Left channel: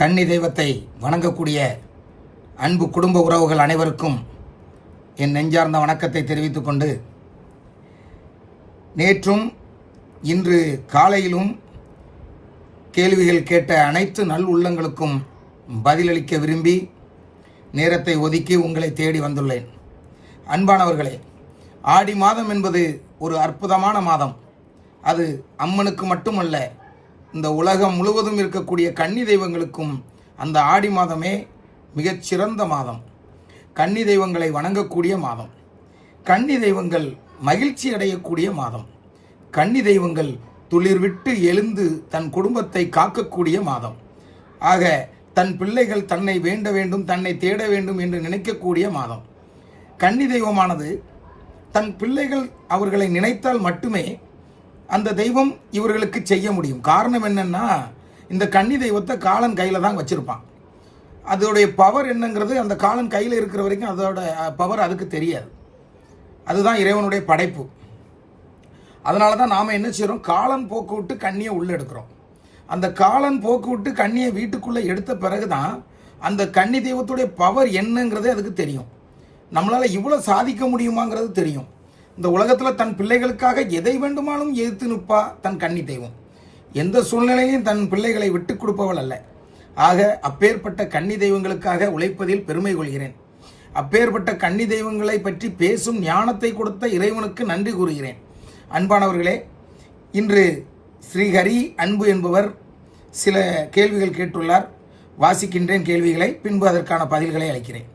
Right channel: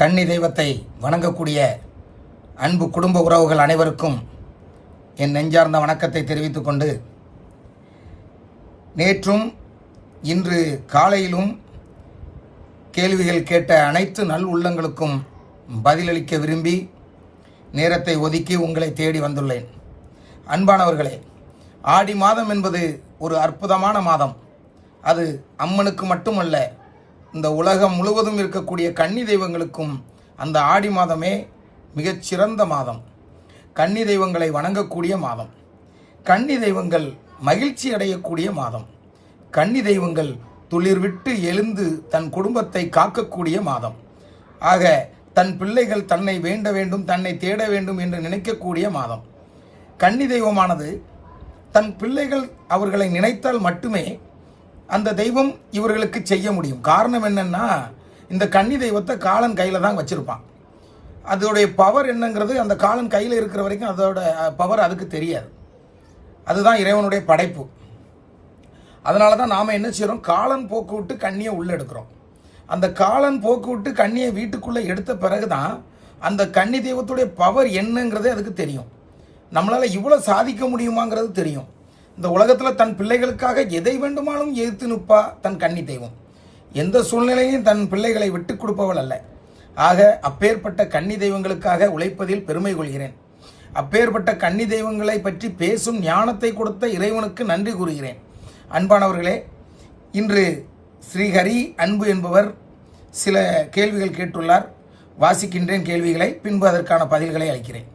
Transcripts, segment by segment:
கன்னி தெய்வத்தை வணங்கக்கூடிய அன்பு குடும்ப உறவுகள் அனைவருக்கும் என் நெஞ்சார்ந்த வணக்கத்தை தெரிவித்துக் கொண்டு, நேற்றும் இன்று காலையிலும் கேள்விகள் கேட்ட அனைத்து நல் உள்ளங்களுக்கும் பதிலளிக்க விரும்பி நேரத்தை ஒதுக்கி உங்களை தேடி வந்துள்ளேன். அன்பானவர்களே, ஆடி மாதம் என்பது ஒரு அற்புதமான மாதம். அது அம்மனுக்கு மட்டுமல்ல, இந்த உலகம் முழுவதும் இருக்கக்கூடிய கன்னி தெய்வங்களுக்கும் அந்த ஆடி மாதமே மிகச்சிறந்த மாதம். கன்னி தெய்வங்களை வணங்கக்கூடிய மாதம். கன்னி தெய்வங்கள் மகிழ்ச்சி அடையக்கூடிய மாதம். கன்னி தெய்வங்கள் துளிர் விட்டு எழுந்து தன் குடும்பத்தை காக்கக்கூடிய மாதம். ஆக தன் பிள்ளைகள் தன்னை வேண்ட வேண்டும், தன்னை தேட வேண்டும் என்று நினைக்கக்கூடிய மாதம். கன்னி தெய்வமானது தன் பிள்ளைகள் அவர்களை நினைத்தால் மட்டுமே அந்த தெய்வம் இவர்களுக்கு செய்ய முடியும். காரணம் என்னன்னா, இந்த கன்னி தெய்வத்தை காலன் கையில தான் வச்சிருப்பான். அதோடைய பவர் என்னங்கிறது அந்த காலன் கையில் இருக்கிற வரைக்கும் அதோட பவர் அதுக்கு தெரியாது. அதுதான் இறைவனுடைய படைப்பு. அதனால தான் நாம என்ன செய்யறோம், காலன் போக்கு விட்டு கண்ணியை உள்ள எடுக்கிறோம். அந்த காலன் போக்கு விட்டு கண்ணியை வீட்டுக்குள்ள எடுத்த பிறகுதான் அந்த கன்னி தெய்வத்துடைய பவர் என்னங்கிறது அதுக்கு தெரியும். நம்மளால இவ்வளவு சாதிக்க முடியுமாங்கிறது தெரியும். இந்த உலகத்துல தன் பிள்ளைகளுக்காக எதை வேண்டுமானும் எதிர்த்து நிற்பா தன் கன்னி தெய்வம். எந்த சூழ்நிலையிலும் தன் பிள்ளைகளை விட்டு கொடுப்பவள் அல்ல. ஆக அப்பேற்பட்ட கன்னி தெய்வங்களுக்காக உழைப்பதில் பெருமை கொள்கிறேன். அப்பேற்பட்ட கன்னி தெய்வங்களை பற்றி பேசும் ஞானத்தை கொடுத்த இறைவனுக்கு நன்றி கூறுகிறேன். அன்பானவர்களே, இன்று ஸ்ரீஹரி அன்பு என்பவர் சில கேள்விகள் கேட்டுள்ளார். வாசிக்கின்றேன் கேள்விகளை, பின்பு அதற்கான பதில்களை அளிக்கிறேன்.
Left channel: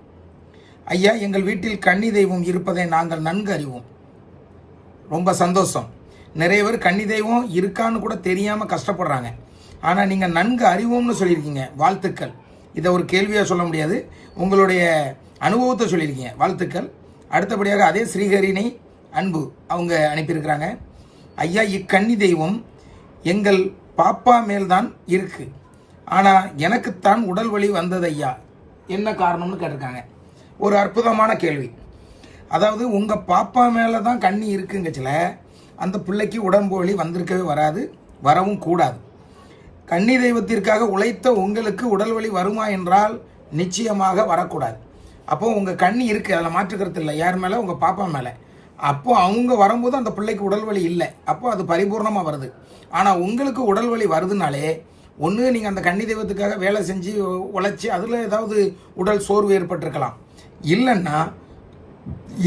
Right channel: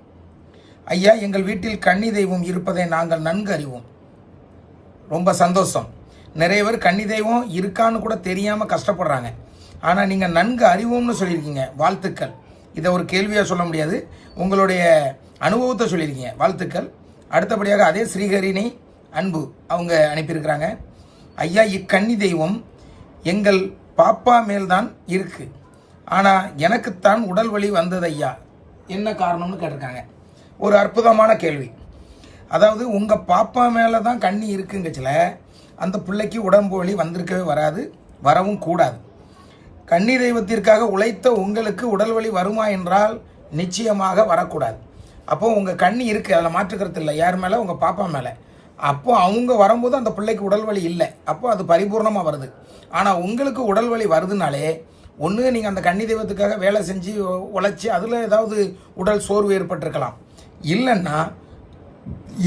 ஐயா, எங்கள் வீட்டில் கன்னி தெய்வம் இருப்பதை நாங்கள் நன்கு அறிவோம். ரொம்ப சந்தோஷம். நிறைய பேர் கன்னி தெய்வம் இருக்கான்னு கூட தெரியாம கஷ்டப்படுறாங்க. ஆனா நீங்க நன்கு அறிவோம்னு சொல்லியிருக்கீங்க, வாழ்த்துக்கள். இதை ஒரு கேள்வியா சொல்ல முடியாது, உங்களுடைய அனுபவத்தை சொல்லியிருக்கீங்க, வாழ்த்துக்கள். அடுத்தபடியாக அதே ஸ்ரீஹரிணி அன்பு அவங்க அனுப்பியிருக்கிறாங்க. ஐயா, இக்கன்னி தெய்வம் எங்கள் பாப்பா மேல்தான் இருக்கு, ஆனா எனக்குத்தான் உடல் வலி வந்தது ஐயா, என்ன காரணம்னு கேட்டிருக்காங்க. ஒரு அற்புதமான கேள்வி. அதாவது உங்க பாப்பா மேலதான் கண்ணி இருக்குங்கச்சுல, அந்த பிள்ளைக்கு உடம்பு வலி வந்திருக்கவே வராது, வரவும் கூடாது. கன்னி தெய்வத்திற்காக உழைத்த உங்களுக்கு உடல் வலி வருமா என்றால் நிச்சயமாக வரக்கூடாது. அப்போ உங்க கண்ணி இருக்கு, அதில் மாற்றுக்கிறது இல்லை. யார் மேல? உங்க பாப்பா மேல. அப்போ அவங்க வரும்போது அந்த பிள்ளைக்கு உடல் வலி இல்லை, அப்போ அது பரிபூர்ணமா வருது. ஆனா உங்களுக்கு உடல் வலி வருதுனாலே ஒன்று நீங்க அந்த கன்னி தெய்வத்துக்காக வேலை செஞ்சு உழைச்சி அதுல ஏதாவது உடல் சோர்வு ஏற்பட்டிருக்கலாம். இல்லைன்னா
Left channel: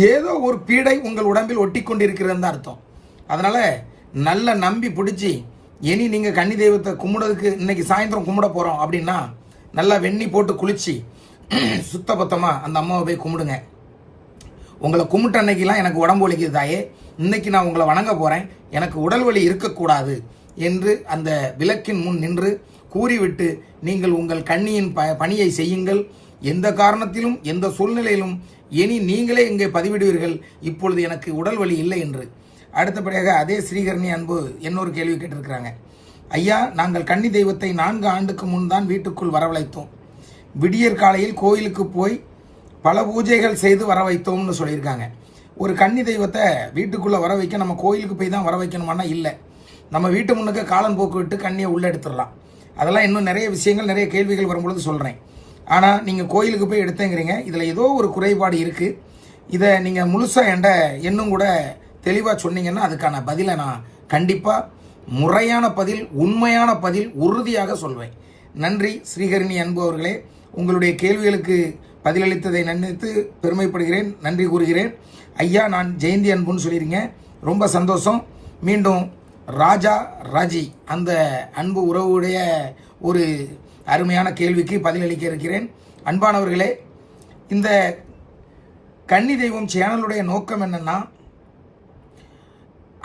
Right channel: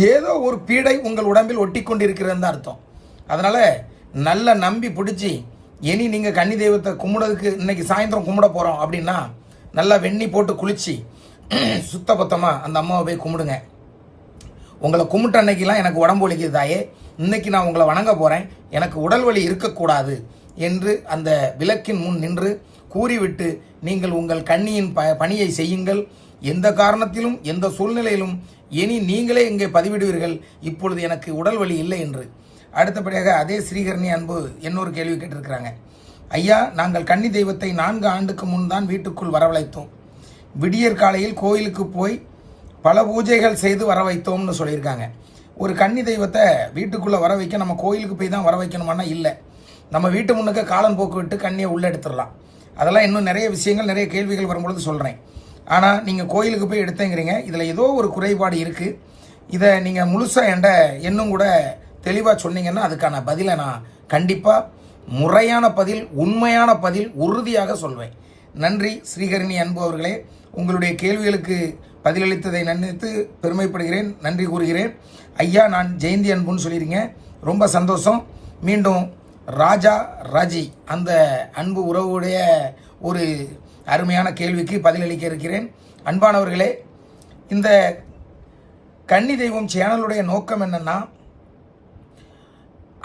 ஏதோ ஒரு பீடை உங்கள் உடம்பில் ஒட்டி கொண்டிருக்கிறது அர்த்தம். அதனால நல்ல நம்பி பிடிச்சி, இனி நீங்க கன்னி தெய்வத்தை கும்பிடுறதுக்கு இன்னைக்கு சாயந்தரம் கும்பிட போறோம் அப்படின்னா நல்லா வெண்ணி போட்டு குளிச்சு சுத்தபத்தமா அந்த அம்மாவை போய் கும்பிடுங்க. உங்களை கும்பிட்ட அன்னைக்கெல்லாம் எனக்கு உடம்பு வலிக்குது தாயே, இன்னைக்கு நான் உங்களை வணங்க போறேன், எனக்கு உடல் வலி இருக்கக்கூடாது என்று அந்த விளக்கின் முன் நின்று கூறிவிட்டு நீங்கள் உங்கள் கன்னியின் பணியை செய்யுங்கள். எந்த காரணத்திலும் எந்த சூழ்நிலையிலும் இனி நீங்களே இங்கே பதிவிடுவீர்கள், இப்பொழுது எனக்கு உடல் வலி இல்லை என்று. அடுத்தபடியாக அதே ஸ்ரீஹரணி அன்பு இன்னொரு கேள்வி கேட்டிருக்கிறாங்க. ஐயா, நாங்கள் கன்னி தெய்வத்தை 4 ஆண்டுக்கு முன் தான் வீட்டுக்குள் வரவழைத்தோம். விடியற் காலையில் கோயிலுக்கு போய் பல பூஜைகள் செய்து வர வைத்தோம்னு சொல்லியிருக்காங்க. ஒரு கன்னி தெய்வத்தை வீட்டுக்குள்ள வர வைக்க நம்ம கோயிலுக்கு போய் தான் வர வைக்கணுமானா இல்லை, நம்ம வீட்டு முன்னுக்கு காலன் போக்கு விட்டு கண்ணியை உள்ள எடுத்துடலாம். அதெல்லாம் இன்னும் நிறைய விஷயங்கள், நிறைய கேள்விகள் வரும்பொழுது சொல்றேன். ஆனா நீங்க கோயிலுக்கு போய் எடுத்தேங்கிறீங்க, இதுல ஏதோ ஒரு குறைபாடு இருக்கு. இதை நீங்க முழுசா இன்னும் கூட தெளிவா சொன்னீங்கன்னா அதுக்கான பதிலை நான் கண்டிப்பா முறையான பதில், உண்மையான பதில் உறுதியாக சொல்வேன். நன்றி ஸ்ரீஹரிணி அன்பு அவர்களே, உங்களுடைய கேள்விகளுக்கு பதிலளித்ததை நினைத்து பெருமைப்படுகிறேன், நன்றி கூறுகிறேன். ஐயா, நான் ஜெயந்தி அன்புன்னு சொல்லிருங்க, ரொம்ப சந்தோஷம். மீண்டும் ராஜா ராஜி அந்த அன்பு உறவுடைய ஒரு அருமையான கேள்விக்கு பதிலளிக்க இருக்கிறேன். அன்பானவர்களே, இந்த கன்னி தெய்வம் சேனலுடைய நோக்கம் என்னன்னா,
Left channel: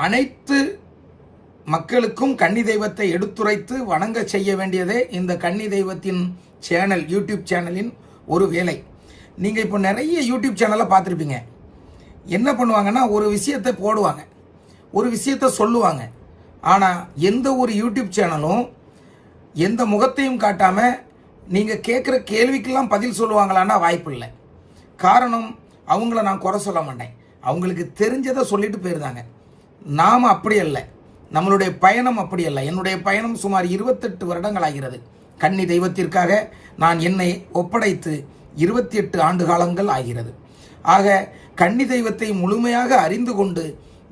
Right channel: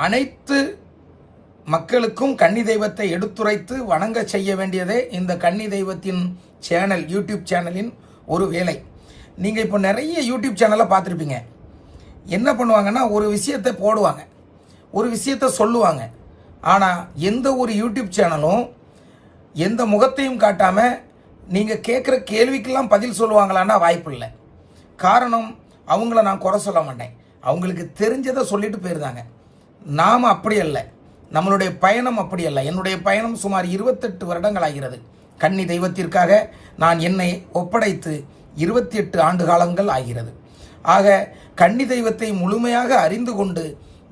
அனைத்து மக்களுக்கும் கன்னி தெய்வத்தை எடுத்துரைத்து வணங்க செய்ய வேண்டியதே இந்த கன்னி தெய்வத்தின் சேனல், யூடியூப் சேனலின் ஒரு வேலை. நீங்க இப்போ நிறைய யூடியூப் சேனலை பார்த்துருப்பீங்க. என்ன பண்ணுவாங்கன்னா, ஒரு விஷயத்தை போடுவாங்க, ஒரு விஷயத்தை சொல்லுவாங்க. ஆனா எந்த ஒரு யூடியூப் சேனலும் எந்த முகத்தையும் காட்டாம நீங்க கேட்கிற கேள்விக்கெல்லாம் பதில் சொல்லுவாங்களான்னா வாய்ப்பு இல்லை. காரணம், அவங்கள நான் குறை சொல்ல மாட்டேன், அவங்களுக்கு தெரிஞ்சதை சொல்லிட்டு போயிருந்தாங்க. நாம அப்படி அல்ல, நம்மளுடைய பயணம் அப்படி அல்ல. என்னுடைய பயணம் சுமார் 28 வருடங்கள் ஆகிறது கன்னி தெய்வத்திற்காக நான் என்னை ஒப்படைத்து 28 ஆண்டு காலங்கள் ஆகிறது. ஆக கன்னி தெய்வத்தை முழுமையாக அறிந்து கொண்டு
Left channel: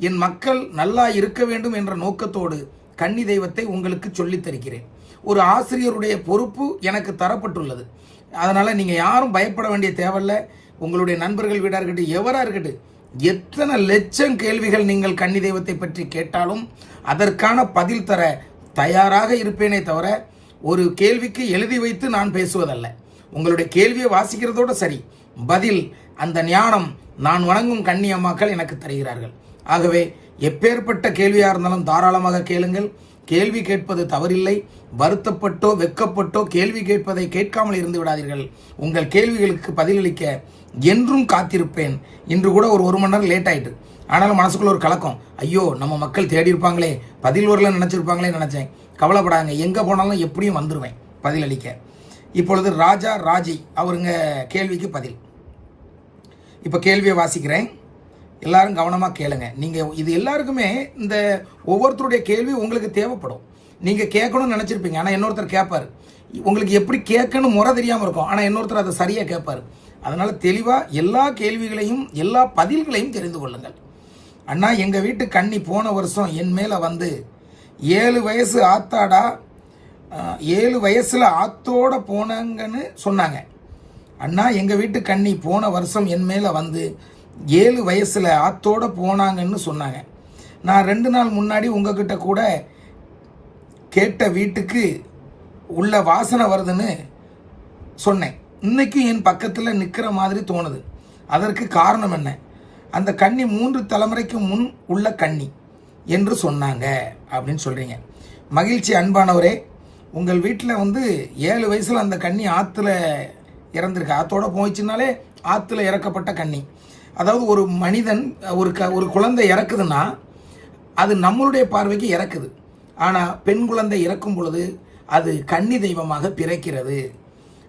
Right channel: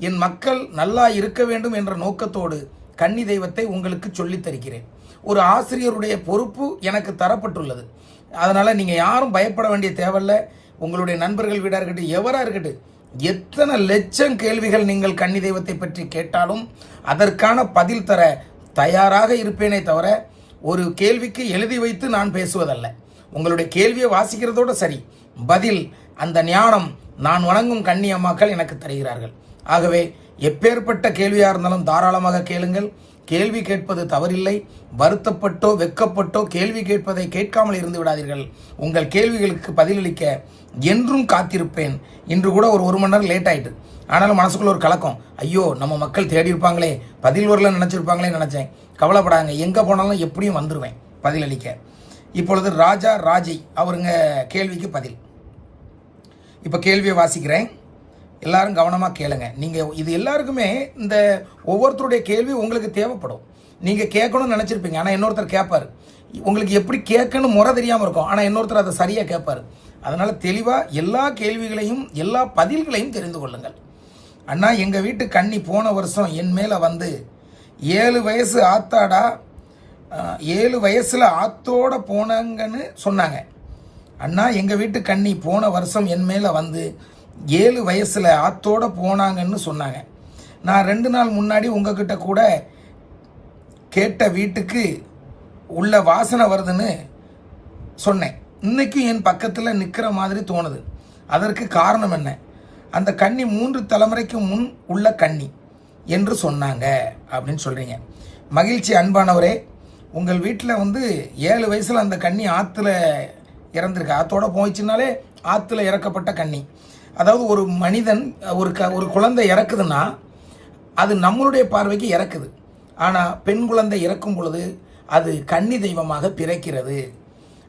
என் மக்கள் நல்லா இருக்க வேண்டும் என்ற நோக்கத்தோடு கன்னி தெய்வத்தை உங்களுக்கு சொல்லித் தருகிறேன். ஒரு ஆசிரியருடைய பொறுப்பு எனக்கு தரப்பட்டுள்ளது. அதனால நீங்க யாரும் பயப்பட வேண்டிய தேவையில்ல. உங்களுடைய நண்பர்கள் வீடா இருக்கட்டும், எவரா இருக்கட்டும், எத்தனை லட்சம் கேள்விகள் நீங்கள் கன்னி தெய்வத்தை பற்றி கேட்டாலும் அதற்கான பதில் தர தயாராக இருப்பேனே தவிர ஒரு கேள்விக்கு எழுதி வைத்து நான் பேசுவதல்ல. உங்களுடைய கேள்வியை வாசிக்கிறதோட சரி, பதில் அந்த ஞானம் நான் வணங்கும் கன்னி அம்மாக்கள் எனக்கு தருகிறார்கள். ஆகவே எப்பேற்பட்ட கேள்வியா இருந்தாலும் தாராளமாக கேளுங்கள். கேள்வி கேட்பது தவறில்லை. வருத்தப்பட்டோ வெக்கப்பட்டோ கேள்வி கேட்பதை கேட்காமல் இருந்து விடாதீர்கள். உங்கள் கேள்விகளுக்கு பதிலளிக்க என்றும் காத்திருப்பேன். இன்று கூட ஒரு மணி நேரம் லேட் ஆயிட்டு, ஆனாலும் மனசுக்குள்ள ஒரு கலக்கம். ஐயோ, நம்ம மக்கள் தேடி இருப்பாங்களே, பதில் வரல நினைச்சிருப்பாங்களே நினைச்சேன். கவலைப்படாங்க, எங்க போனாலும் எப்படியும் வந்துருவேன் பதிலளிக்க. இப்பொழுது ராஜா ராஜி அவருங்க கேள்விக்கு பதில். இப்ப கேள்வியை வாசிக்கிறேன், எல்லாரும் கவனமா கேளுங்க. நீங்க இது எல்லாருக்குமே இந்த ஒவ்வொருத்தருடைய கேள்வி உங்களுக்கு தேவைப்படும். நீங்க கேட்கணும்னு நினைச்சிருப்பீங்க, ஆனா இன்னொருத்தர் கேட்பாரு. உங்களுக்கு எப்படி கேட்கணும் முறை தெரியாம இருக்கும், ஆனா இன்னொருத்தர் அதை சரியா கேட்பாரு. அதனால தெளிவா எல்லா கேள்விகளையும் எல்லா பதில்களையும் தெரிந்து கொள்ளுங்கள். அண்ணா, எங்க வீட்டு கன்னி போன வருஷம் என் மேல வந்து 7 வயசு ஆத்தாடா, 7 வயசுல ஆத்தோட போனாங்கன்னு சொன்னாங்க. அண்ணா, எங்க வீட்டு கன்னி போன வருஷம் என் மேல வந்து 7 வயசுல ஆத்தோட போனாங்கன்னு சொன்னாங்க. நான் 2 நாள் முன்னாடி உங்ககிட்ட கூட கேட்ட வீட்டுக்கு உள்ள வாசனை வருதுன்னு சொன்னேன். இன்னைக்கும் என் பக்கத்துல நிக்கிற மாதிரி தோணுது. அதற்கு காரணம் என்ன? அந்த கன்னி 3 தலைமுறைக்கு முன் உள்ள கன்னி என்று சொன்னாங்க அப்படின்னு சொல்றீங்க. மகிழ்ச்சி அன்பானவரே. உங்கள் வீட்டில் வந்து 7 வயசுல அந்த கன்னி ஆத்துல இறந்திருக்கு. ஆத்தோட போயிடுச்சுனாலே ஆத்துல இறக்கப்பட்ட கன்னி. அதாவது ஒரு மனிதன் ஒரு குழந்தை இறக்குதுன்னா அது நம்மளுடைய பார்வைக்கு இறக்குது. ஆனா பெண் குழந்தை இறக்கும் பொழுது அது கன்னி தெய்வமாக பிறக்கிறது.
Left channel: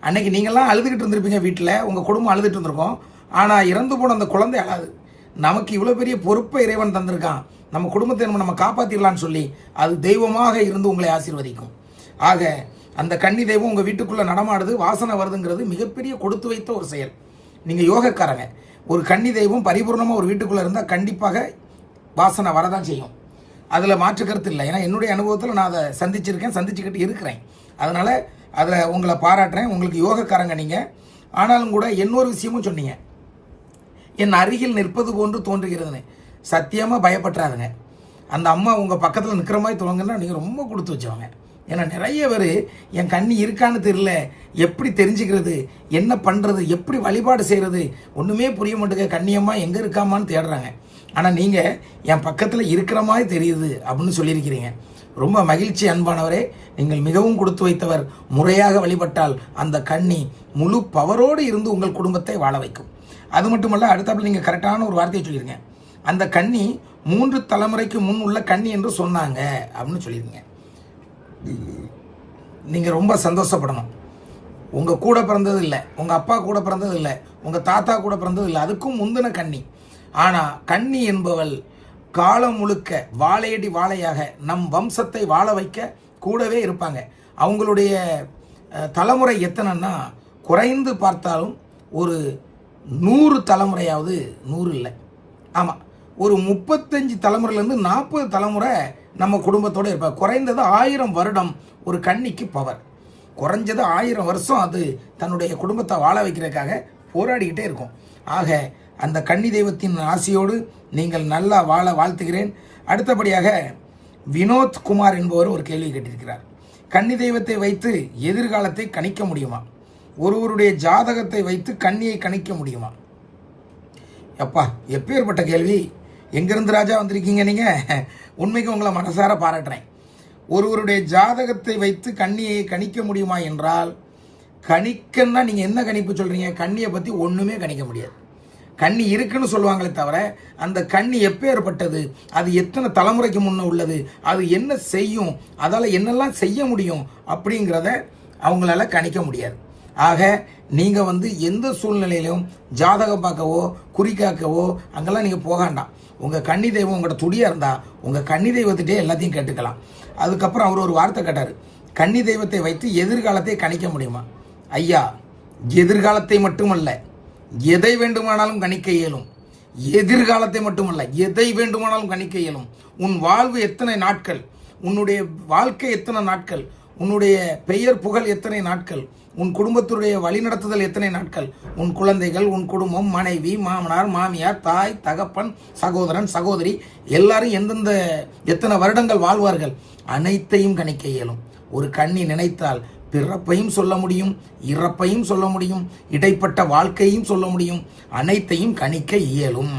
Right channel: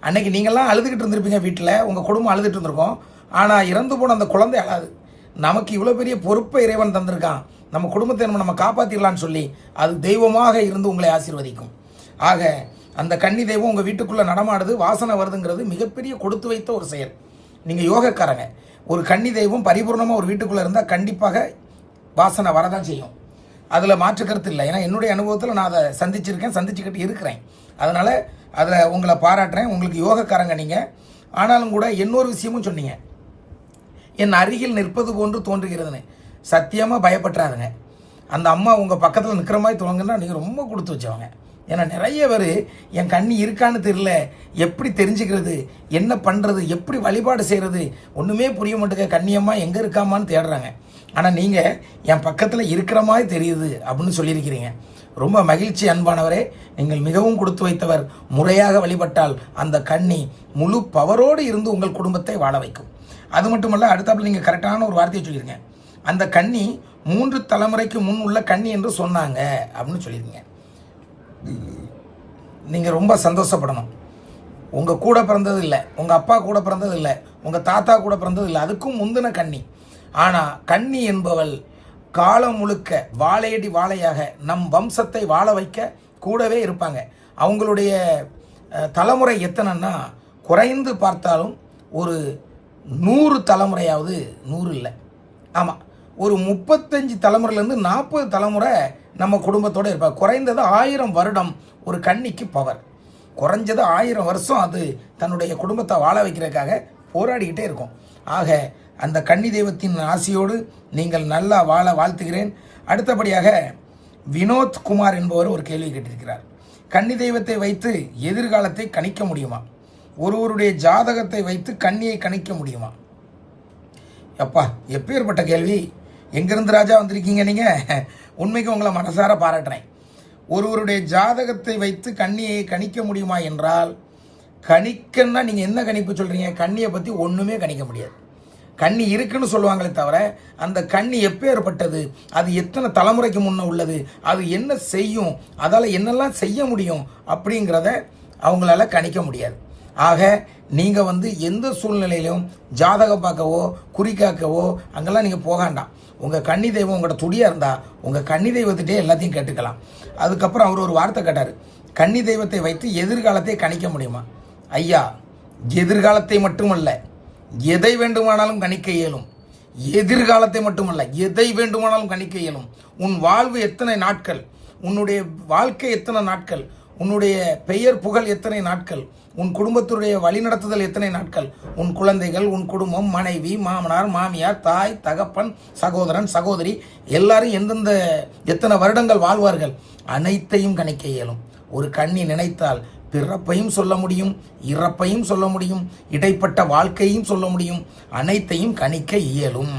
அன்னைக்கு நீங்கெல்லாம் அழுதுகிட்டு இருந்திருப்பீங்க, வீட்டில் உங்க குடும்பம் அழுதுட்டு இருந்திருக்கோம். ஆனா இறந்து போன அந்த குழந்தை அழாது. நமக்கு இவ்வளவு பெரிய பொறுப்பை இறைவன் தந்திருக்கான், நம்ம குடும்பத்தை நம்ம காப்பாத்திடலாம்னு சொல்லி அது தெய்வமாக இருந்து உங்களை ஆசீர்வதிக்கும். ஆக அந்த கன்னி தெய்வம் உங்க வீட்டுக்குள்ள நடமாடுது, வாசனை வருதுங்கிறது மிகப்பெரிய கொடுத்து வைத்த ஒரு செயல். நீங்க யோகக்காரங்க. ஒரு கன்னி தெய்வம் பரிபூர்ணமா ஒரு வீட்டுக்குள்ள இருந்தா கண்டிப்பாக வாசனை வரதான் செய்யும். அதுல மாற்று கருத்து இல்லை. ஏன்னா என்னுடைய அனுபவத்தில் நான் அதை சந்திச்சிருக்கேன், சந்திச்சுக்கிட்டு இருக்கிறேன். அதனால அதை உங்களை பாராட்டுறேன். உங்களுக்கு யோகக்காரங்க நீங்க. ஆனாலும் கூட இன்னொரு விஷயமும் சொன்னீங்க, என் அருகில் நிற்பது போன்று தோன்றுகிறதுன்னு. சத்தியமா பயப்பட்டுறாதுங்க. அந்த அம்மா உங்க பக்கத்துல நிக்கிற மாதிரி தோணுங்கன்னா நீங்க ரொம்ப கொடுத்து வச்சவங்க. ஏன்னா நிறைய பேர் என் கண்ணி இருக்கான்னு தெரியல, எப்படி தெரிஞ்சுக்கிறது, என்ன பண்றது, எப்படி வழிபாடு செய்யறது, ஒண்ணுமே புரிய மாட்டேங்க, கண்ணியம்மா எங்க இருக்காமான்னு தேடுறாங்க. ஆனா நீங்க என் பக்கத்துல இருக்கிற மாதிரி தெரியுது அப்படின்னு சொல்லியிருக்கிறீங்க. ரொம்ப மகிழ்ச்சி அன்பானவரே. நீங்கள் மிகவும் கொடுத்து வைத்தவர். முறையாக வழிபட்டால் அந்த கன்னி முழு பவரோடு இருந்து உங்கள் குடும்பத்தை வாழ வைக்கும். அது மட்டுமல்ல, அடுத்தாப்புல நீங்க கரெக்டான ஒரு வார்த்தையை சொல்லிருங்க. அந்த கன்னி 3 தலைமுறைக்கு முன் உள்ள கன்னி என்று சொன்னாங்க அப்படின்னு சொல்லிருங்க. நீங்க ரொம்ப சந்தோஷப்படணும். உங்க கூட பிறந்தது இல்லை, உங்க அப்பா கூட பிறந்தது இல்லை, உங்க தாத்தா கூட பிறந்தது இல்லை, அதுக்கும் முந்தின கன்னி. ஆனா கன்னி என்பவள் காலம் முழுக்க வாழையடி வாழையாக நம் வம்சத்தை வாழ வைக்க கூடவே இருப்பாங்க. அவங்களுடைய தலைமுறை எத்தனைன்னா குறைந்து பார்த்தாலும் ஒரு 100 தலைமுறையாவது, 100 இல்லை, ஆமா, ஒரு 35 தலைமுறையிலிருந்து 40 தலைமுறை நம்ம குடும்பத்தோட இருப்பாங்க. குறைந்தது 1000 வருடம் ஒரு கன்னிக்கு பவர். குறைஞ்சது 1000 வருஷம் அது தன்னுடைய குடும்பத்தை வாழ வைக்கிறதுக்காக போராடிக்கிட்டே இருக்கும். ஆக அந்த கன்னி தெய்வத்தின் ஆசையோடு நீங்கள் நல்லா வாழ வாழ்த்துகிறேன். அடுத்தபடியாக வினோத் குமார் என்பவர் ஒரு கேள்வி கேட்டிருக்கிறார். கன்னி தெய்வத்தை வைத்து எதிர்காலத்தை கணிக்க முடியுமா? ஒருவருடைய ஜாதகத்தை வைத்து கன்னியை கணிக்க முடியுமா? அப்பா, எப்பேற்பட்ட கேள்வி! எங்கிருந்து ராஜா வந்திருக்கீங்க நீங்க? உண்மைக்கு உங்களை மனசார பாராட்டுறேன். ஒருவருடைய ஜாதகத்தை வைத்து கன்னியை கணிக்க முடியுமா என்றால், கணிக்கன்னா நீங்க என்ன கணிப்பு சொல்றீங்க? கன்னியை பத்தி ஒண்ணுமே கணிக்க முடியாது. கன்னி இருக்குன்னு சொல்லுவாங்களே தவிர அந்த கன்னி எப்பேற்பட்டது, அது எத்தனை தலைமுறைக்கு முன்ன உள்ளது, அது என்ன செய்யும், அதால என்னெல்லாம் செய்ய முடியும் அப்படிங்கிறத அவங்களால கணிக்க முடியாது. ஆக நீங்க எந்த சூழ்நிலையிலும் ஜாதகம் பார்க்கவோ குறிக்காக்கவோ அங்கெல்லாம் நீங்க போகாண்டாம். உங்கள் கன்னி தெய்வம் உங்களோட துடியாக இருந்தால் உங்கள் கன்னி தெய்வத்திட்டே எல்லாத்தையும் கேட்டுக்கலாம். அதுக்கப்புறம் அவர் ஒரு வார்த்தை கேட்டார், கன்னி தெய்வத்தை வைத்து எதிர்காலத்தை கணிக்க முடியுமா? ஐயா, எதிர்காலத்தை மட்டுமல்ல, எதை வேண்டுமானாலும் கணிக்க இயலும். எதிர்காலத்தை மட்டுமல்ல, எதை வேண்டுமானாலும் கணிக்க இயலும். உன் வாழ்வு எத்தனை நாட்கள், உன்னுடைய வாழ்க்கை எத்தனை நாட்கள், உன்னுடைய பெயர் புகழ் எத்தனை நாட்கள், உன் குடும்பத்துடைய வழிநடத்துதல் எத்தனை நாட்கள், உன் குழந்தைகள், உன் குடும்பம், மனைவி, மாமனார், மாமியார், தாய், தகப்பன், சகோதரன், சகோதரி எல்லாரும் எந்தெந்த எத்தனை வருடங்கள் வாழ்வார்கள் அனைத்தையும் கணிக்க இயலும். ஒரு கண்ணி நினைத்தால் பிறப்பையும் சொல்ல முடியும், இறப்பையும் சொல்ல முடியும், இடைப்பட்ட வாழ்க்கையும் சொல்ல முடியும், அனைத்தையும் கணிக்க இயலும்.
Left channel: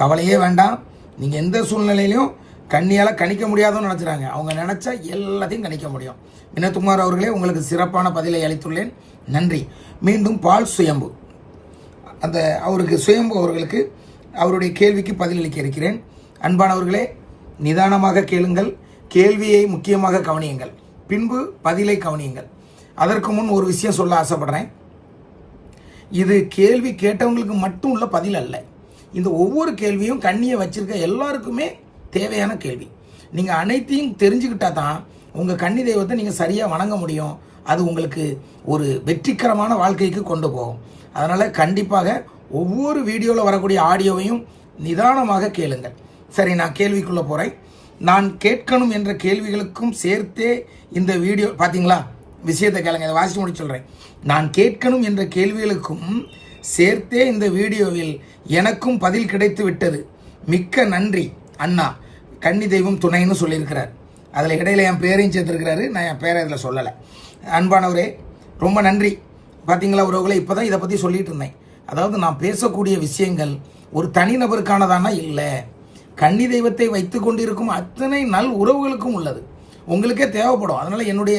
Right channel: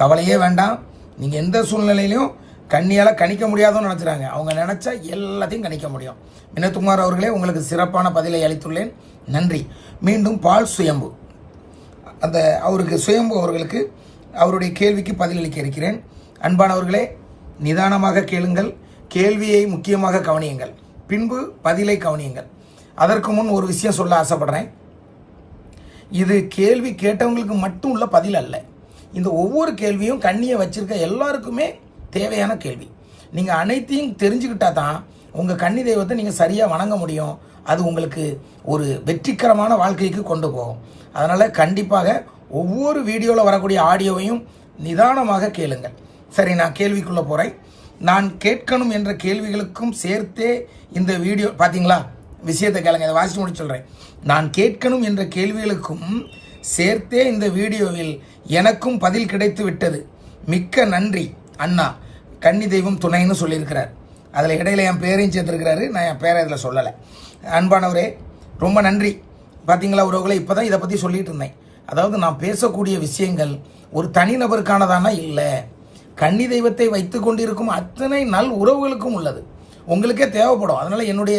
கவலையே வேண்டாம். நீங்க எந்த சூழ்நிலையிலும் கண்ணியால கணிக்க முடியாதுன்னு நினைச்சுறாங்க, அவங்க நினைச்சா எல்லாத்தையும் கணிக்க முடியும். வினோத்குமார் அவர்களே, உங்களுக்கு சிறப்பான பதிலை அளித்துள்ளேன், நன்றி. மீண்டும் பால் சுயம்பு, அந்த அவருக்கு சுயம்பு அவர்களுக்கு அவருடைய கேள்விக்கு பதிலளிக்க இருக்கிறேன். அன்பானவர்களே, நிதானமாக கேளுங்கள், கேள்வியை முக்கியமாக கவனியுங்கள், பின்பு பதிலை கவனியுங்கள். அதற்கு முன் ஒரு விஷயம் சொல்ல ஆசைப்படுறேன். இது கேள்வி கேட்டவங்களுக்கு மட்டும் உள்ள பதில் அல்ல. இந்த ஒவ்வொரு கேள்வியும் கண்ணியை வச்சிருக்க எல்லாருக்குமே தேவையான கேள்வி. நீங்க அனைத்தையும் தெரிஞ்சுக்கிட்டா தான் உங்க கன்னி தெய்வத்தை நீங்க சரியா வணங்க முடியும். அது உங்களுக்கு ஒரு வெற்றிகரமான வாழ்க்கைக்கு கொண்டு போகும். அதனால கண்டிப்பாக ஒவ்வொரு வீடியோவில் வரக்கூடிய ஆடியோவையும் நிதானமாக கேளுங்கள். சரி, நான் கேள்விக்குள்ள போறேன். நான் கேட்கணும் என்ற கேள்விகளுக்கும் சேர்த்தே இந்த வீடியோ பாத்தீங்களா, விஷயத்தை கேளுங்க, இதை வாசிச்சு முடிச்சு சொல்றேன். நான் கேட்கணும் என்ற கேள்விகளுக்கும் சேர்த்தே இந்த வீடியோவில் எனக்கும் பதில் கிடைத்து விட்டது. மிக்க நன்றி அண்ணா, கன்னி தெய்வம் துணைன்னு சொல்லியிருக்கிறார். அதில் இடையில என் பேரையும் சேர்த்திருக்கிறாரு, நான் என் பேரை இதில் சொல்லலை. அன்பானவரே, ரொம்ப நன்றி. பார்த்தீங்களா உறவுகளை, இப்போதான் இதை பற்றி சொல்லிட்டு இருந்தேன். அதாவது நான் பேசக்கூடிய விஷயங்கள் ஒரு தனிநபருக்கானதானா இல்லை, கன்னி தெய்வத்தை வைத்துக் கொண்டிருக்கும் அத்தனை நல் உறவுகளுக்கும் உள்ளது, உங்களுக்கே தேவைப்படும். அதனால என்னுடைய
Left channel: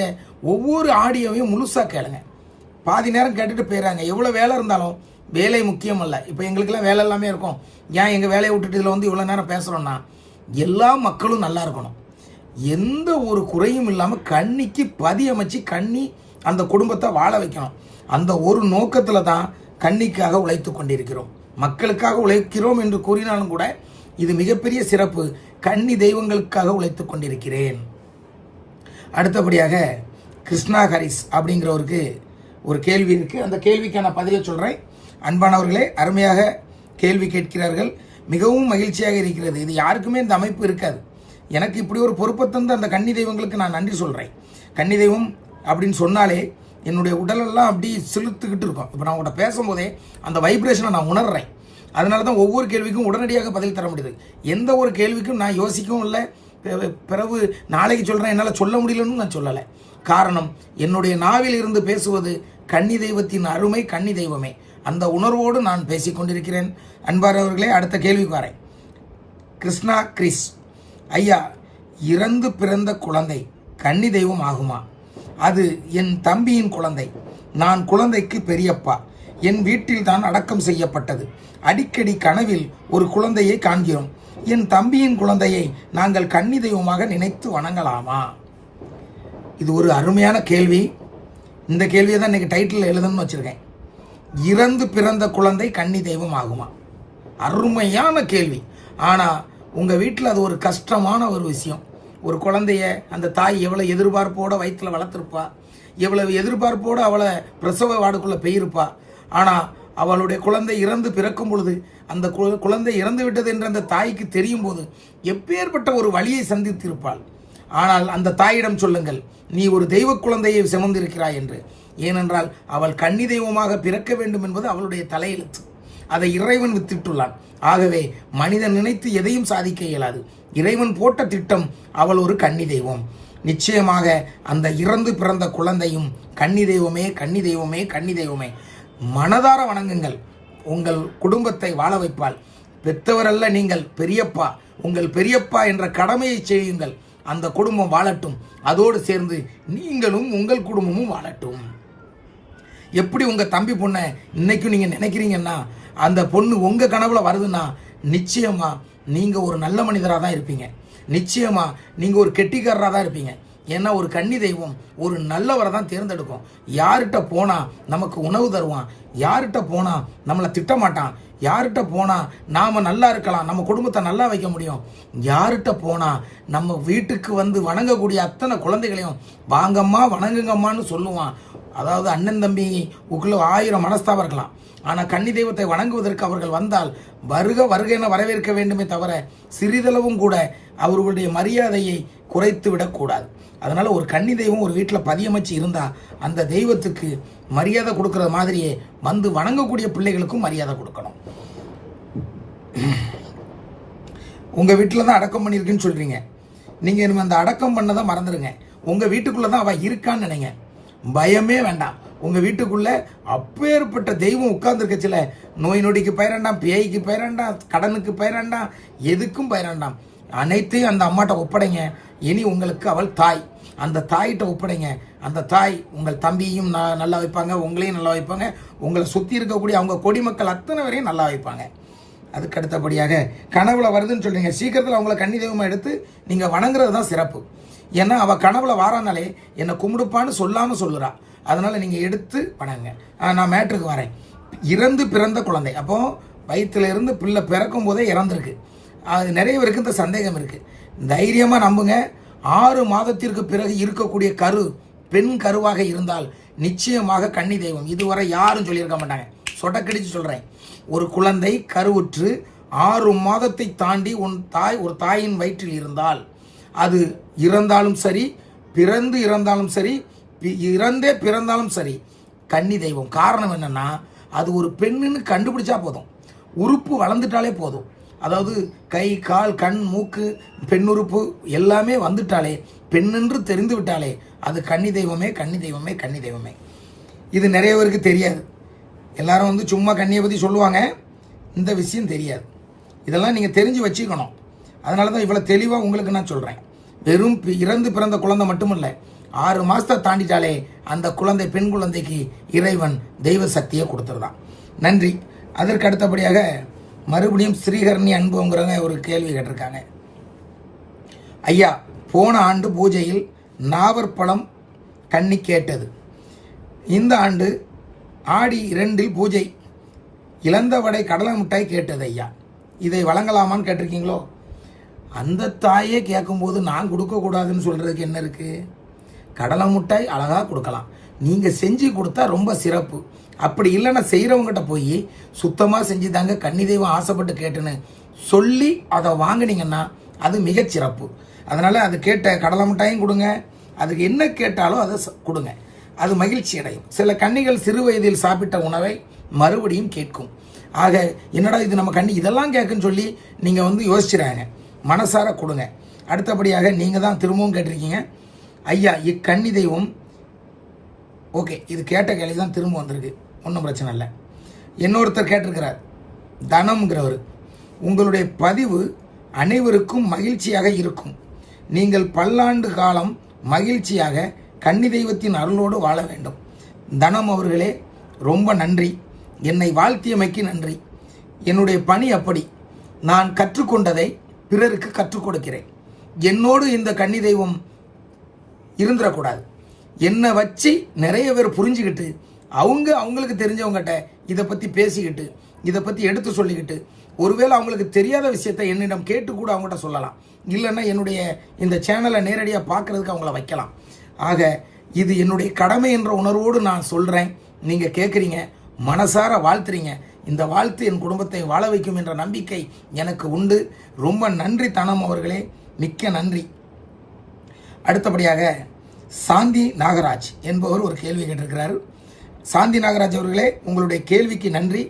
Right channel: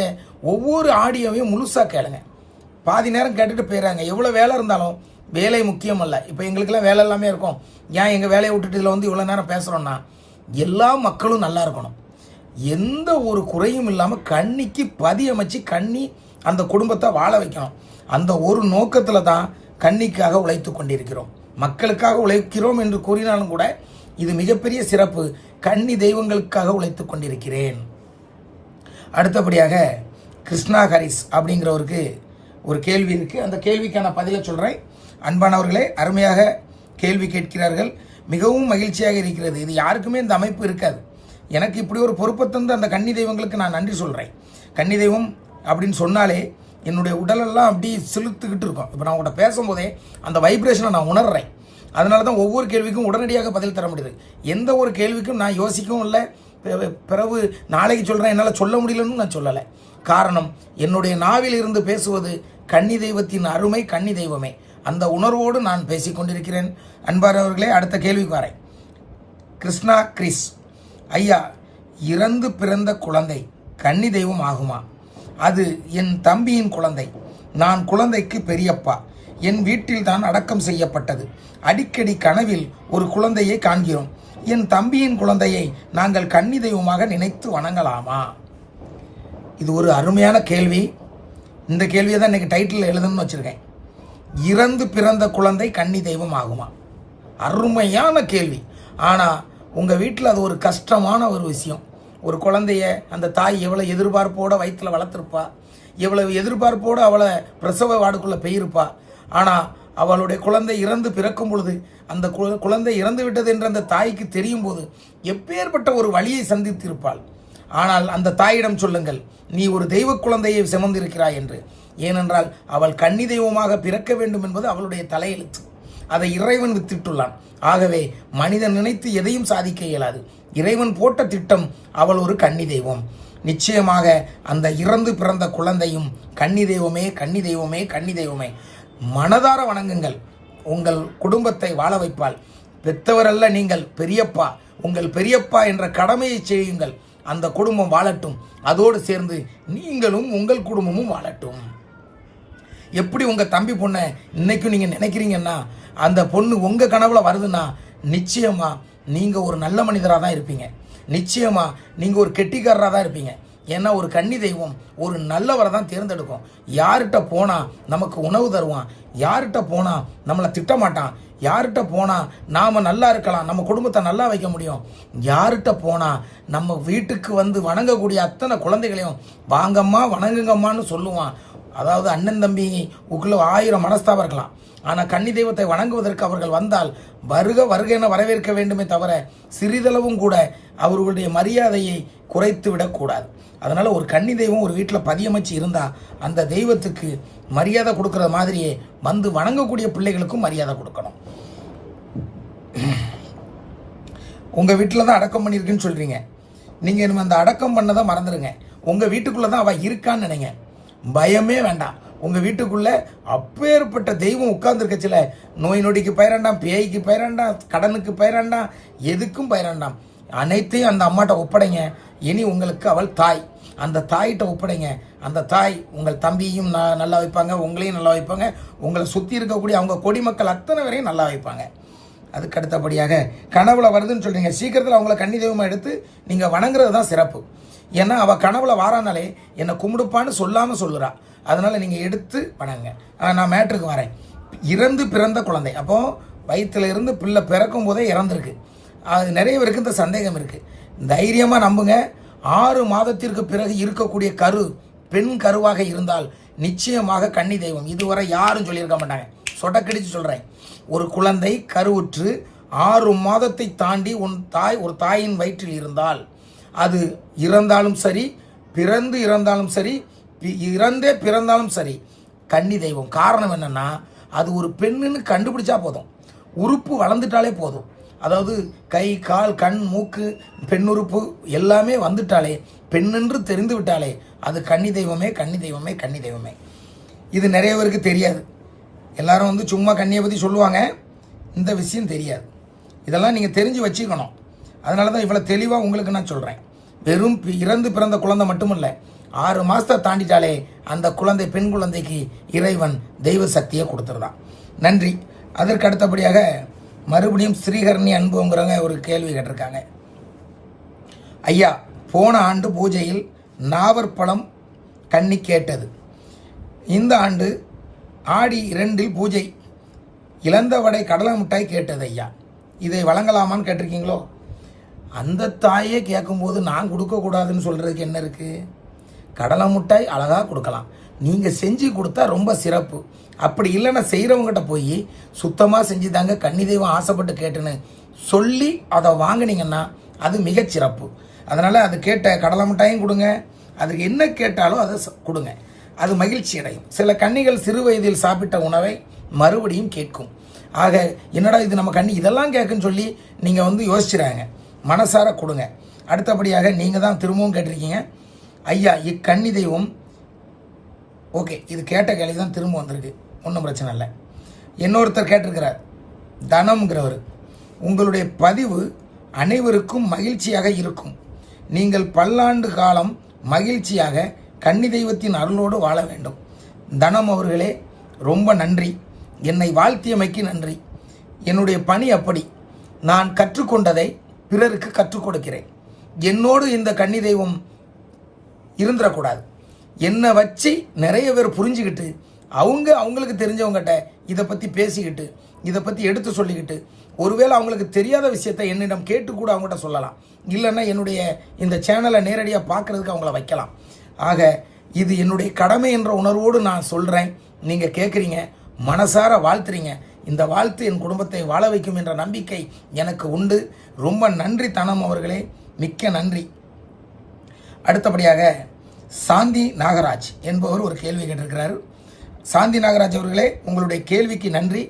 ஒவ்வொரு ஆடியோவையும் முழுசா கேளுங்க. பாதி நேரம் கேட்டுட்டு போயிடறாங்க. எவ்வளோ வேலை இருந்தாலும் வேலை முக்கியம் அல்ல. இப்போ எங்களுக்கெல்லாம் வேலை எல்லாமே இருக்கும். ஏன் எங்கள் வேலையை விட்டுட்டு இதில் வந்து இவ்வளோ நேரம் பேசுகிறோன்னா, எல்லா மக்களும் நல்லா இருக்கணும், எந்த ஒரு குறையும் இல்லாமல் கன்னிக்கு பதி அமைச்சு கன்னி அந்த குடும்பத்தை வாழ வைக்கணும். அந்த ஒரு நோக்கத்தில் தான் கன்னிக்காக உழைத்து கொண்டிருக்கிறோம். மக்களுக்காக உழைக்கிறோம் என்று கூறினாலும் கூட இது மிகப்பெரிய சிறப்பு. கன்னி தெய்வங்களுக்காக உழைத்துக் கொண்டிருக்கிறேன். அடுத்தபடியாக கிருஷ்ணா ஹரிஸ் அப்படிங்கிறவருக்கு ஒரு கேள்வி இருக்கு. அந்த கேள்விக்கான பதிலை சொல்றேன். அன்பானவர்களே, அருமையாக கேள்வி கேட்கிறார்கள், மிகவும் மகிழ்ச்சியாக இருக்கிறது. இது யாருக்குமே இந்த அமைப்பு இருக்காது. எனக்கு இப்படி ஒரு பொறுப்பை தந்து அந்த கன்னி தெய்வங்களுக்கு நான் நன்றி சொல்றேன். கன்னி தெய்வம் அப்படின்னு சொன்னாலே என்னுடைய உடலெல்லாம் அப்படி செலுத்துக்கிட்டு இருக்கும். இப்போ நான் உங்கள்கிட்ட பேசும்போதே அந்த வைப்ரேஷனை நான் உணர்றேன். அதனால தான் ஒவ்வொரு கேள்விக்கும் உடனடியாக பதில் தர முடியுது. எந்த ஒரு கேள்விக்கும் நான் யோசிக்கவும் இல்லை, பிறகு நாளைக்கு சொல்றேன் என்னால் சொல்ல முடியலன்னு நான் சொல்லலை. காரணம், என்னுடைய நாவில் இருந்து பேசுவது கன்னி தெய்வத்தின் அருமை, கன்னி தெய்வமே, அந்த உணர்வோடு நான் பேசிக் கொண்டிருக்கிறேன். அன்பானவர்களே, அடுத்த கேள்விக்கு வரேன். கிருஷ்ணா கிறிஸ் ஐயா, இறந்து பிறந்த குழந்தை கன்னி தெய்வம் ஆகுமா? அது என் தம்பியின் குழந்தை. நான் குழந்தைக்கு பெரியப்பா. என் வீட்டில் தான் அடக்கம் செய்யப்பட்டது. அடிக்கடி கனவில் ஒரு குழந்தையை காண்கிறோம். என் தம்பியின் குழந்தையை நாங்கள் கன்னி தெய்வமாக நினைத்து வணங்கலாமா? இது ஒரு அருமையான கேள்வி. இந்த கேள்வியை தான் இன்னைக்கு டைட்டில் எழுதணும்னு வச்சிருக்கேன். இறந்து பிறந்த குழந்தை கன்னி தெய்வம் ஆகுமா? அருமையான கேள்வி. ஆனா உங்க வீட்டில் அது ஒரு கஷ்டமான ஒரு விஷயம். ஒரு குழந்தைய அந்த தாய் எவ்வளவு எதிர்பார்ப்போட வயிற்றுல வளர்த்திருப்பா, எவ்வளவு எதிர்பார்ப்போட அவளை பிரசவ வார்டுக்குள்ள பெயிருப்பா. ஆனா அவளுடைய குழந்தை இறந்து பிறக்கும் பொழுது, அந்த குழந்தை இறந்து விட்டது என்று அந்த தாய்க்கு தெரியும் போது எப்பேற்பட்ட ஒரு வழியை சந்தித்திருப்பாள். ஆனால் அந்த தாயிடம் சொல்லுங்கள், நீ ஒரு தெய்வ குழந்தையை சுமந்திருக்கிறாய் என்று. ஏனென்றால் அவள் கன்னி தெய்வமாக பிறக்க வேண்டும் என்பது அவளுடைய தலையெழுத்து. அதை இறைவன் வித்திட்டுள்ளான். ஆகவே மனிதன் நினைத்து எதையும் சாதிக்க இயலாது. இறைவன் போட்ட திட்டம், அவள் ஒரு கன்னி தெய்வம். நிச்சயமாக அந்த இறந்து பிறந்த குழந்தையும் கன்னி தெய்வமே, கன்னி தெய்வமே, கன்னி தெய்வமே. மனதார வணங்குங்கள், உங்கள் குடும்பத்தை வாழ வைப்பாள். பெற்றவரல்ல நீங்கள், பெரியப்பா. உங்கள் பெரியப்பா என்ற கடமையை செய்யுங்கள். அந்த குடும்பம் வாழட்டும். அதோடு சேர்ந்து நீங்களும் உங்கள் குடும்பமும் வாழட்டும். எப்படி உங்க தம்பி பொண்ணை இன்னைக்கும் நீங்க நினைக்கிறீங்கன்னா, அந்த பொண்ணு உங்க கனவுல வருதுன்னா, நிச்சயமா நீங்க ஒரு நல்ல மனிதராக தான் இருப்பீங்க. நிச்சயமா நீங்க ஒரு கெட்டிக்காரராக தான் இருப்பீங்க. ஏன்னா ஒரு கன்னி தெய்வம் ஒரு நல்லவரை தான் தேர்ந்தெடுக்கும். யார்கிட்ட போனா நமக்கு உணவு தருவான், யார்கிட்ட போனா நம்மளை திட்டமாட்டான், யார்கிட்ட போனா நாம நல்லா இருக்கலாம், நம்ம குடும்பத்தை நல்லா வைக்க முடியும், யார்கிட்ட போனா நம்ம வீட்டுக்கு வந்து வணங்கக்கூடிய அத்தனை குழந்தைகளையும் வாங்கம்மா வணங்குங்கம்மான்னு சொல்லுவான். அதாவது அண்ணன் தம்பி உக்குள்ள 1000 மனஸ்தாபம் இருக்கலாம், ஆனா கன்னி தெய்வத்தை வணங்குவதற்கு அவர்கள் வந்தால் வருக வருக என வரவேற்க வேண்டுமே தவிர சிறிதளவும் கூட அவர்களுடைய மரியாதையை குறைத்து விடக்கூடாது. அதனால ஒரு கன்னி தெய்வம் ஒரு வீட்டில் பதியமைச்சு இருந்தா அந்த தெய்வத்துக்கு மரியாதை கொடுக்கற மாதிரியே வந்து வணங்கக்கூடிய பிள்ளைகளுக்கும் மரியாதை கொடுக்கணும். உங்க வீட்டில் தான் அடக்கம் பண்ணிருக்குன்னு சொல்றீங்க, நீங்க அந்த அடக்கம் பண்ணதான் மறந்துடுங்க. உங்க வீட்டுக்குள்ளதான் அவ இருக்கான்னு நினைங்க, பயமே வேண்டாம். உங்க வீட்டுக்குள்ள அப்பேற்பட்ட தெய்வம் உட்கார்ந்துருக்கச்சில நோய் நொடிக்கு பயிரண்டாம், பேய்க்கு பயிரண்டாம், கடனுக்கு பயிரண்டாம், எதுக்கும் பயிரண்டாம். அனைத்தையும் அந்த அம்மாட்ட ஒப்படைங்க. இனி உங்களுக்கு அவள் தாய், அந்த தாயிட்ட ஒப்படைங்க. அந்த தாய் உங்கள் தம்பியும் நல்லா வைப்பாங்க, உங்களையும் நல்லா வைப்பாங்க, உங்களை சுத்தி இருக்கக்கூடிய அவங்க கொடிமக்கள் அத்தனை வரையும் நல்லா வைப்பாங்க. அதுக்கு அடுத்தபடியாக கனவுல வருதுன்னு சொல்றீங்க, சீக்கிரத்தில் அவங்களை கன்னி தெய்வமா எடுத்து நீங்க வணங்குறது தான் சிறப்பு. ஏன்னா அவ கனவுல வாரானாலே என்னை கும்பிடுப்பான்னு சொல்லாம சொல்லுறா, அதனால நீங்க எடுத்து வணங்க. நான் மேட்ருக்கு வரேன். இறந்து பிறந்த குழந்தை, அப்போ வயிற்றுல இருந்து பிள்ளை பிறக்கும் போதே இறந்துருக்கு. அது நிறைய பேருக்கு இந்த சந்தேகம் இருக்கு. தைரியமா நம்புங்க, 6 மாதத்திற்கு பிறகு இருக்கக்கூடிய கரு பெண் கருவாக இருந்தால் நிச்சயமாக கன்னி தெய்வம். இதுவரை யாரும் சொல்லியிருக்க மாட்டாங்க, சொடக்கடிச்சு சொல்றேன். ஒரு குழந்தை கருவுற்று 6 மாதத்தை தாண்டி ஒரு தாயின் வயிற்றில் இருந்தால், அது இறந்தாலும் சரி, பிறந்து இறந்தாலும் சரி, இறந்தே பிறந்தாலும் சரி, கன்னி தெய்வம். காரணம் என்னன்னா, அது ஒரு பெண்ணுன்னு கண்டுபிடிச்சா போதும், உறுப்பு வளர்ந்துட்டாலே போதும். அதாவது கை கால் கண் மூக்கு பெண்ணுறுப்பு எல்லாமே வந்துட்டாலே, பெண்ணென்று தெரிந்து விட்டாலே அது கன்னி தெய்வமே கன்னி தெய்வமே கன்னி தெய்வமே. இது நிறைய பேருக்கு தெரியாது. எல்லாரும் வந்து சும்மா கன்னியை பத்தி சொல்லுவாங்க, இந்த விஷயம் தெரியாது. இதெல்லாம் நீங்க தெரிஞ்சு வச்சுக்கணும். அதனாலதான் இவ்வளவு தெளிவா உங்களுக்கு நான் சொல்றேன். வெறும் இறந்து பிறந்த குழந்தை மட்டுமில்ல, 6 மாசத்தை தாண்டிட்டாலே அந்த குழந்தை பெண் குழந்தைக்கு இறைவன் தெய்வ சக்தியை கொடுத்துருதான். நன்றி. அதற்கு அடுத்தபடியாக மறுபடியும் ஸ்ரீஹரணி அன்புங்கிறவங்க ஒரு கேள்வி கேட்டிருக்காங்க. ஐயா, போன ஆண்டு பூஜையில் நாவற்பழம் கன்னி கேட்டது, இந்த ஆண்டு ஆடி 2 பூஜை இழந்த வடை கடலை மிட்டாய் கேட்டது ஐயா, இதை வழங்கலாமான்னு கேட்டிருக்கீங்களோ? அந்த தாயே கேட்கும்போது நான் கொடுக்க கூடாதுன்னு சொல்றதுக்கு என்ன இருக்கு? கடலை மிட்டாய் அழகா கொடுக்கலாம், நீங்க செஞ்சு கொடுத்தா ரொம்ப சிறப்பு. அப்படி இல்லைன்னா செய்யறவங்ககிட்ட போய் சுத்தமா செஞ்சு தாங்க கன்னி தெய்வம் ஆசைப்பட்டு கேட்டுன்னு சொல்லி அதை வாங்கினீங்கன்னா அது மிகச் சிறப்பு. அதனால அது கேட்ட கடலை மிட்டாயும் கொடுங்க, அதுக்கு என்ன கேட்டாலும் அதை கொடுங்க, அது மகிழ்ச்சி அடையும். சில கன்னிகள் சிறு வயதில் சாப்பிட்ட உணவை மறுபடியும் கேட்கும். ஆக என்னடா இது நம்ம கன்னி இதெல்லாம் கேட்குன்னு சொல்லி நீங்க வந்து யோசிச்சுறாங்க, மனசார கொடுங்க. அடுத்தபடியாக நீங்க தான் திரும்பவும் கேட்டிருக்கீங்க, ஐயா இக்கன்னி தெய்வம், ஓகே இது கேட்ட கேள்வி தான் திரும்ப வந்திருக்கு, ஒன்றும் பிரச்சனை இல்லை. இன்னொருத்தர் கேட்டிருக்கிறார், தனம்ங்கிறவர், உங்களுடைய பதிவு அனைவருக்கும் மகிழ்ச்சியாக இருக்கும், நீங்கள் பல்லாண்டு காலம் மகிழ்ச்சியாக கன்னி தெய்வத்தின் அருளோடு வாழ வேண்டும். தனம் அவர்களே ரொம்ப நன்றி, என்னை வாழ்த்தியமைக்கு நன்றி. என்னுடைய பணி அப்படி, நான் கற்றுக்கொண்டதை பிறருக்கு கற்றுக் கொடுக்கிறேன். என்னோடு இந்த கன்னி தெய்வம் இருந்துடக்கூடாது, என்னை வச்சு நிறைய பேர் புரிஞ்சுக்கிட்டு அவங்களுக்கு தெரிஞ்சவங்ககிட்ட இதை பத்தி பேசிக்கிட்டு இதை பத்தி எடுத்து சொல்லிக்கிட்டு, ஒருவேளை அவங்களுக்கு தெரியாத விஷயத்தை என்னிடம் கேட்டு கூட அவங்ககிட்ட சொல்லலாம், இல்லைன்னா என்னுடைய இந்த சேனலை நேரடியாக பார்க்கறதுக்கு அவங்கள வைக்கலாம். ஆக இது என்னுடைய கடமை என்ற உணர்வோடு நான் சொல்றேன். நீங்க கேட்குறீங்க, மனசார வாழ்த்துறீங்க, இந்த வாழ்த்து என் குடும்பத்தை வாழ வைக்கும் என்ற நம்பிக்கை எனக்கு உண்டு. ரொம்ப நன்றி தனம் அவர்களே, மிக்க நன்றி. அடுத்தபடியாக சாந்தி நாகராஜ் என்பவர் ஒரு கேள்வி கேட்டிருக்கிறார். சாந்தி நாகராஜ் அவர்களே, உங்களுடைய கேள்விக்கு நன்றி,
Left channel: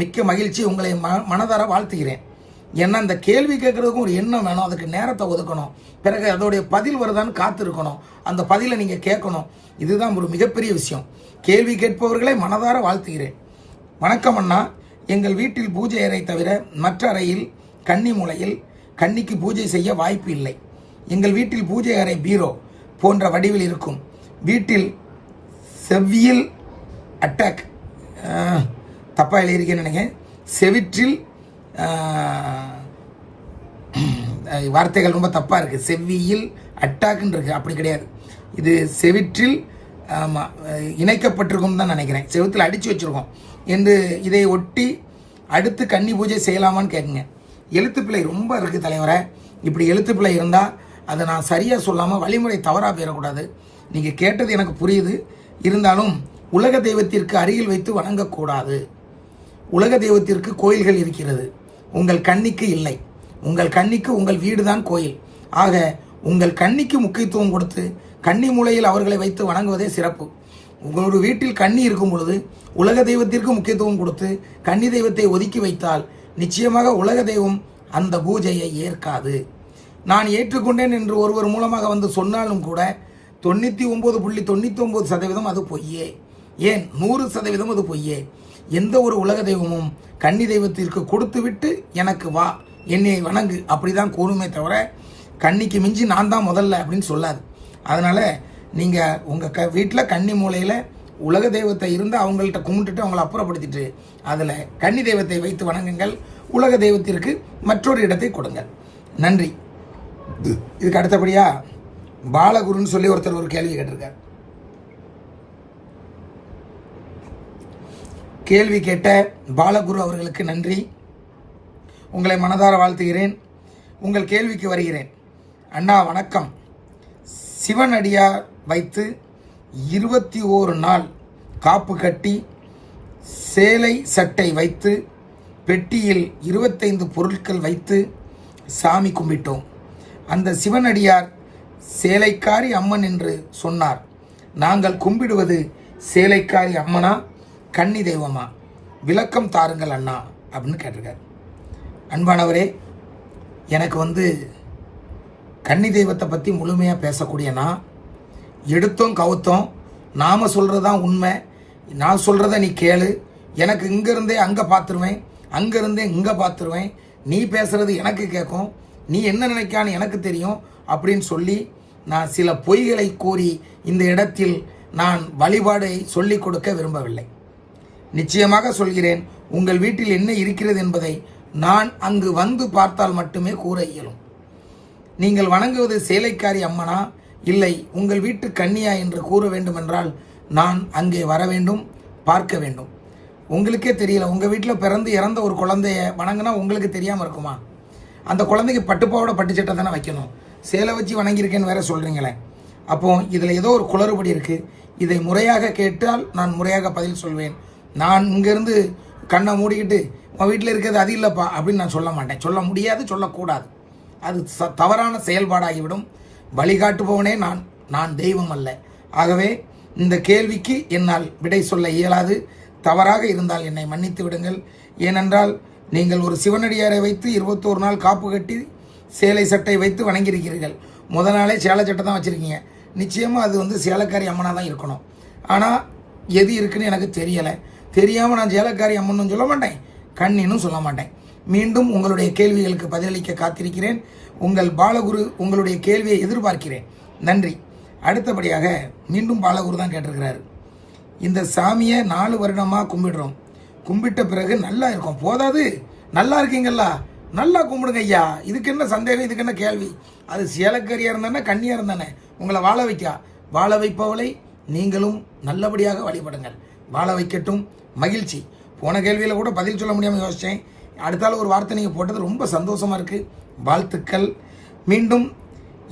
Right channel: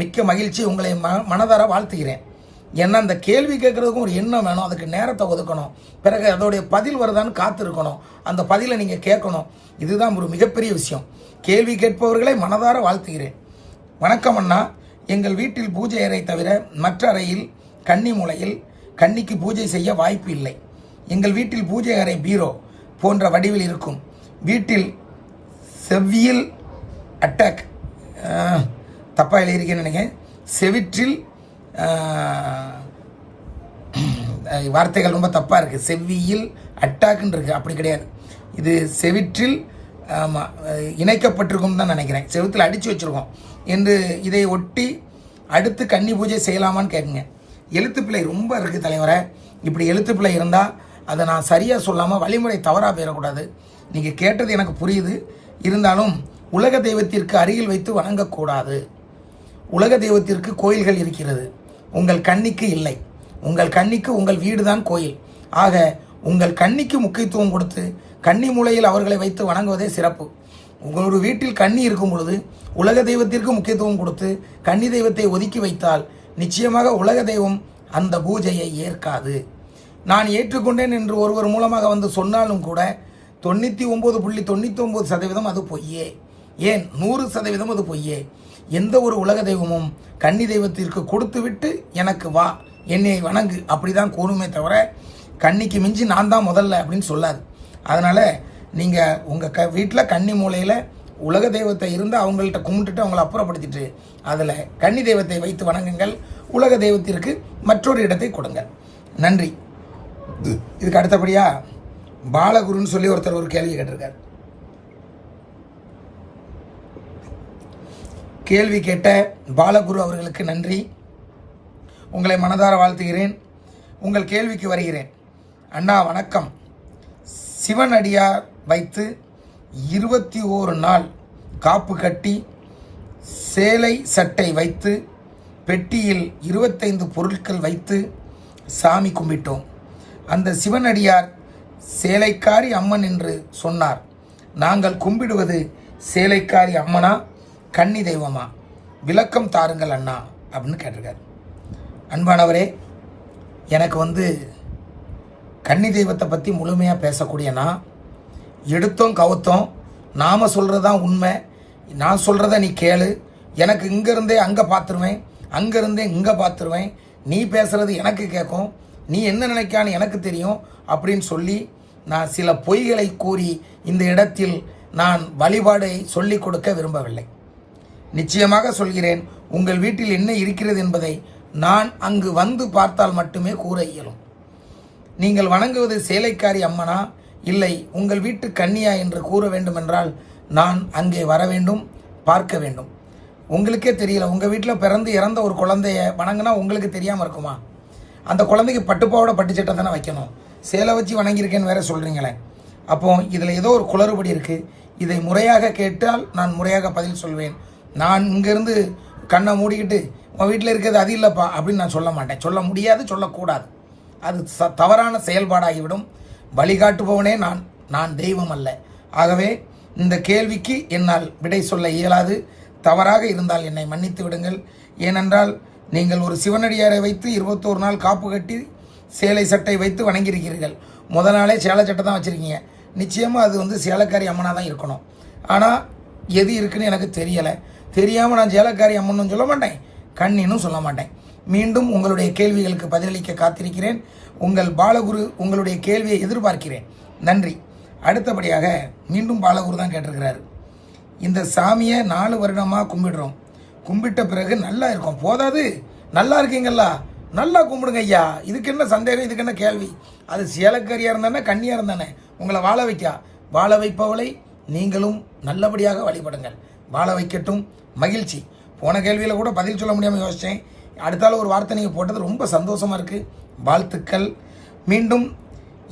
மிக்க மகிழ்ச்சி, உங்களை மனதார வாழ்த்துகிறேன். ஏன்னா அந்த கேள்வி கேட்கறதுக்கும் ஒரு எண்ணம் வேணும், அதுக்கு நேரத்தை ஒதுக்கணும், பிறகு அதோடைய பதில் வருதான்னு காத்து இருக்கணும், அந்த பதிலை நீங்க கேட்கணும். இதுதான் ஒரு மிகப்பெரிய விஷயம். கேள்வி கேட்பவர்களை மனதார வாழ்த்துகிறேன். வணக்கம் அண்ணா, எங்கள் வீட்டில் பூஜை அறை தவிர மற்ற அறையில் கன்னி மூலையில் கன்னிக்கு பூஜை செய்ய வாய்ப்பு இல்லை. எங்கள் வீட்டில் பூஜை அறை பீரோ போன்ற வடிவில் இருக்கும். வீட்டில் செவ்வியல் அட்டாக், தப்பா எழுதியிருக்கேன்னு நினைக்கிறேன், செவிற்றில் வார்த்தைகள் ரொம்ப தப்பாக இருக்குது. செவ்வியில் அட்டாக்குன்னு இருக்குது, அப்படி கிடையாது. இது செவிற்றில் இணைக்கப்பட்டிருக்கும் தான் நினைக்கிறேன், செவுத்தில் அடித்து வச்சுருக்கோம் என்று இதை ஒட்டி அடுத்து கன்னி பூஜை செய்யலாமான்னு கேட்குங்க. எழுத்துப்பிள்ளை ரொம்ப இருக்குது தலைவரை. இப்படி எழுத்துப்பிள்ளை இருந்தால் அதை நான் சரியாக சொல்லாமல் வழிமுறை தவறாக போயிடக்கூடாது. நீங்கள் கேட்டது எனக்கு புரியுது, இருந்தாலும் உலக தெய்வத்திற்கு அருகில் வைத்து வணங்கக்கூடாது. உலக தெய்வத்திற்கு கோயில்கள் இருக்கிறது, உங்கள் கன்னிக்கு இல்லை. உங்கள் கன்னிக்கு உங்கள் வீடு தான் கோயில். ஆக உங்கள் கன்னிக்கு முக்கியத்துவம் கொடுத்து கன்னி மூலையில் அவர்களை வைத்து வணங்குவதே சிறப்பு. உங்களோட வீட்டில் கன்னி இருக்கும் பொழுது உலக தெய்வத்திற்கு முக்கியத்துவம் கொடுத்து கன்னி தெய்வத்தை ஒதுக்கி வைத்தால் நிச்சயமாக உலக தெய்வம் அந்த பூஜையை ஏற்காது. நான் ஏற்றுக்கொண்டேன் என்று ஒருவர் மூலமாக வந்து சொன்னாலும் கூட 99.99% அது பொய்யே. ஏன் 100% அது பொய்யே. எந்த ஒரு உலக தெய்வமும் கன்னி தெய்வத்திற்கு கொடுத்து விட்டு எனக்கு வா, என்னை வணங்கு அப்படிதான் கூறுமே தவிர கன்னிக்கு மிஞ்சி நான் தான் முதல்ல அப்படின்னு சொல்லாது. அதனால நீங்க உங்க வீட்டில் கன்னி மூலையில உலக தெய்வத்தை இருந்து அவங்கள்ட்ட கும்பிட்டுட்டு அவங்கள அப்புறப்படுத்திட்டு அதுல கன்னி தெய்வத்தை வைத்து வணங்குங்கள். உலக தெய்வத்திற்கு மற்றொரு இடத்தை கொடுங்கள். நன்றி. இதுக்கு அடுத்தபடியா பாலகுருன்னு சொல்லி ஒருத்தர் ஒரு கேள்வி கேட்டிருக்கார். கேள்வி கேட்ட பாலகுரு அவர்களுக்கு நன்றி. உங்களை மனதார வாழ்த்துகிறேன். உங்கள் கேள்விக்கு வருகிறேன். அண்ணா வணக்கம். சிவனடியார் வைத்து 21 நாள் காப்பு கட்டி சேலை சட்டை வைத்து பெட்டியில் 25 பொருட்கள் வைத்து சாமி கும்பிட்டோம். அந்த சிவனடியார் சேலைக்காரி அம்மன் என்று சொன்னார். நாங்கள் கும்பிடுவது சேலைக்காரி அம்மனா கன்னி தெய்வமா? விளக்கம் தாருங்கள் அண்ணா அப்படின்னு கேட்டிருக்கார். அன்பானவரே, எனக்கு கன்னி தெய்வத்தை பற்றி முழுமையாக பேசக்கூடியனா எடுத்தோம் கவுத்தோம் நாம சொல்றதுதான் உண்மை, நான் சொல்றத நீ கேளு, எனக்கு இங்கிருந்தே அங்கே பார்த்துருவேன், அங்கிருந்தே இங்கே பார்த்துருவேன், நீ பேசுறது எனக்கு கேட்கும், நீ என்ன நினைக்கான்னு எனக்கு தெரியும் அப்படின்னு சொல்லி நான் சில பொய்களை கூறி இந்த இடத்தில் நான் வழிபாடை சொல்லிக் கொடுக்க விரும்பவில்லை. நிச்சயமாக சொல்கிறேன், உங்கள் வீட்டில் என்ன இருக்கிறது என்பதை நான் அங்கு வந்து பார்த்தால் மட்டுமே கூற இயலும். நீங்கள் வணங்குவது சேலைக்காரி அம்மனா இல்லை உங்கள் வீட்டு கன்னியா என்று கூற வேண்டும் என்றால் நான் அங்கே வர வேண்டும், பார்க்க வேண்டும். உங்களுக்கே தெரியல, உங்க வீட்டில் பிறந்து இறந்த ஒரு குழந்தைய வணங்கினா உங்களுக்கு தெரியாம இருக்குமா? அந்த குழந்தைக்கு பட்டுப்பாவோட பட்டுச்சட்டை தானே வைக்கணும், சேலை வச்சு வணங்கியிருக்கேன்னு வேற சொல்றீங்களே. அப்போ இதுல ஏதோ ஒரு குளறுபடி இருக்கு. இதை முறையாக கேட்டால் நான் முறையாக பதில் சொல்வேன். நான் இங்கிருந்து கண்ணை மூடிக்கிட்டு உன் வீட்டில் இருக்கிறது அது இல்லைப்பா அப்படின்னு நான் சொல்ல மாட்டேன். சொல்ல முடியாது, சொல்லக்கூடாது. அது தவறான செயல்பாடாகிவிடும். வழிகாட்டுபவனே நான் தெய்வம் அல்ல. ஆகவே இந்த கேள்விக்கு என்னால் விடை சொல்ல இயலாது. தவறாக இருந்தால் என்னை மன்னித்து விடுங்கள். ஏனென்றால் நீங்கள் ஒரு சிவனடியாரை வைத்து 21 நாள் காப்பு கட்டி சேலை சட்டை வைத்து வணங்கியிருக்கிறீர்கள். முதல் நாளே சேலை சட்டை தான் வச்சிருக்கீங்க. நிச்சயமா அது சேலைக்காரி அம்மனா தான் இருக்கணும். ஆனா எது இருக்குன்னு எனக்கு தெரியலை. தெரியாம நான் சேலைக்காரி அம்மனும் சொல்ல மாட்டேன், கண்ணினும் சொல்ல மாட்டேன். மீண்டும் உங்களுடைய கேள்விகளுக்கு பதிலளிக்க காத்திருக்கிறேன். உங்கள் பாலகுரு உங்களுடைய கேள்வியை எதிர்பார்க்கிறேன். நன்றி. அடுத்தபடியாக மீண்டும் பாலகுரு தான் கேட்டிருக்கிறாரு. இந்த சாமியை 4 வருடமா கும்பிடுறோம், கும்பிட்ட பிறகு நல்லா இருக்கும், போதாது நல்லா இருக்கீங்களா, நல்லா கும்பிடுங்க ஐயா. இதுக்கு என்ன சந்தேகம், இதுக்கு என்ன கேள்வி? அது சேலக்காரியா இருந்தானே கன்னியா இருந்தானே உங்களை வாழ வைக்கா. வாழ வைப்பவளை நீங்களும் நல்லபடியாக வழிபடுங்கள். வாழ வைக்கட்டும். மகிழ்ச்சி. போன கேள்வியில கூட பதில் சொல்ல முடியாம யோசிச்சேன். அடுத்தால ஒரு வார்த்தை நீங்க போட்டது ரொம்ப சந்தோஷமா இருக்கு. வாழ்த்துக்கள். மீண்டும்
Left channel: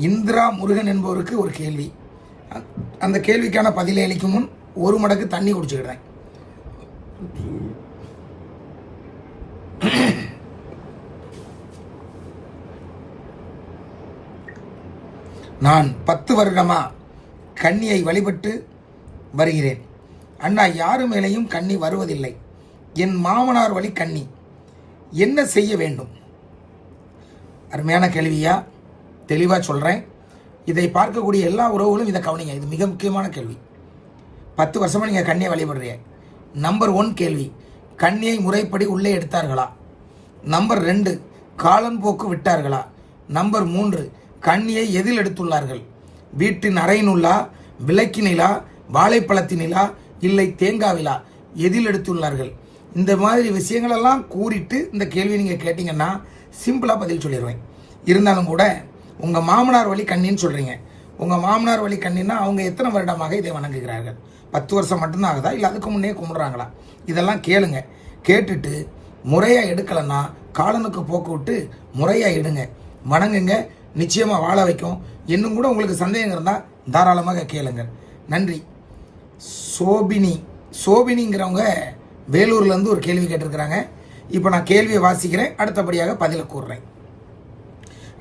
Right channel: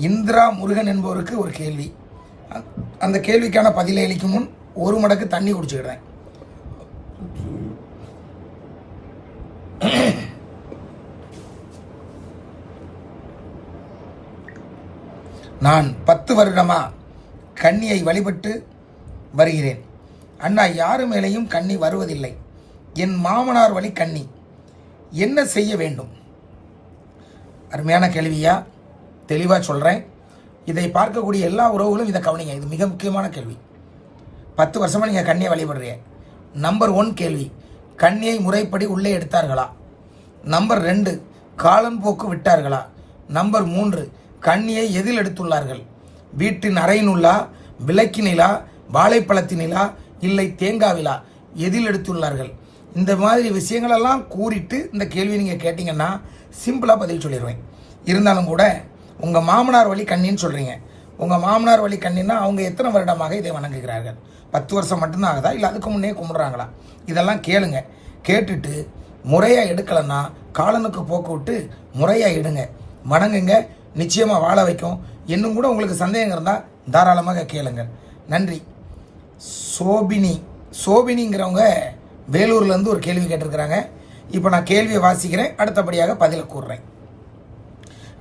இந்திரா முருகன் என்பவருக்கு ஒரு கேள்வி. அந்த கேள்விக்கான பதிலை அளிக்கும் முன் 1 மடக்கு தண்ணி குடிச்சுக்கிறேன். நான் 10 வருடமா கன்னியை வழிபட்டு வருகிறேன். அண்ணா, யாரு மேலேயும் கன்னி வருவதில்லை. என் மாமனார் வழி கன்னி, என்ன செய்ய வேண்டும்? அருமையான கேள்வியா, தெளிவா சொல்றேன். இதை பார்க்கக்கூடிய எல்லா உறவுகளும் இதை கவனிங்க. இது மிக முக்கியமான கேள்வி. 10 வருஷமா நீங்க கன்னியை வழிபடுறீங்க. நம்பர் 1 கேள்வி, கன்னியை முறைப்படி உள்ளே எடுத்தார்களா? நம்பர் 2, காலன் போக்கு விட்டார்களா? நம்பர் 3, கன்னியை எதில் எடுத்துள்ளார்கள்? வீட்டின் அறையினுள்ளா, விளக்கினிலா, வாழைப்பழத்தினிலா, இல்லை தேங்காவிலா, எதில் எடுத்துள்ளார்கள்? இந்த மாதிரி விஷயங்கள் எல்லாம் கூறிட்டு இந்த கேள்வி நீங்க கேட்டீங்கன்னா சிம்பிளா பதில் சொல்லிடுவேன். இருந்தாலும் கூட உங்கள் மாமனார் வழி கண்ணின்னு சொல்கிறீங்க. உங்கள் மாமனார் வழி கண்ணின்னா அவங்க எத்தனை வருடமாக இதை வணங்குகிறார்கள்? 10 வருஷம் மட்டும்தான் ஆகுதா, இல்லை அதுக்கு முன்னே கும்பிட்றாங்களா? இதெல்லாம் கேளுங்க. கேட்டுட்டு முறையாக எடுக்கலைன்னா காலனுக்கு போக்கு விட்டு முறையாக எடுங்க, வணங்குங்க. நிச்சயமாக வாழ வைக்கும். இன்னும் கூட உங்களுக்கு சந்தேகம் இருந்தால் தாராளமாக கேளுங்க. நன்றி. சோபினிங்கிறவங்க வேலூர்லேருந்து ஒரு கேள்வி கேட்டிருக்கிறாங்க. இப்போ நான் கேள்வியை வாசிக்கிறேன், அடுத்தபடியாக பதில் கூறுறேன்.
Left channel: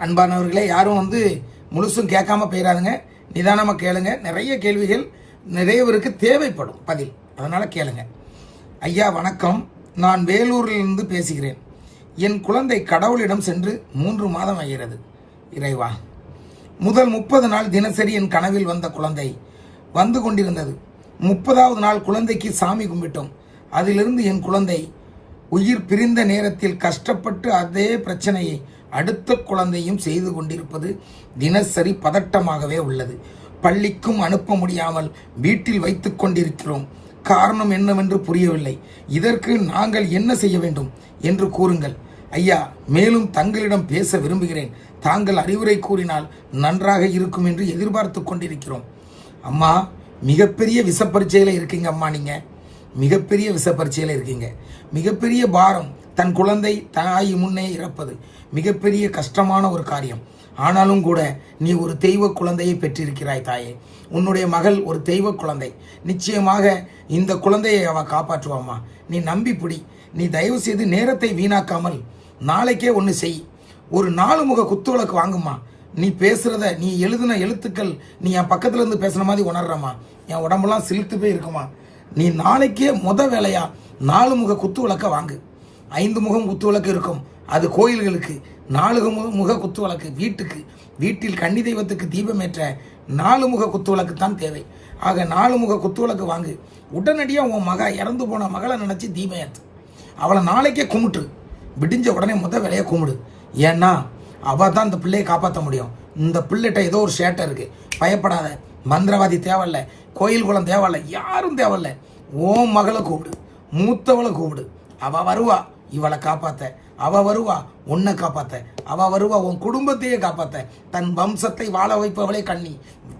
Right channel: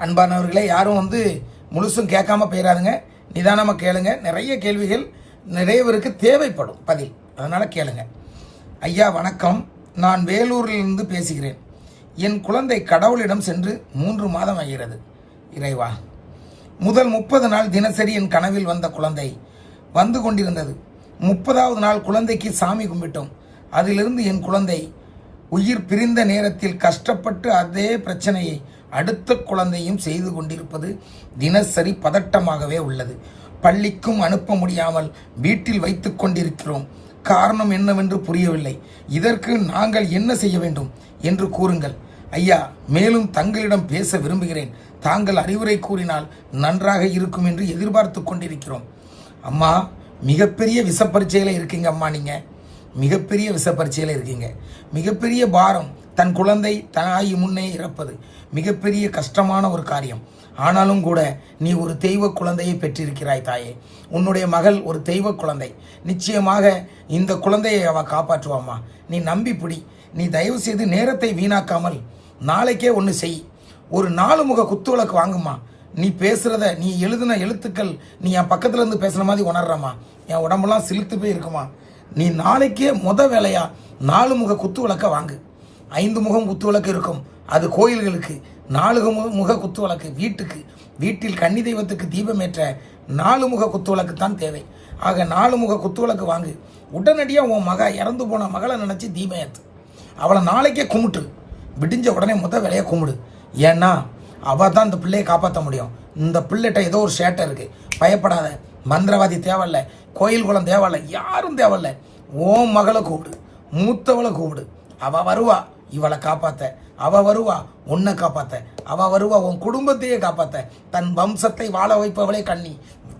அன்பானவர்களே, யாரும் முழுசும் கேட்காம போயிடாதுங்க, நிதானமாக கேளுங்க. நிறைய கேள்விகள் நிறைய பேருக்கு தேவைப்படும் பதில், அதனால கேளுங்க. ஐயா வணக்கம், நான் வேலூரிலிருந்து பேசுகிறேன். என் குழந்தை கடவுளிடம் சென்று 3 மாதம் ஆகிறது. இறைவா, முதல் 30 நாள் தினசரி என் கனவில் வந்த குழந்தை வந்து கொண்டிருந்தது. 30வது நாள் குழந்தைக்கு சாமி கும்பிட்டோம். அதிலிருந்து என் குழந்தை உயிர் பிரிந்த நேரத்தில் கஷ்டப்பட்டு அதே பிரச்சனையை அடுத்த குழந்தையும் செய்து கொண்டிருப்பது தினசரி பதட்டமாகவே உள்ளது. பள்ளிக்கும் அனுப்ப முடியாமல் வீட்டில் வைத்துக் கொண்டிருக்கிறோம். காரணம் என்னவென்று புரியவில்லை. இதற்கு நாங்கள் என்ன செய்ய வேண்டும் என்று கூறுங்கள் ஐயா. மேலும் தங்களிடம் பேச விரும்புகிறேன். தாங்கள் அறிவுரை கூறினால் நன்றாக இருக்கும் என்று எதிர்பார்த்து கொண்டிருக்கிறோம். அம்மா, மிகப்பெரிய விசப்பரீட்சையில இருக்கீங்க அம்மா. நீங்க மிகப்பெரிய விசப்பரீட்சையில இருக்கீங்க. மிகப்பெரிய பாரம். தன் குழந்தை தாய் முன்னே இறப்பது மிகப்பெரிய கஷ்டமான ஒரு காரியம். ஆனாலும் கூட நீ ஒரு தெய்வ குழந்தையை பெற்றிருக்கிறாய் தாயே. உன்னுடைய மகள் ஒரு தெய்வ குழந்தை. நிச்சயமாக இந்த குழந்தையை அவ காப்பாற்றுவாம்மா. நீ நம்பி பிடி. நீ தயவு செய்து நேரத்தை வீணாக்காமல் நாளைக்கே ஒன்று செய். ஒரு 4 முக குத்துவிளக்கு வாங்குமா. நீ பேசுறத, நீ எழுதின எழுத்துக்கள் நீ என் பக்கத்துல இருந்து பேசுன மாதிரி உணர்றமா. என் உடம்புலாம் சிலுத்து போய் இருக்குமா. நீ நாளைக்கே வேலையா 4 முக குத்து விளக்க வாங்கு. 5 முகம் குத்து விளக்கு இருக்கும், அது கோயில்களுக்கு. 4 முக குத்து விளக்கு வீட்டுக்கு. வீட்டில் கன்னி தெய்வத்துக்கு தீபமேற்ற 4 முக குத்து விளக்கு தான் தேவை. ஆக 4 முக குத்து விளக்கு வாங்கு. உடனடியா உன் இறந்து போன மகளை நினைச்சு தீபம் ஏத்து. அவளை நாளைக்கே கும்பிட்டு விடிஞ்ச உடனே வேலையை கும்பிடு. ஏன்னா அவ தான் இந்த பிள்ளையை காப்பாற்ற முடியும். இந்த பிள்ளைகிட்ட ஏதோ ஒரு சேட்டை இருக்கு. பயப்படாத. மந்திரவாதி தேவையில்ல, கோயில் குளம் தேவையில்ல, யாரும் தேவையில்ல. ஓம் மகளை கூப்பிடு, மூத்தவளை கூப்பிடு. அவ வருவா இவளை காப்பாத்த. அவ வருவா உன்னை காப்பாத்த. அவ வருவா உன் குடும்பத்தையே காப்பாத்த. தன் வம்சத்தை வாழ வைப்பவளே கண்ணி.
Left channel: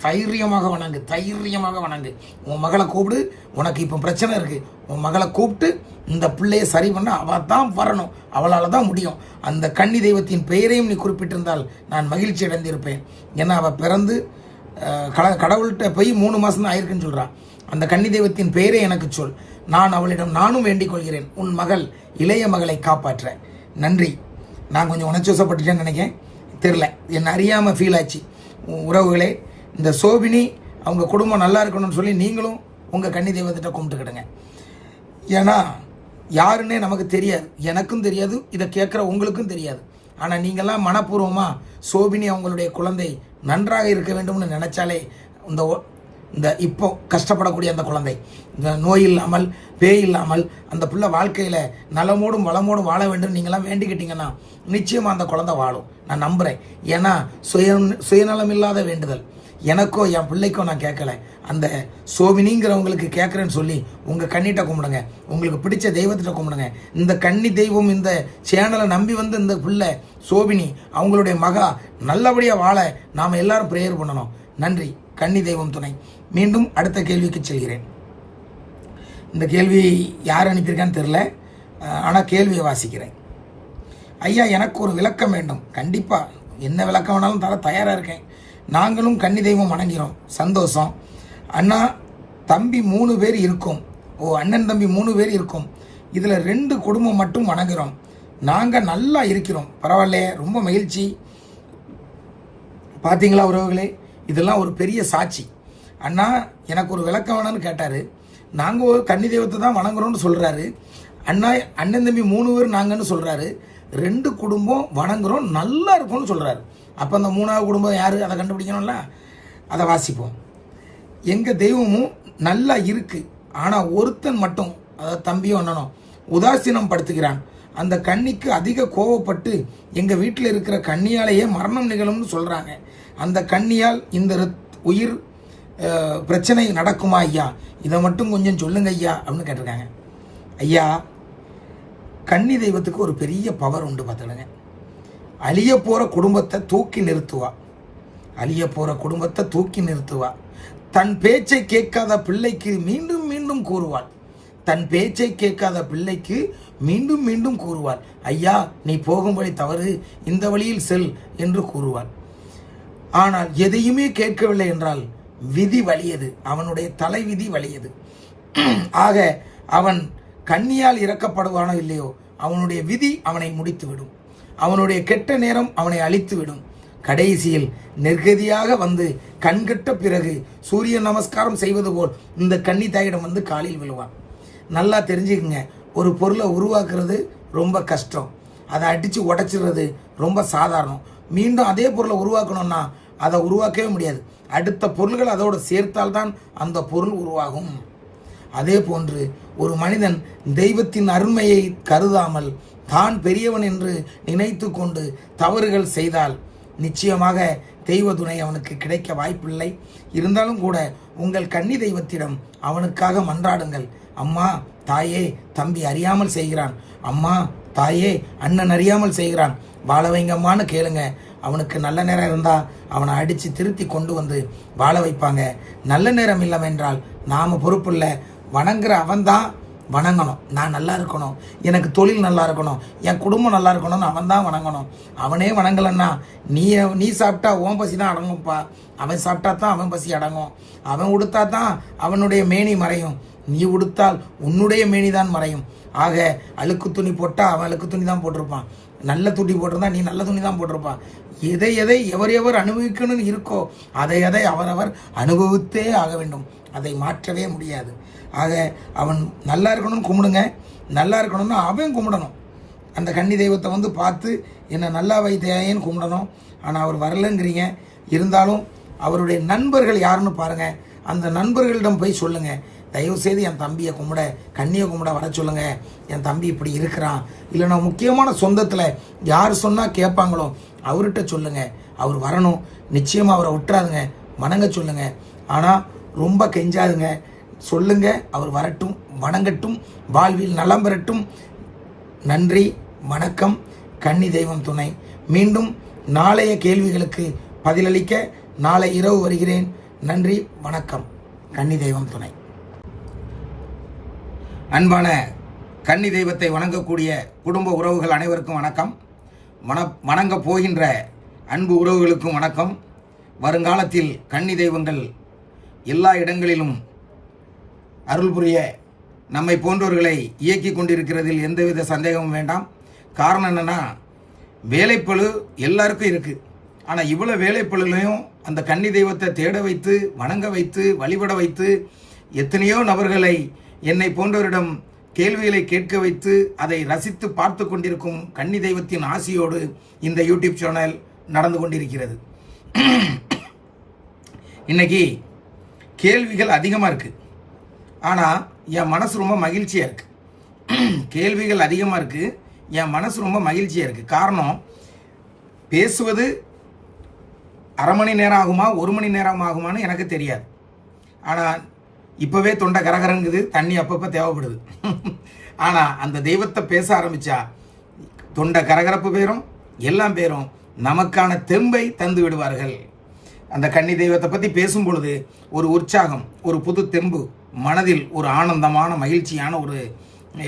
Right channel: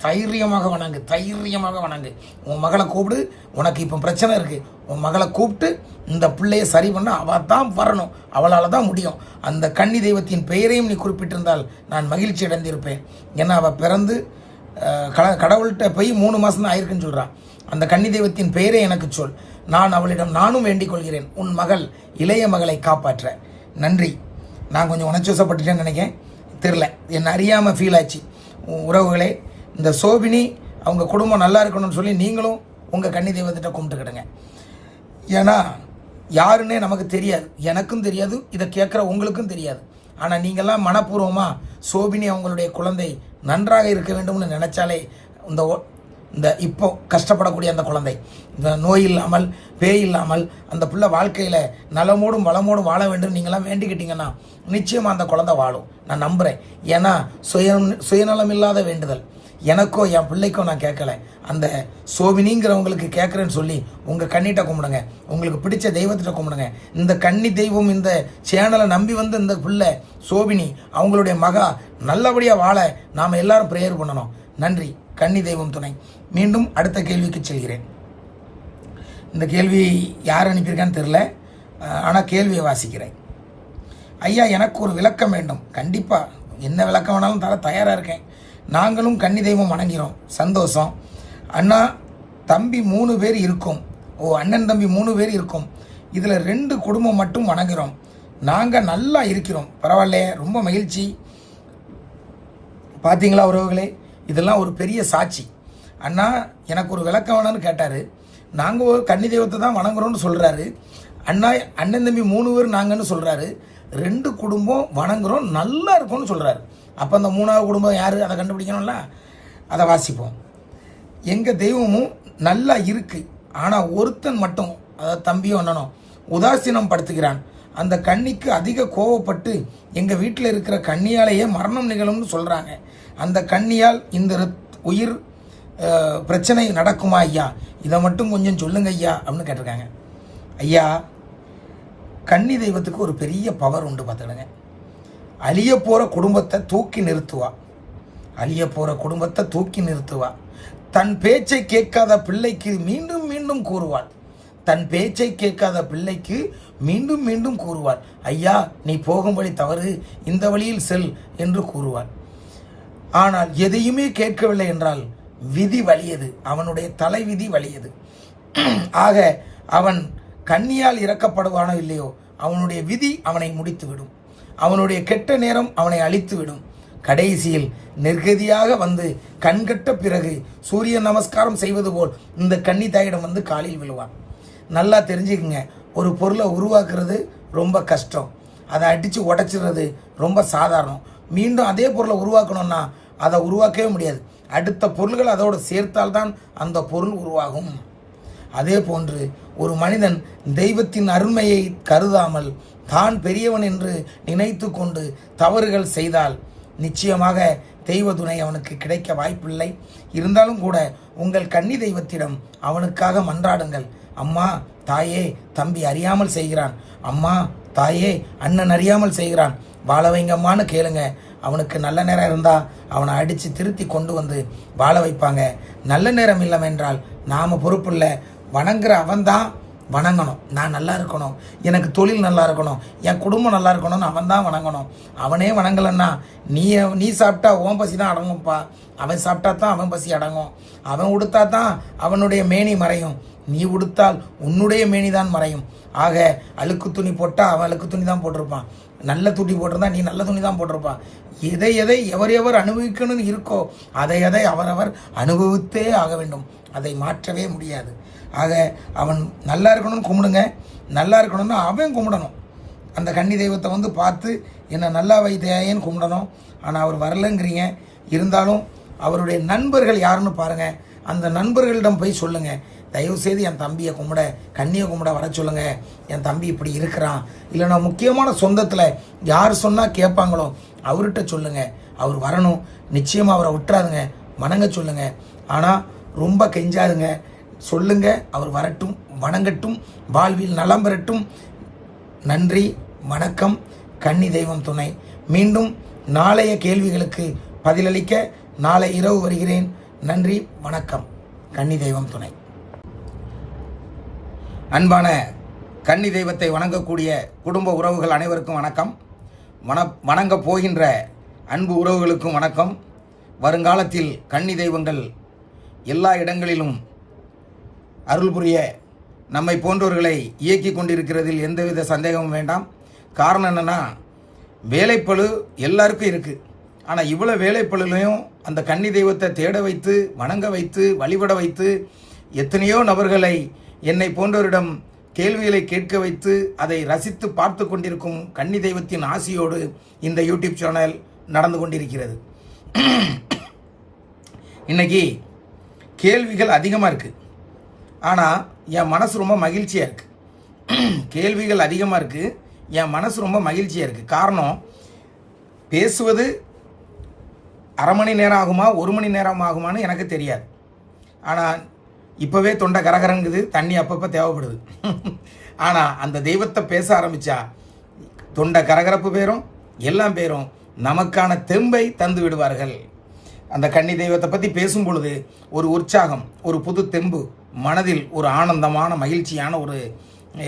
தைரியமாக வணங்கு, தைரியமாக வணங்கு. உன் மகளை கூப்பிடு. உனக்கு இப்போ பிரச்சனை இருக்கு. உன் மகளை கூப்பிட்டு இந்த பிள்ளைய சரி பண்ண அவ தான் வரணும். அவளால தான் முடியும். அந்த கன்னி தெய்வத்தின் பெயரையும் நீ குறிப்பிட்டிருந்தால் நான் மகிழ்ச்சி அடைந்திருப்பேன். ஏன்னா அவ பிறந்து கடவுள்கிட்ட போய் 3 மாசம் தான் ஆயிருக்குன்னு சொல்றான். அந்த கன்னி தெய்வத்தின் பெயரை எனக்கு சொல். நான் அவளிடம் நானும் வேண்டிக் கொள்கிறேன், உன் மகள் இளைய மகளை காப்பாற்ற. நன்றி. நான் கொஞ்சம் உணர்ச்சிவசப்பட்டுட்டேன்னு நினைக்கிறேன், தெரியல, என்ன அறியாம ஃபீல் ஆச்சு. உறவுகளே, இந்த சோபினி அவங்க குடும்பம் நல்லா இருக்கணும்னு சொல்லி நீங்களும் உங்க கன்னி தெய்வத்திட்ட கும்பிட்டுக்கிடுங்க. ஏன்னா யாருன்னே நமக்கு தெரியாது, எனக்கும் தெரியாது, இதை கேட்குற உங்களுக்கும் தெரியாது. ஆனா நீங்கெல்லாம் மனப்பூர்வமா சோபினி அவங்களுடைய குழந்தை நன்றாக இருக்க வேண்டும்னு நினைச்சாலே இந்த இப்போ கஷ்டப்படக்கூடிய அந்த குழந்தை நோய் இல்லாமல் பேய் இல்லாமல் அந்த பிள்ளை வாழ்க்கையில நலமோடும் வளமோடும் வாழ வேண்டும் நீங்களாம் வேண்டிக்கிட்டீங்கன்னா நிச்சயமா அந்த குழந்தை வாழும், நான் நம்புறேன். ஏன்னா சுயநலம் இல்லாத வேண்டுதல். எனக்கோ என் பிள்ளைக்கோ நான் கேட்கல, அந்த சோபினிங்கிறவங்களுக்கு கேட்கறேன்னு சொல்லி உங்க கண்ணிட்ட கும்பிடுங்க, உங்களுக்கு பிடிச்ச தெய்வத்திட்ட கும்பிடுங்க. இந்த கன்னி தெய்வம் இந்த சேனலை நம்பி வந்து இந்த பிள்ளை சோபினி அவங்களுடைய மகா நல்லபடியா வாழ நாம எல்லாரும் பிரேயர் பண்ணணும். நன்றி. கன்னி தெய்வம் துணை. மீண்டும் அடுத்த கேள்விக்கு செல்கிறேன். இந்த கேள்வி யார் அனுப்பியிருக்கான்னு தெரியல, ஆனா கேள்வியை வாசிக்கிறேன். ஐயா, எனக்கு ஒரு விளக்கம் வேண்டும். கண்டிப்பா என்ன விளக்கம் வேணாலும் தர தயாரா இருக்கேன். நாங்களும் கன்னி தெய்வம் வணங்கிறோம், சந்தோஷம். அண்ணா தம்பி 3 பேர் இருக்கும். அண்ணன் தம்பி 3 பேர் இருக்கும். இதுல 2 குடும்பம் மட்டும் வணங்குறோம். நாங்க நல்லா இருக்கிறோம், பரவாயில்ல, ரொம்ப மகிழ்ச்சி. பாத்தீங்களா உறவுகளே, இதெல்லாம் ஒரு பெரிய சாட்சி. அண்ணா எனக்கு ஒரு விளக்கம் வேணும்னு கேட்டாரு. நாங்க ஒரு கன்னி தெய்வத்தை தான் வணங்குறோம்னு சொல்றாரு. அண்ணா அண்ணன் தம்பி 3 பேர் நாங்கன்னு சொல்றாரு. 2 குடும்பம் வணங்குறோம், நல்லா இருக்கும்னு சொல்றாரு. அப்ப அந்த 3வது குடும்பம் யாரு, அதை கண்டுபிடிக்கணும்ல. அதை வாசிப்போம். எங்க தெய்வமும் நல்லா இருக்கு, ஆனா ஒருத்தன் மட்டும், அதாவது தம்பியும் அண்ணனும் உதாசீனம் படுத்துகிறான். அந்த கன்னிக்கு அதிக கோவப்பட்டு எங்க வீட்டில் இருக்கிற கன்னியாலேயே மரணம் நிகழும்னு சொல்றாங்க. அந்த கன்னியால் இந்த உயிர் பிரச்சனை நடக்குமா ஐயா, இதை மட்டும் கொஞ்சம் சொல்லுங்க ஐயா அப்படின்னு கேட்டிருக்காங்க. ஐயா, கன்னி தெய்வத்துக்கு ஒரு பெரிய பவர் உண்டு பார்த்துடுங்க. அழிய போற குடும்பத்தை தூக்கி நிறுத்துவா. அழிய போற குடும்பத்தை தூக்கி நிறுத்துவா. தன் பேச்சை கேட்காத பிள்ளைக்கு மீண்டும் மீண்டும் கூறுவாள். தன் பேச்சை கேட்காத பிள்ளைக்கு மீண்டும் மீண்டும் கூறுவாள், ஐயா நீ போகும் வழி தவறு, இந்த வழியில் செல் என்று கூறுவாள். ஆனால் எதையுமே கேட்கவில்லை என்றால் விதி வலியது, அவனுடைய தலை விதி வலியது. ஆக அவன் கண்ணியால் இறக்கப்படுவானோ இல்லையோ, அவனுடைய விதி அவனை முடித்துவிடும். அவனுடைய கெட்ட நேரம் அவனை அழித்துவிடும். கடைசியில் நிர்கதியாக வந்து கண்கட்ட பிறகு சூரிய நமஸ்காரம் செய்வது போல் இந்த கன்னி தாயிடம் வந்து காலில் விழுவான். நல்லா தெரிஞ்சுக்குங்க, ஒரு பொருளை உருவாக்குறது ரொம்ப கஷ்டம், அதை அடித்து உடைச்சிடுறது ரொம்ப சாதாரணம். மீண்டும் அதே பொருளை உருவாக்கணும்னா அதை உருவாக்கவே முடியாது. அடுத்த பொருள்கள் அதோடு சேர்த்தால்தான் அந்த பொருள் உருவாகும். அதே போன்று ஒரு மனிதன் தெய்வத்தின் அருமையை கருதாமல் தான் பெரியவன் என்று நினைத்து கொண்டு தவறுகள் செய்தால் நிச்சயமாக தெய்வ துணை அவனுக்கு கிடைக்க வாய்ப்பில்லை. இருந்தாலும் கூட உங்கள் கன்னி தெய்வத்திடம் அவனுக்காக மன்றாடுங்கள். அம்மா தாயே தம்பி அறியாமல் செய்கிறான், அம்மா தாயே அண்ணன் அறியாமல் செய்கிறான், வாழ வைங்கம்மான்னு கேளுங்க. அவனுக்கு நல்ல நேரம் இருந்தால் அவனை அடித்து திருத்தி கொண்டு வந்து வாழ வைப்பாங்க. நல்ல நேரம் இல்லை என்றால் நாம் பொறுப்பு இல்லை. வணங்குற அவன்தான் வணங்கணும். நான் நல்லா இருக்கணும், எனக்கு தொழில் நல்லா இருக்கணும், என் குடும்பம் நல்லா இருக்கணும்னு அவன் தான் வணங்கணும். அவனே வணங்கலன்னா நீ சாப்பிட்டா உன் பசி தான் அடங்கும்ப்பா. அவன் சாப்பிட்டா தான் அவன் பசி அடங்கும். அவன் உடுத்தா தான் அவனுடைய மேனி மறையும், நீ உடுத்தால் உன்னுடைய மேனி தான் மறையும். ஆக அழுக்கு துணி போட்டால் அவன் அழுக்கு துணி தான் போட்டிருப்பான், நல்ல துணி போட்டிருந்தா நீ நல்ல துணி தான் போட்டிருப்பான். எதை எதை எவர் அனுபவிக்கணும்னு இருக்கோ அதை அவரவர் அனுபவித்தே ஆக வேண்டும். அதை மாற்றவே முடியாது. ஆக அவன் நல்லா இருக்கணும்னு கும்பிடுங்க, நல்லா இருக்கணும்னு அவன் கும்பிடணும். அந்த கன்னி தெய்வத்தை வந்து பார்த்து என்னை நல்லா வைத்தேன்னு கும்பிடணும். ஆனால் அவர் வரலங்கிறீங்க. இருந்தாலும் அவருடைய நண்பர்கள் யாருன்னு பாருங்க, அந்த நண்பர்களிடம் போய் சொல்லுங்க, தயவு செய்து என் தம்பியை கும்பிட கண்ணியை கும்பிட வர சொல்லுங்க, என் தம்பி இப்படி இருக்கிறான். இல்லைன்னா முக்கியமான சொந்தத்தில் யார் சொன்னால் கேட்பாங்களோ அவர்கிட்ட சொல்லுங்க, அவர் வரணும். நிச்சயமாக அவரை விட்டுறாதுங்க, வணங்க சொல்லுங்க. ஆனால் ரொம்ப கெஞ்சாதுங்க, சொல்லுங்க, அவர் வரட்டும், வணங்கட்டும், வாழ்வில் நலம் பெறட்டும். நன்றி, வணக்கம். கன்னி தெய்வம் துணை. மீண்டும் நாளைய கேள்விகளுக்கு பதிலளிக்க நாளை இரவு வருகிறேன். நன்றி, வணக்கம். கன்னி தெய்வம் துணை. அன்பான கன்னி தெய்வத்தை வணங்கக்கூடிய குடும்ப உறவுகள் அனைவருக்கும் வணக்கம். வணங்க போகின்ற அன்பு உறவுகளுக்கும் வணக்கம். வருங்காலத்தில் கன்னி தெய்வங்கள் எல்லா இடங்களிலும் அருள் புரிய நம்மை போன்றவர்களை இயக்கி கொண்டிருக்கிறதில் எந்தவித சந்தேகமும் வேண்டாம். காரணம் என்னன்னா, வேலைப்பளு எல்லாருக்கும் இருக்குது. ஆனால் இவ்வளோ வேலைப்பளுலையும் அந்த கன்னி தெய்வத்தை தேட வைத்து, வணங்க வைத்து, வழிபட வைத்து, எத்தனையோ நபர்களை என்னை போன்றவரிடம் கேள்விகளை கேட்க வைத்து அதை ரசித்து பார்த்து கொண்டிருக்கும் கன்னி தெய்வத்தின் ஆசியோடு இந்த யூடியூப் சேனல் நடந்து கொண்டிருக்கிறது. இன்னைக்கு கேள்விகள் அதிகமாக இருக்குது, ஆனால் என் மனசு ரொம்ப மகிழ்ச்சியாக இருக்குது. கேள்விகள் அதிகமாக இருக்குது, என் மனசு ரொம்ப மகிழ்ச்சியாக இருக்குது. காரணம், பேசுவது அரை மணி நேரம் ஆகுமா 1 மணி நேரம் ஆகுமான்னு எனக்கு தெரியாது. ஆனால் இப்போவே தொண்டை கரகரங்குது, தண்ணி அப்பப்போ தேவைப்படுது. ஆனால் அந்த தெய்வத்தை பேச ஆரம்பித்தா தொண்டை கரகரப்பு பேரும் எல்லாம் பேரும் நமக்கான தெம்பை தந்து விடுவார்கள். அந்த கன்னி தெய்வத்தை பற்றி பேசும் பொழுது ஒரு உற்சாகம், ஒரு புது தெம்பு, மனதில் ஒரு ஆனந்தமான மகிழ்ச்சியான ஒரு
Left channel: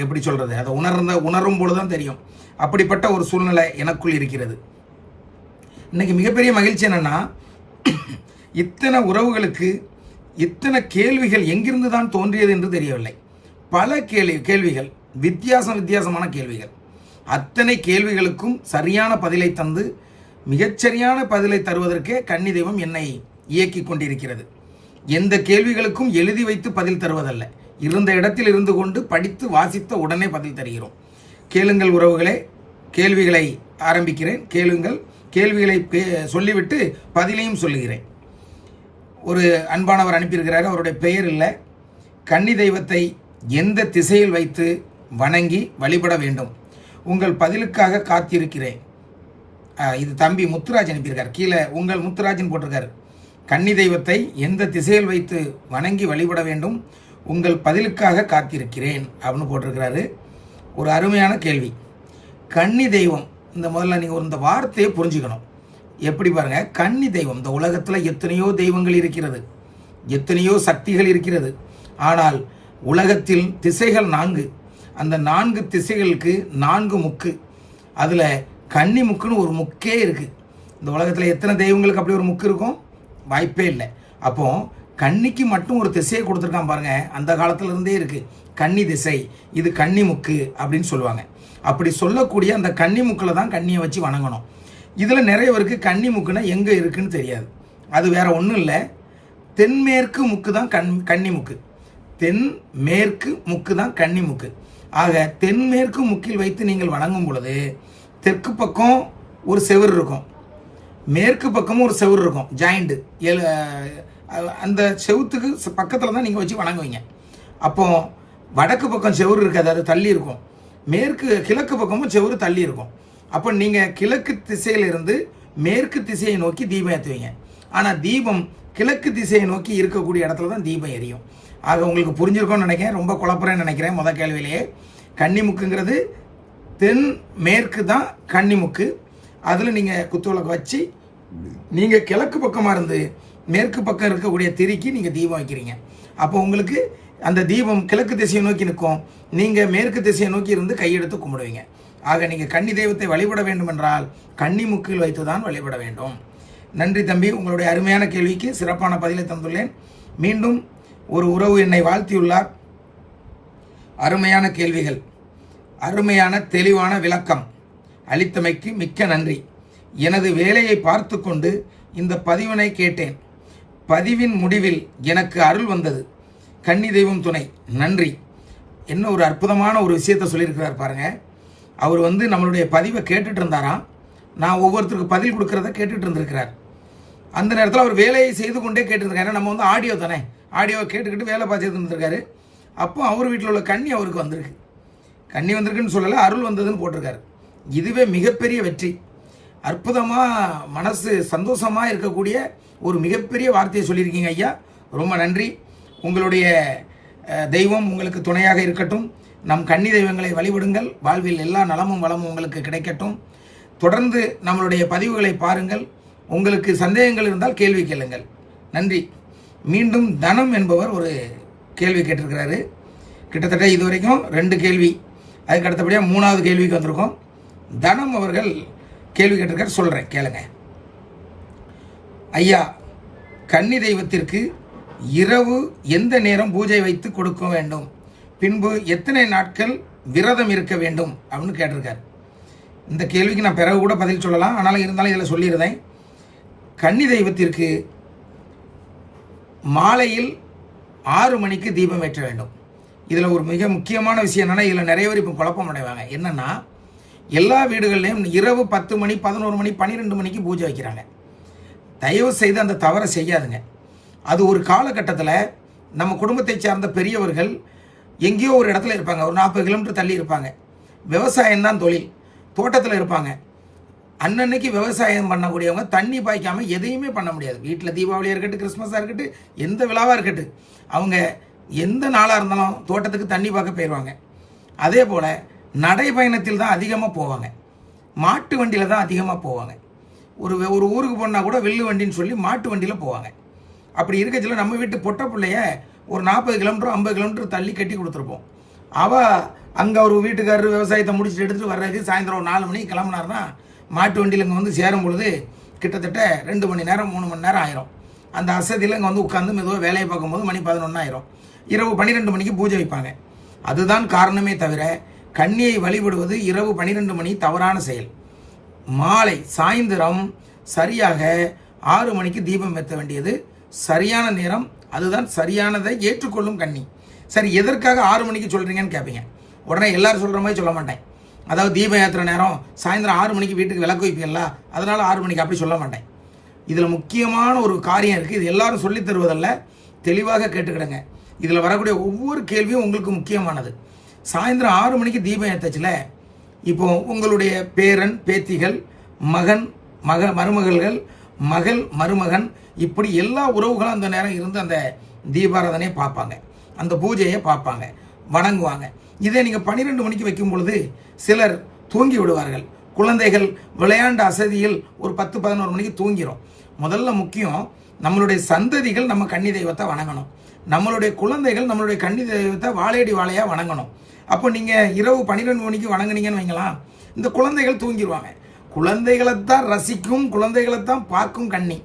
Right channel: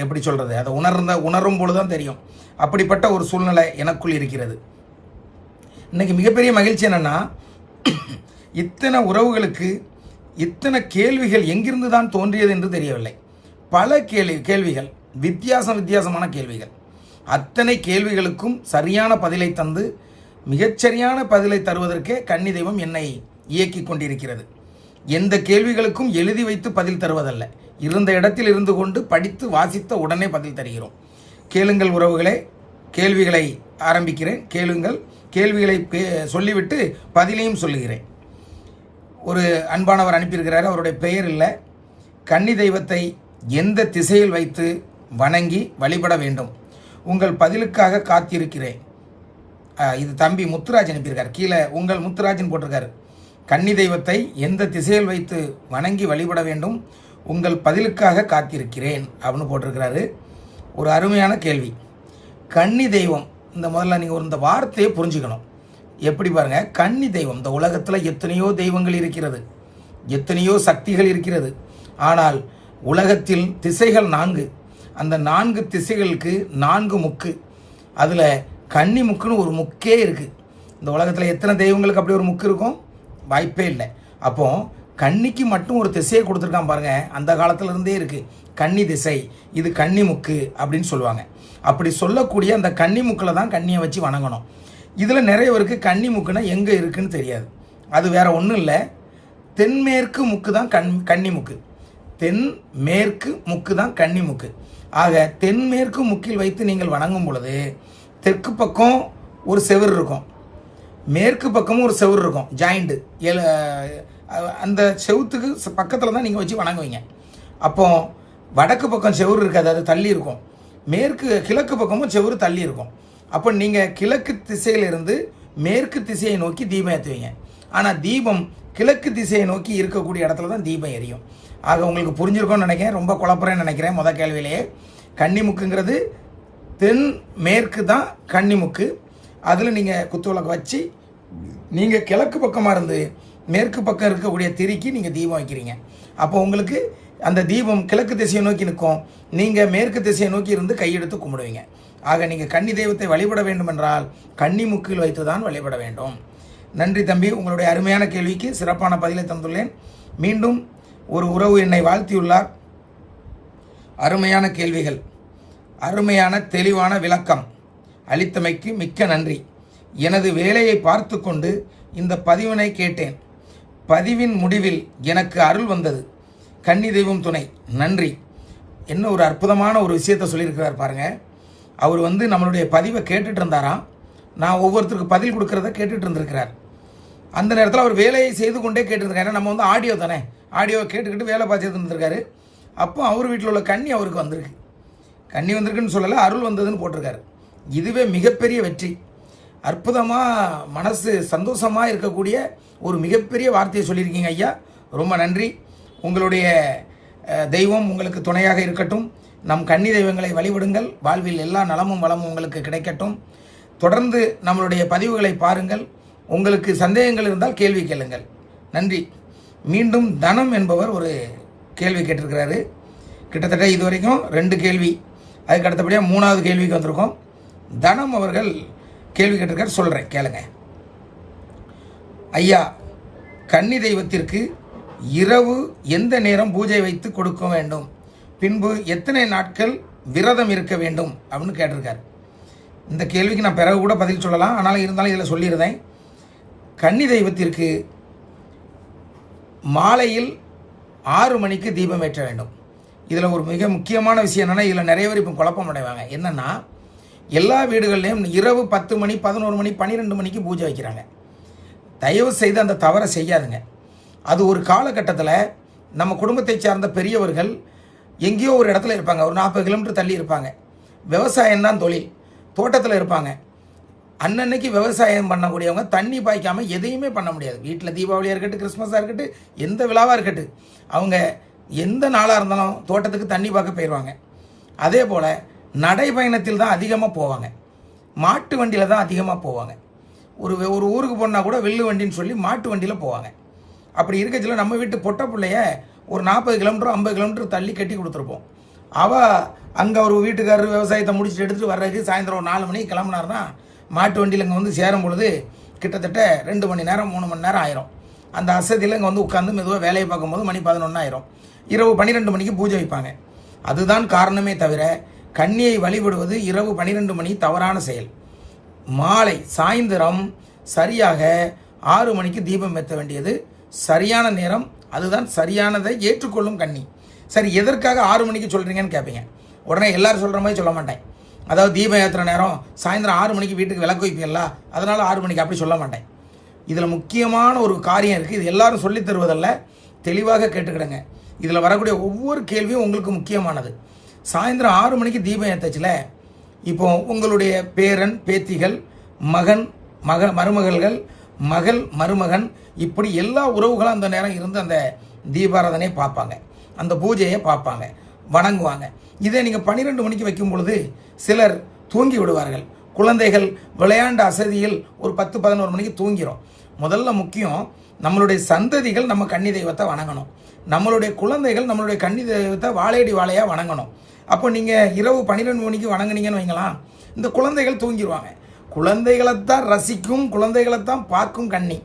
எப்படி சொல்கிறது, அதை உணரும் பொழுது தான் தெரியும். அப்படிப்பட்ட ஒரு சூழ்நிலை எனக்குள் இருக்கிறது. இன்னைக்கு மிகப்பெரிய மகிழ்ச்சி என்னென்னா, இத்தனை உறவுகளுக்கு இத்தனை கேள்விகள் எங்கிருந்து தான் தோன்றியது என்று தெரியவில்லை. பல கேள்விகள், வித்தியாசமான கேள்விகள். அத்தனை கேள்விகளுக்கும் சரியான பதிலை தந்து மிகச்சரியான பதிலை தருவதற்கே கன்னி தெய்வம் என்னை இயக்கி கொண்டிருக்கிறது. எந்த கேள்விகளுக்கும் எழுதி வைத்து பதில் தருவதல்ல, இருந்த இடத்தில் இருந்து கொண்டு படித்து வாசித்த உடனே பதில் தருகிறோம். கேளுங்கள் உறவுகளே, கேள்விகளை ஆரம்பிக்கிறேன். கேளுங்கள். கேள்விகளை சொல்லிவிட்டு பதிலையும் சொல்லுகிறேன். ஒரு அன்பானவர் அனுப்பியிருக்கிறார், அவருடைய பெயர் இல்லை. கன்னி தெய்வத்தை எந்த திசையில் வைத்து வணங்கி வழிபட வேண்டும்? உங்கள் பதிலுக்காக காத்திருக்கிறேன். இது தம்பி முத்துராஜ் அனுப்பியிருக்கார். கீழே உங்கள் முத்துராஜன் போட்டிருக்காரு. கன்னி தெய்வத்தை எந்த திசையில் வைத்து வணங்கி வழிபட வேண்டும்? உங்கள் பதிலுக்காக காத்திருக்கிறேன் அப்படின்னு போட்டிருக்கிறாரு. ஒரு அருமையான கேள்வி. கன்னி தெய்வம் இந்த முதல்ல நீங்கள் இந்த வார்த்தையை புரிஞ்சுக்கணும். எப்படி பாருங்க, கன்னி தெய்வம். இந்த உலகத்தில் எத்தனையோ தெய்வங்கள் இருக்கிறது, எத்தனையோ சக்திகள் இருக்கிறது. ஆனால் உலகத்தில் திசைகள் 4. அந்த 4 திசைகளுக்கு 4 முக்கு. அதில் கன்னி முக்குன்னு ஒரு முக்கே இருக்குது. இந்த உலகத்தில் எத்தனை தெய்வங்களுக்கு அப்படி ஒரு முக்கு இருக்கும்? வாய்ப்பே இல்லை. அப்போ கன்னிக்கு மட்டும் ஒரு திசையை கொடுத்துருக்கான் பாருங்க. அந்த காலத்துல இருந்தே இருக்கு கன்னி திசை, இது கன்னி முக்கு அப்படின்னு சொல்லுவாங்க. அப்படி சொல்லக்கூடிய அந்த கன்னி முக்கில் தான் கன்னியை வச்சு வணங்கணும். இதில் நிறைய பேருக்கு கன்னி முக்குன்னா எங்கே இருக்குன்னு தெரியாது. அது வேற ஒன்றும் இல்லை, தென்மேற்கு முக்கு தான் கன்னி முக்கு. தென்மேற்கு முக்கு தான் கன்னி முக்கு. ஆக தென்மேற்கு முக்கில் வைத்து நீங்கள் வணங்கும் பொழுது தெற்கு பக்கம் ஒரு செவுரு இருக்கும், மேற்கு பக்கமும் ஒரு செவுரு இருக்கும், ஜாயிண்ட். அந்த செவுத்துக்கு பக்கத்தில் தான் நீங்கள் வச்சு வணங்குவீங்க. அப்போ வடக்கு பக்கம் செவுரு இருக்காது, அது தள்ளி இருக்கும். கிழக்கு பக்கமும் செவுரு தள்ளி இருக்கும். அப்போ நீங்கள் கிழக்கு திசையிலிருந்து மேற்கு திசையை நோக்கி தீபம் ஏற்றுவீங்க. ஆனால் தீபம் கிழக்கு திசையை நோக்கி இருக்கக்கூடிய இடத்துல தான் தீபம் எரியும். ஆக உங்களுக்கு புரிஞ்சிருக்கும்னு நினைக்கிறேன். ரொம்ப குழப்பறேன்னு நினைக்கிறேன். முத கேள்வியிலேயே கன்னிமுக்குங்கிறது தென் மேற்கு தான் கன்னிமுக்கு. அதில் நீங்கள் குத்துவிளக்கு வச்சு நீங்கள் கிழக்கு பக்கமாக இருந்து மேற்கு பக்கம் இருக்கக்கூடிய திரிக்கு நீங்கள் தீபம் வைக்கிறீங்க. அப்போ உங்களுக்கு அந்த தீபம் கிழக்கு திசையை நோக்கி நிற்கும், நீங்கள் மேற்கு திசையை நோக்கி இருந்து கையெடுத்து கும்பிடுவீங்க. ஆக நீங்கள் கன்னி தெய்வத்தை வழிபட வேண்டும் என்றால் கன்னி முக்கில் வைத்து தான் வழிபட வேண்டும். நன்றி தம்பி, உங்களுடைய அருமையான கேள்விக்கு சிறப்பான பதிலை தந்துள்ளேன். மீண்டும் ஒரு உறவு என்னை வாழ்த்தியுள்ளார். அருமையான கேள்விகள், அருமையான தெளிவான விளக்கம் அளித்தமைக்கு மிக்க நன்றி. எனது வேலையை பார்த்து கொண்டு இந்த பதிவினை கேட்டேன். பதிவின் முடிவில் எனக்கு அருள் வந்தது. கன்னி தெய்வம் துணை, நன்றி. என்ன ஒரு அற்புதமான ஒரு விஷயத்த சொல்லியிருக்கிறார் பாருங்க. அவர் நம்மளுடைய பதிவை கேட்டுட்டு இருந்தாராம். நான் ஒவ்வொருத்தருக்கு பதில் கொடுக்கறத கேட்டுட்டு இருந்திருக்கிறார். அந்த நேரத்தில் அவர் வேலையை செய்து கொண்டே கேட்டுருக்காரு. நம்ம ஆடியோ தானே, ஆடியோவை கேட்டுக்கிட்டு வேலை பார்த்துட்டு இருந்திருக்காரு. அப்போ அவர் வீட்டில் உள்ள கன்னி அவருக்கு வந்திருக்கு. கன்னி வந்திருக்குன்னு சொல்லலை, அருள் வந்ததுன்னு போட்டிருக்காரு. இதுவே மிகப்பெரிய வெற்றி. அற்புதமாக மனசு சந்தோஷமாக இருக்கக்கூடிய ஒரு மிகப்பெரிய வார்த்தையை சொல்லியிருக்கீங்க ஐயா. ரொம்ப நன்றி. உங்களுடைய தெய்வம் உங்களுக்கு துணையாக இருக்கட்டும். நம் கன்னி தெய்வங்களை வழிபடுங்கள். வாழ்வில் எல்லா நலமும் வளமும் உங்களுக்கு கிடைக்கட்டும். தொடர்ந்து நம்மளுடைய பதிவுகளை பாருங்கள். உங்களுக்கு சந்தேகங்கள் இருந்தால் கேள்வி கேளுங்கள். நன்றி. மீண்டும் தனம் என்பவர் ஒரு கேள்வி கேட்டிருக்கிறாரு. கிட்டத்தட்ட இதுவரைக்கும் 2 கேள்வி, அதுக்கு அடுத்தபடியாக 3வது கேள்விக்கு வந்திருக்கோம். தனம் அவர்கள் கேள்வி கேட்டிருக்காரு, சொல்கிறேன் கேளுங்க. ஐயா, கன்னி தெய்வத்திற்கு இரவு எந்த நேரம் பூஜை வைத்து கொடுக்க வேண்டும், பின்பு எத்தனை நாட்கள் விரதம் இருக்க வேண்டும் அப்படின்னு கேட்டிருக்காரு. இந்த கேள்விக்கு நான் பிறகு கூட பதில் சொல்லலாம், ஆனாலும் இருந்தாலும் இதில் சொல்லியிருந்தேன். கன்னி தெய்வத்திற்கு மாலையில் 6 மணிக்கு தீபம் ஏற்ற வேண்டும். இதில் ஒரு மிக முக்கியமான விஷயம் என்னென்னா, இதில் நிறைய பேர் இப்போ குழப்பம் அடைவாங்க. என்னென்னா, எல்லா வீடுகள்லையும் இரவு 10 மணி 11 மணி 12 மணிக்கு பூஜை வைக்கிறாங்க. தயவு செய்து அந்த தவறை செய்யாதுங்க. அது ஒரு காலகட்டத்தில் நம்ம குடும்பத்தை சார்ந்த பெரியவர்கள் எங்கேயோ ஒரு இடத்துல இருப்பாங்க, ஒரு 40 கிலோமீட்டர் தள்ளி இருப்பாங்க. விவசாயம்தான் தொழில், தோட்டத்தில் இருப்பாங்க. அன்னன்னைக்கு விவசாயம் பண்ணக்கூடியவங்க தண்ணி பாய்க்காமல் எதையுமே பண்ண முடியாது. வீட்டில் தீபாவளியாக இருக்கட்டும், கிறிஸ்மஸாக இருக்கட்டும், எந்த விழாவாக இருக்கட்டும், அவங்க எந்த நாளாக இருந்தாலும் தோட்டத்துக்கு தண்ணி பார்க்க போயிடுவாங்க. அதே போல் நடைபயணத்தில் தான் அதிகமாக போவாங்க, மாட்டு வண்டியில் தான் அதிகமாக போவாங்க. ஒரு ஊருக்கு போனால் கூட வெள்ளு வண்டின்னு சொல்லி மாட்டு வண்டியில் போவாங்க. அப்படி இருக்கச்சில நம்ம வீட்டு பொட்ட பிள்ளைய ஒரு 40 கிலோமீட்டர் 50 கிலோமீட்டர் தள்ளி கட்டி கொடுத்துருப்போம். அவள் அங்கே ஒரு வீட்டுக்காரர் விவசாயத்தை முடிச்சுட்டு எடுத்துகிட்டு வர்றதுக்கு சாயந்தரம் ஒரு 4 மணிக்கு கிளம்புனாருன்னா மாட்டு வண்டியில் இங்கே சேரும் பொழுது கிட்டத்தட்ட 2 மணி நேரம் 3 மணி நேரம் ஆயிரும். அந்த அசதியில் இங்கே உட்காந்து மெதுவாக வேலையை பார்க்கும்போது மணி 11 ஆயிரும். இரவு 12 மணிக்கு பூஜை வைப்பாங்க. அதுதான் காரணமே தவிர கன்னியை வழிபடுவது இரவு 12 மணி தவறான செயல். மாலை சாயந்தரம் சரியாக 6 மணிக்கு தீபம் ஏற்ற வேண்டியது சரியான நேரம். அதுதான் சரியானதை ஏற்றுக்கொள்ளும் கன்னி. சரி, எதற்காக 6 மணிக்கு சொல்கிறீங்கன்னு கேட்பீங்க. உடனே எல்லாரும் சொல்கிற மாதிரி சொல்ல மாட்டேன். அதாவது தீபம் ஏற்றுற நேரம் சாயந்தரம் 6 மணிக்கு வீட்டுக்கு விளக்கு வைப்பீங்களா, அதனால் 6 மணிக்கு அப்படி சொல்ல மாட்டேன். இதில் முக்கியமான ஒரு காரியம் இருக்குது. இது எல்லாரும் சொல்லித் தருவதல்ல, தெளிவாக கேட்டுக்கிடுங்க. இதில் வரக்கூடிய ஒவ்வொரு கேள்வியும் உங்களுக்கு முக்கியமானது. சாயந்தரம் 6 மணிக்கு தீபம் ஏற்றச்சில் இப்போ உங்களுடைய பேரன் பேத்திகள், மகன் மருமகள்கள், மகள் மருமகன், இப்படி எல்லா உறவுகளும் அந்த நேரம் இருந்து அந்த தீபாராதனையை பார்ப்பாங்க, அந்த பூஜையை பார்ப்பாங்க, வணங்குவாங்க. இதை நீங்கள் 12 மணிக்கு வைக்கும் பொழுது சிலர் தூங்கி விடுவார்கள். குழந்தைகள் விளையாண்ட அசதியில் ஒரு 10-11 மணிக்கு தூங்கிறோம். முதல்ல முக்கியம், நம்மளுடைய சந்ததிகள் நம்ம கன்னி தெய்வத்தை வணங்கணும். நம்மளுடைய குழந்தைகள் நம்மளுடைய கன்னி தெய்வத்தை வாழையடி வாழையா வணங்கணும். அப்போ நீங்க இரவு 12 மணிக்கு வணங்குனீங்கன்னு வைங்களாம், இந்த குழந்தைகள் தூங்கிடுவாங்க. குழந்தைகளைத்தான் ரசிக்கும், குழந்தைகளைத்தான் பார்க்கும் கன்னி.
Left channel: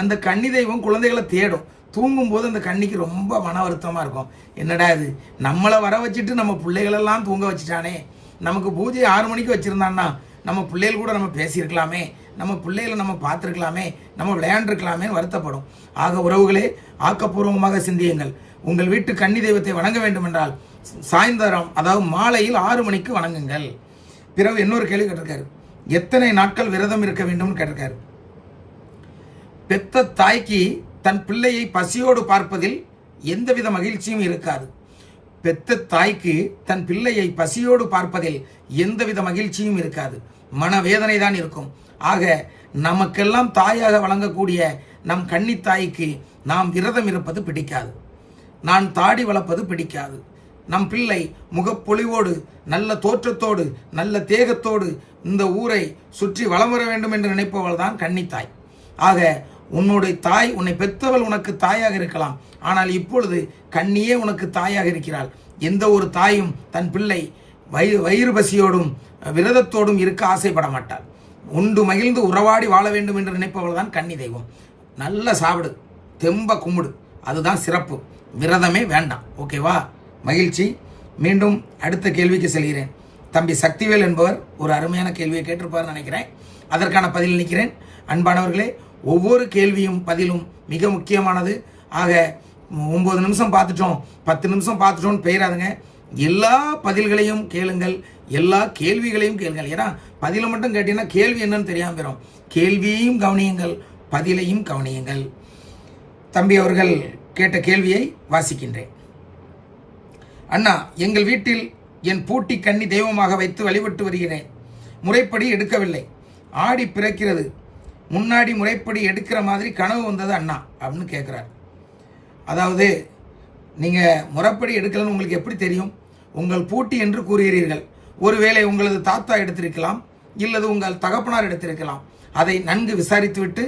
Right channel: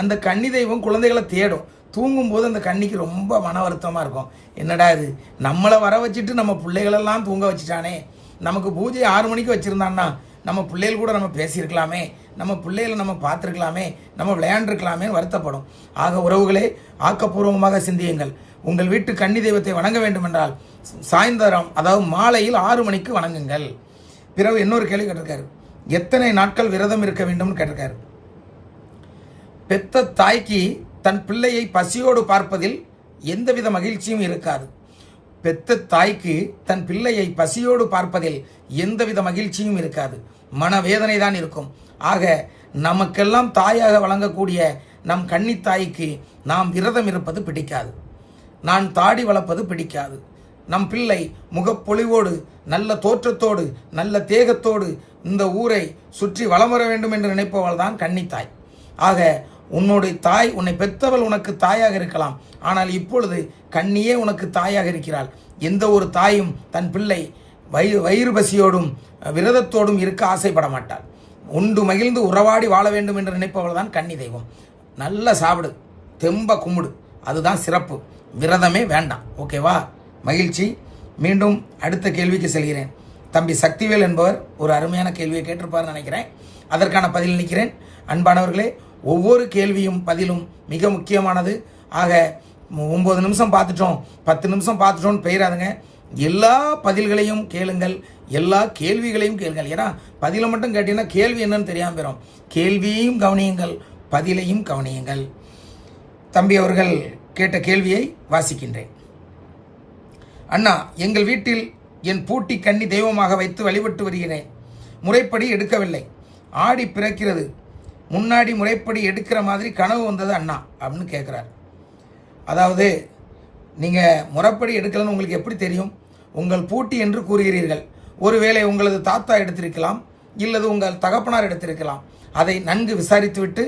அந்த கன்னி தெய்வம் குழந்தைகளை தேடும். தூங்கும் போது அந்த கன்னிக்கு ரொம்ப மன வருத்தமா இருக்கும். என்னடா இது, நம்மளை வர வச்சுட்டு நம்ம பிள்ளைகளெல்லாம் தூங்க வச்சுட்டானே, நமக்கு பூஜை 6 மணிக்கு வச்சிருந்தான்னா நம்ம பிள்ளைகள் கூட நம்ம பேசியிருக்கலாமே, நம்ம பிள்ளைகளை நம்ம பார்த்துருக்கலாமே, நம்ம விளையாண்டுருக்கலாமே வருத்தப்படும். ஆக உறவுகளே, ஆக்கப்பூர்வமாக சிந்தியுங்கள். உங்கள் வீட்டு கன்னி தெய்வத்தை வணங்க வேண்டும் என்றால் சாயந்தரம், அதாவது மாலையில் 6 மணிக்கு வணங்குங்கள். பிறகு இன்னொரு கேள்வி கேட்டிருக்காரு, எத்தனை நாட்கள் விரதம் இருக்க வேண்டும்னு கேட்டிருக்காரு. பெத்த தாய்க்கு தன் பிள்ளையை பசியோடு பார்ப்பதில் எந்தவித மகிழ்ச்சியும் இருக்காது. பெத்த தாய்க்கு தன் பிள்ளையை பசியோடு பார்ப்பதில் எந்தவித மகிழ்ச்சியும் இருக்காது, மனவேதனை தான் இருக்கும். ஆக நமக்கெல்லாம் தாயாக வழங்கக்கூடிய நம் கன்னி தாய்க்கு நாம் விரதம் இருப்பது பிடிக்காது, நான் தாடி வளர்ப்பது பிடிக்காது. நம் பிள்ளை முகப்பொலிவோடு, நல்ல தோற்றத்தோடு, நல்ல தேகத்தோடு இந்த ஊரை சுற்றி வலம் வர வேண்டும் என்று நினைப்பவள் தான் கன்னித்தாய். ஆக உன்னுடைய தாய், உன்னை பெற்றவள் உனக்கு தாயாக இருக்கலாம், ஆனால் இப்பொழுது கன்னியே உனக்கு தாயாக இருக்கிறாள். எந்த ஒரு தாயும் தன் பிள்ளை வயிறு பசியோடும் விரதத்தோடும் இருக்க ஆசைப்பட மாட்டாள். உண்டு மகிழ்ந்து உறவாடி வாழ வேண்டும் என்று நினைப்பவள் தான் கன்னி தெய்வம். நல்ல சாப்பிடு, தெம்ப கும்பிடு, அதுதான் சிறப்பு. விரதமே வேண்டாம். ஓகேவா? மகிழ்ச்சி. மீண்டும் அடுத்த கேள்விக்கு செல்கிறேன். தம்பி சக்திவேல் என்பவர் ஒரு அருமையான கேள்வியை கேட்டிருப்பார் நினைக்கிறேன். அதற்கான பதில் நினைக்கிறேன். அன்பானவர்களே, ஒவ்வொரு கேள்வியும் பதிலும் மிக முக்கியமானது. ஆக 9 நிமிஷம் பார்த்துட்டோம், 10 நிமிஷம் பார்த்துட்டோம்னு பெயராதுங்க. எல்லா பதில்களையும் கேளுங்கள், எல்லா கேள்விகளையும் கேளுங்கள். ஏன்னா பதிலை மட்டும் கேட்டீங்கன்னா கேள்வி என்னன்னு தெரியாமல் போயிடும். கேள்வியையும் கவனியுங்கள், பதிலையும் கவனியுங்கள். தம்பி அவர்கள் கேட்ட கேள்வியை வாசிக்கின்றேன். அண்ணா, எங்கள் வீட்டில் என் பூட்டி கன்னி தெய்வமாக வைத்து வழிபட்டு வருகிறேன். முறைப்படி எடுக்கவில்லை. ஆடி பிறக்கிறது, முன்னாடி முறைப்படி எடுக்கிற மாதிரி கனவு வந்தது அண்ணா அப்படின்னு கேட்குறார். அதாவது நீங்கள் முறைப்படி எடுக்கலன்னு உங்களுக்கு எப்படி தெரியும்? உங்கள் பூட்டி என்று கூறுகிறீர்கள். ஒருவேளை உங்களது தாத்தா எடுத்திருக்கலாம், இல்லது உங்கள் தகப்பனார் எடுத்திருக்கலாம். அதை நன்கு விசாரித்துவிட்டு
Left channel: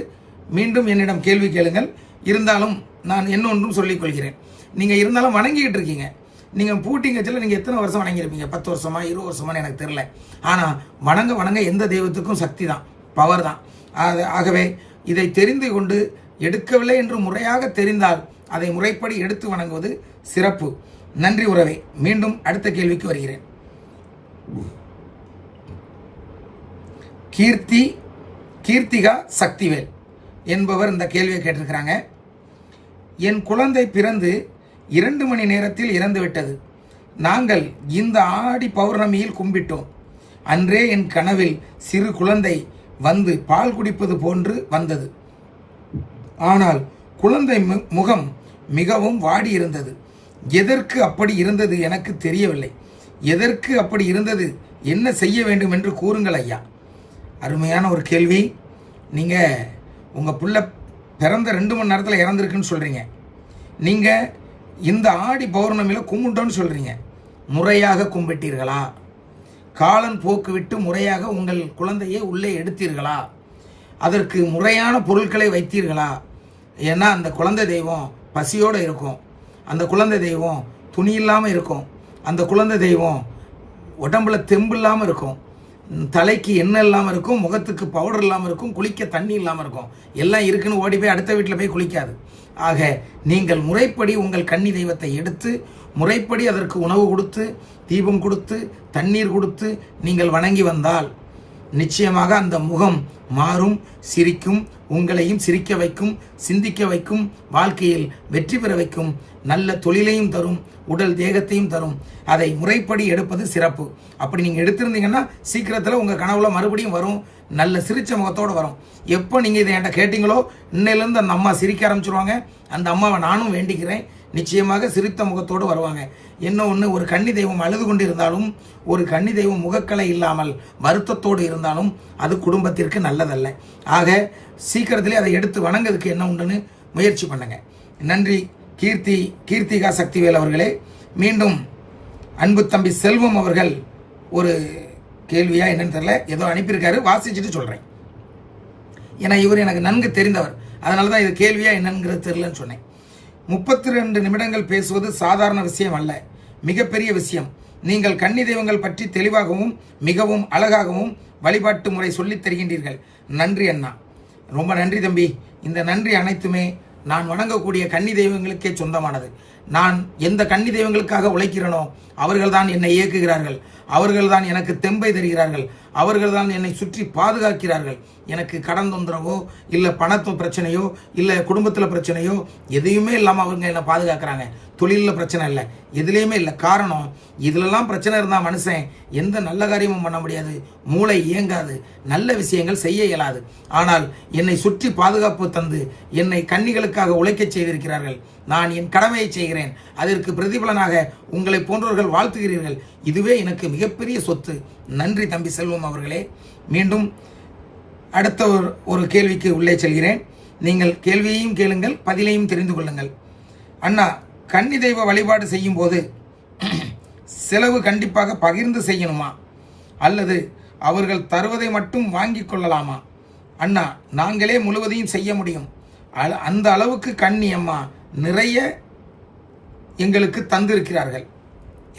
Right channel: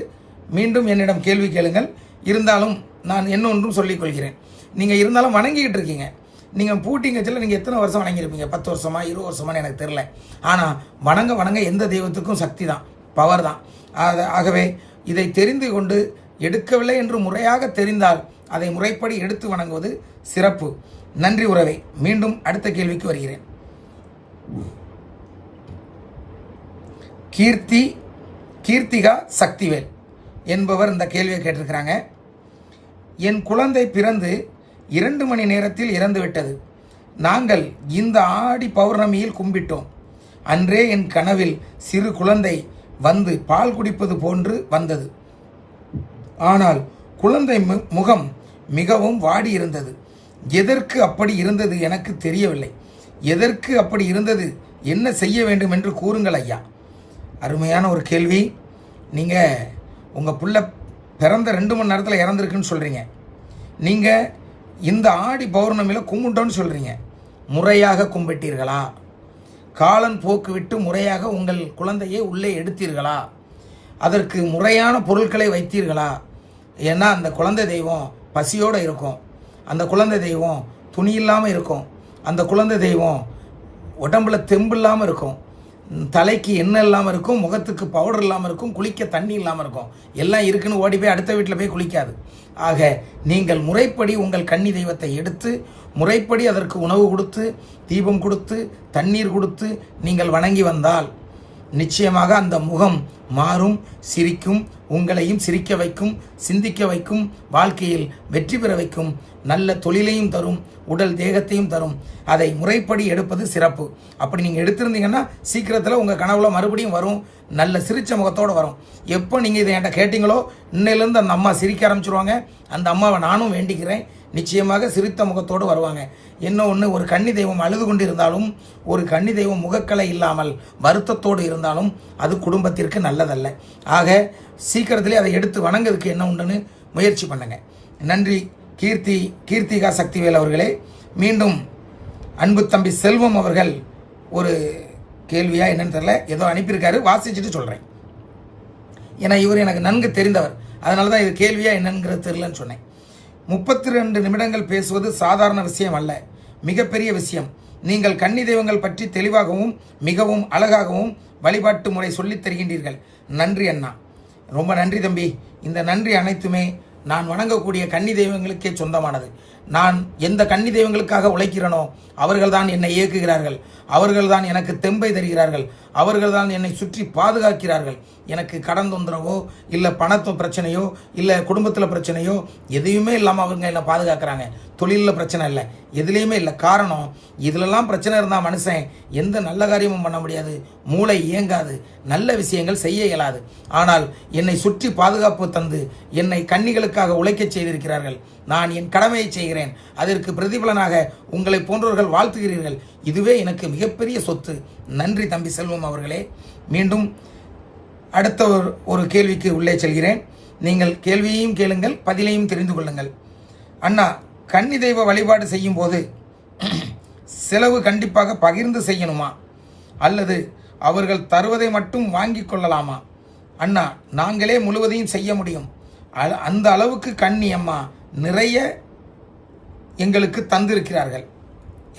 மீண்டும் என்னிடம் கேள்வி கேளுங்கள். இருந்தாலும் நான் இன்னொன்றும் சொல்லிக் கொள்கிறேன். நீங்கள் இருந்தாலும் வணங்கிக்கிட்டு இருக்கீங்க. நீங்கள் பூட்டிங்க சொல்ல நீங்கள் எத்தனை வருஷம் வணங்கியிருப்பீங்க? 10 வருஷமா 20 வருஷமானு எனக்கு தெரியல. ஆனால் வணங்க எந்த தெய்வத்துக்கும் சக்தி தான், பவர் தான். ஆகவே இதை தெரிந்து கொண்டு எடுக்கவில்லை என்று முறையாக தெரிந்தால் அதை முறைப்படி எடுத்து வணங்குவது சிறப்பு. நன்றி உறவே. மீண்டும் அடுத்த கேள்விக்கு வருகிறேன். கீர்த்திகா சக்திவேல் என்பவர் இந்த கேள்வியை கேட்டிருக்கிறாங்க. என் குழந்தை பிறந்து 2 மணி நேரத்தில் இறந்து விட்டது. நாங்கள் இந்த ஆடி பௌர்ணமியில் கும்பிட்டோம். அன்றே என் கனவில் சிறு குழந்தை வந்து பால் குடிப்பது போன்று வந்தது. ஆனால் குழந்தை முகம் மிகவும் வாடி இருந்தது. எதற்கு அப்படி இருந்தது எனக்கு தெரியவில்லை. எதற்கு அப்படி இருந்தது, என்ன செய்ய வேண்டும் என்று கூறுங்கள் ஐயா. அருமையான ஒரு கேள்வி. நீங்கள் உங்கள் புள்ள பிறந்த 2 மணி நேரத்தில் இறந்துருக்குன்னு சொல்கிறீங்க. நீங்கள் இந்த ஆடி பௌர்ணமியில் கும்பிட்டோன்னு சொல்கிறீங்க. முறையாக கும்பிட்டீர்களா? காலன் போக்கு விட்டு முறையாக உங்கள் குழந்தையை உள்ளே எடுத்தீர்களா? அதற்கு முறையான பொருட்களை வைத்தீர்களா? ஏன்னா அந்த குழந்தை தெய்வம் பசியோடு இருக்கும், அந்த குழந்தை தெய்வம் துணி இல்லாமல் இருக்கும், அந்த குழந்தை தெய்வம் உடம்புல தெம்பு இல்லாமல் இருக்கும், தலைக்கு எண்ணெய் இல்லாமல் இருக்கும், முகத்துக்கு பவுடர் இல்லாமல் இருக்கும், குளிக்க தண்ணி இல்லாமல் இருக்கும். எல்லாம் இருக்குன்னு ஓடி போய் அடுத்த வீட்டில் போய் குளிக்காது. ஆக நீங்கள் முறைப்படி உங்கள் கன்னி தெய்வத்தை எடுத்து முறைப்படி அதற்கு உணவு கொடுத்து, தீபம் கொடுத்து, தண்ணீர் கொடுத்து நீங்கள் வணங்கி வந்தால் நிச்சயமாக அந்த முகம் மாறும், சிரிக்கும், உங்களையும் சிரிக்க வைக்கும், சிந்திக்க வைக்கும், வாழ்க்கையில் வெற்றி பெற வைக்கும், நல்ல தொழிலையும் தரும், உடல் தேகத்தையும் தரும். அதை முறைப்படி எடுப்பது சிறப்பு. அப்படி நீங்கள் எடுத்திருந்தீங்கன்னா சீக்கிரத்தில் உங்கள் கனவுல மறுபடியும் வரும், நல்ல சிரிச்ச முகத்தோடு வரும். எப்போ நீங்கள் இதை என்கிட்ட கேட்டீங்களோ இன்னையிலேருந்து அந்த அம்மா சிரிக்க ஆரம்பிச்சிருவாங்க. அந்த அம்மாவை நானும் வேண்டிக்கிறேன், நிச்சயமாக சிரித்த முகத்தோடு வருவாங்க. என்ன ஒன்று, ஒரு கன்னி தெய்வம் அழுது கொண்டு இருந்தாலும், ஒரு கன்னி தெய்வம் முகக்கலை இல்லாமல் வருத்தத்தோடு இருந்தாலும் அது குடும்பத்திற்கு நல்லதல்ல. ஆக சீக்கிரத்திலே அதை எடுத்து வணங்குறதுக்கு என்ன உண்டுன்னு முயற்சி பண்ணுங்க. நன்றி கீர்த்திகா சக்திவேல் அவர்களே. மீண்டும் அன்பு தம்பி செல்வம் அவர்கள் ஒரு கேள்வியா என்னன்னு தெரியல, ஏதோ அனுப்பியிருக்காரு, வாசிச்சுட்டு சொல்கிறேன். ஏன்னா இவர் எனக்கு நன்கு தெரிந்தவர், அதனால தான் இது கேள்வியா என்னங்கிறது தெரியலன்னு சொன்னேன். 32 நிமிடங்கள் பேசுவது சாதாரண விஷயம் அல்ல, மிகப்பெரிய விஷயம். நீங்கள் கன்னி தெய்வங்கள் பற்றி தெளிவாகவும் மிகவும் அழகாகவும் வழிபாட்டு முறை சொல்லித் தருகின்றீர்கள். நன்றி அண்ணா. ரொம்ப நன்றி தம்பி. இந்த நன்றி அனைத்துமே நான் வணங்கக்கூடிய கன்னி தெய்வங்களுக்கே சொந்தமானது. நான் எந்த கன்னி தெய்வங்களுக்காக உழைக்கிறேனோ அவர்கள்தான் என்னை இயக்குகிறார்கள், அவர்கள்தான் எனக்கு தெம்பை தருகிறார்கள், அவர்கள்தான் என்னை சுற்றி பாதுகாக்கிறார்கள். எனக்கு கடன் தொந்தரவோ இல்லை பணத்து பிரச்சனையோ இல்லை குடும்பத்தில் பிரச்சனையோ எதையுமே இல்லாமல் அவங்க என்னை பாதுகாக்கிறாங்க. தொழிலில் பிரச்சனை இல்லை, எதுலேயுமே இல்லை. காரணம், இதிலெல்லாம் பிரச்சனை இருந்தால் மனுஷன் எந்த நல்ல காரியமும் பண்ண முடியாது, மூளை இயங்காது, நல்ல விஷயங்கள் செய்ய இயலாது. ஆனால் என்னை சுற்றி பாதுகாப்பு தந்து என்னை கன்னிகளுக்காக உழைக்க செய்திருக்கிறார்கள். நான் என் கடமையை செய்கிறேன், அதற்கு பிரதிபலனாக உங்களை போன்றவர்கள் வாழ்த்துகிறீர்கள். இதுவே எனக்கு மிகப்பெரிய சொத்து. நன்றி தம்பி செல்வம் அவர்களே. மீண்டும் அடுத்த ஒரு கேள்விக்கு உள்ளே செல்கிறேன். நீங்கள் கேள்வியையும் கேளுங்கள், பதிலையும் தெரிந்து கொள்ளுங்கள். அண்ணா, கன்னி தெய்வ வழிபாடு செய்யும் போது செலவு கண்டிப்பாக பகிர்ந்து செய்யணுமா அல்லது அவர்கள் தருவதை மட்டும் வாங்கி கொள்ளலாமா? அண்ணா, நாங்களே முழுவதையும் செய்ய முடியும். அந்த அளவுக்கு கன்னி அம்மா நிறைய எங்களுக்கு தந்திருக்கிறார்கள்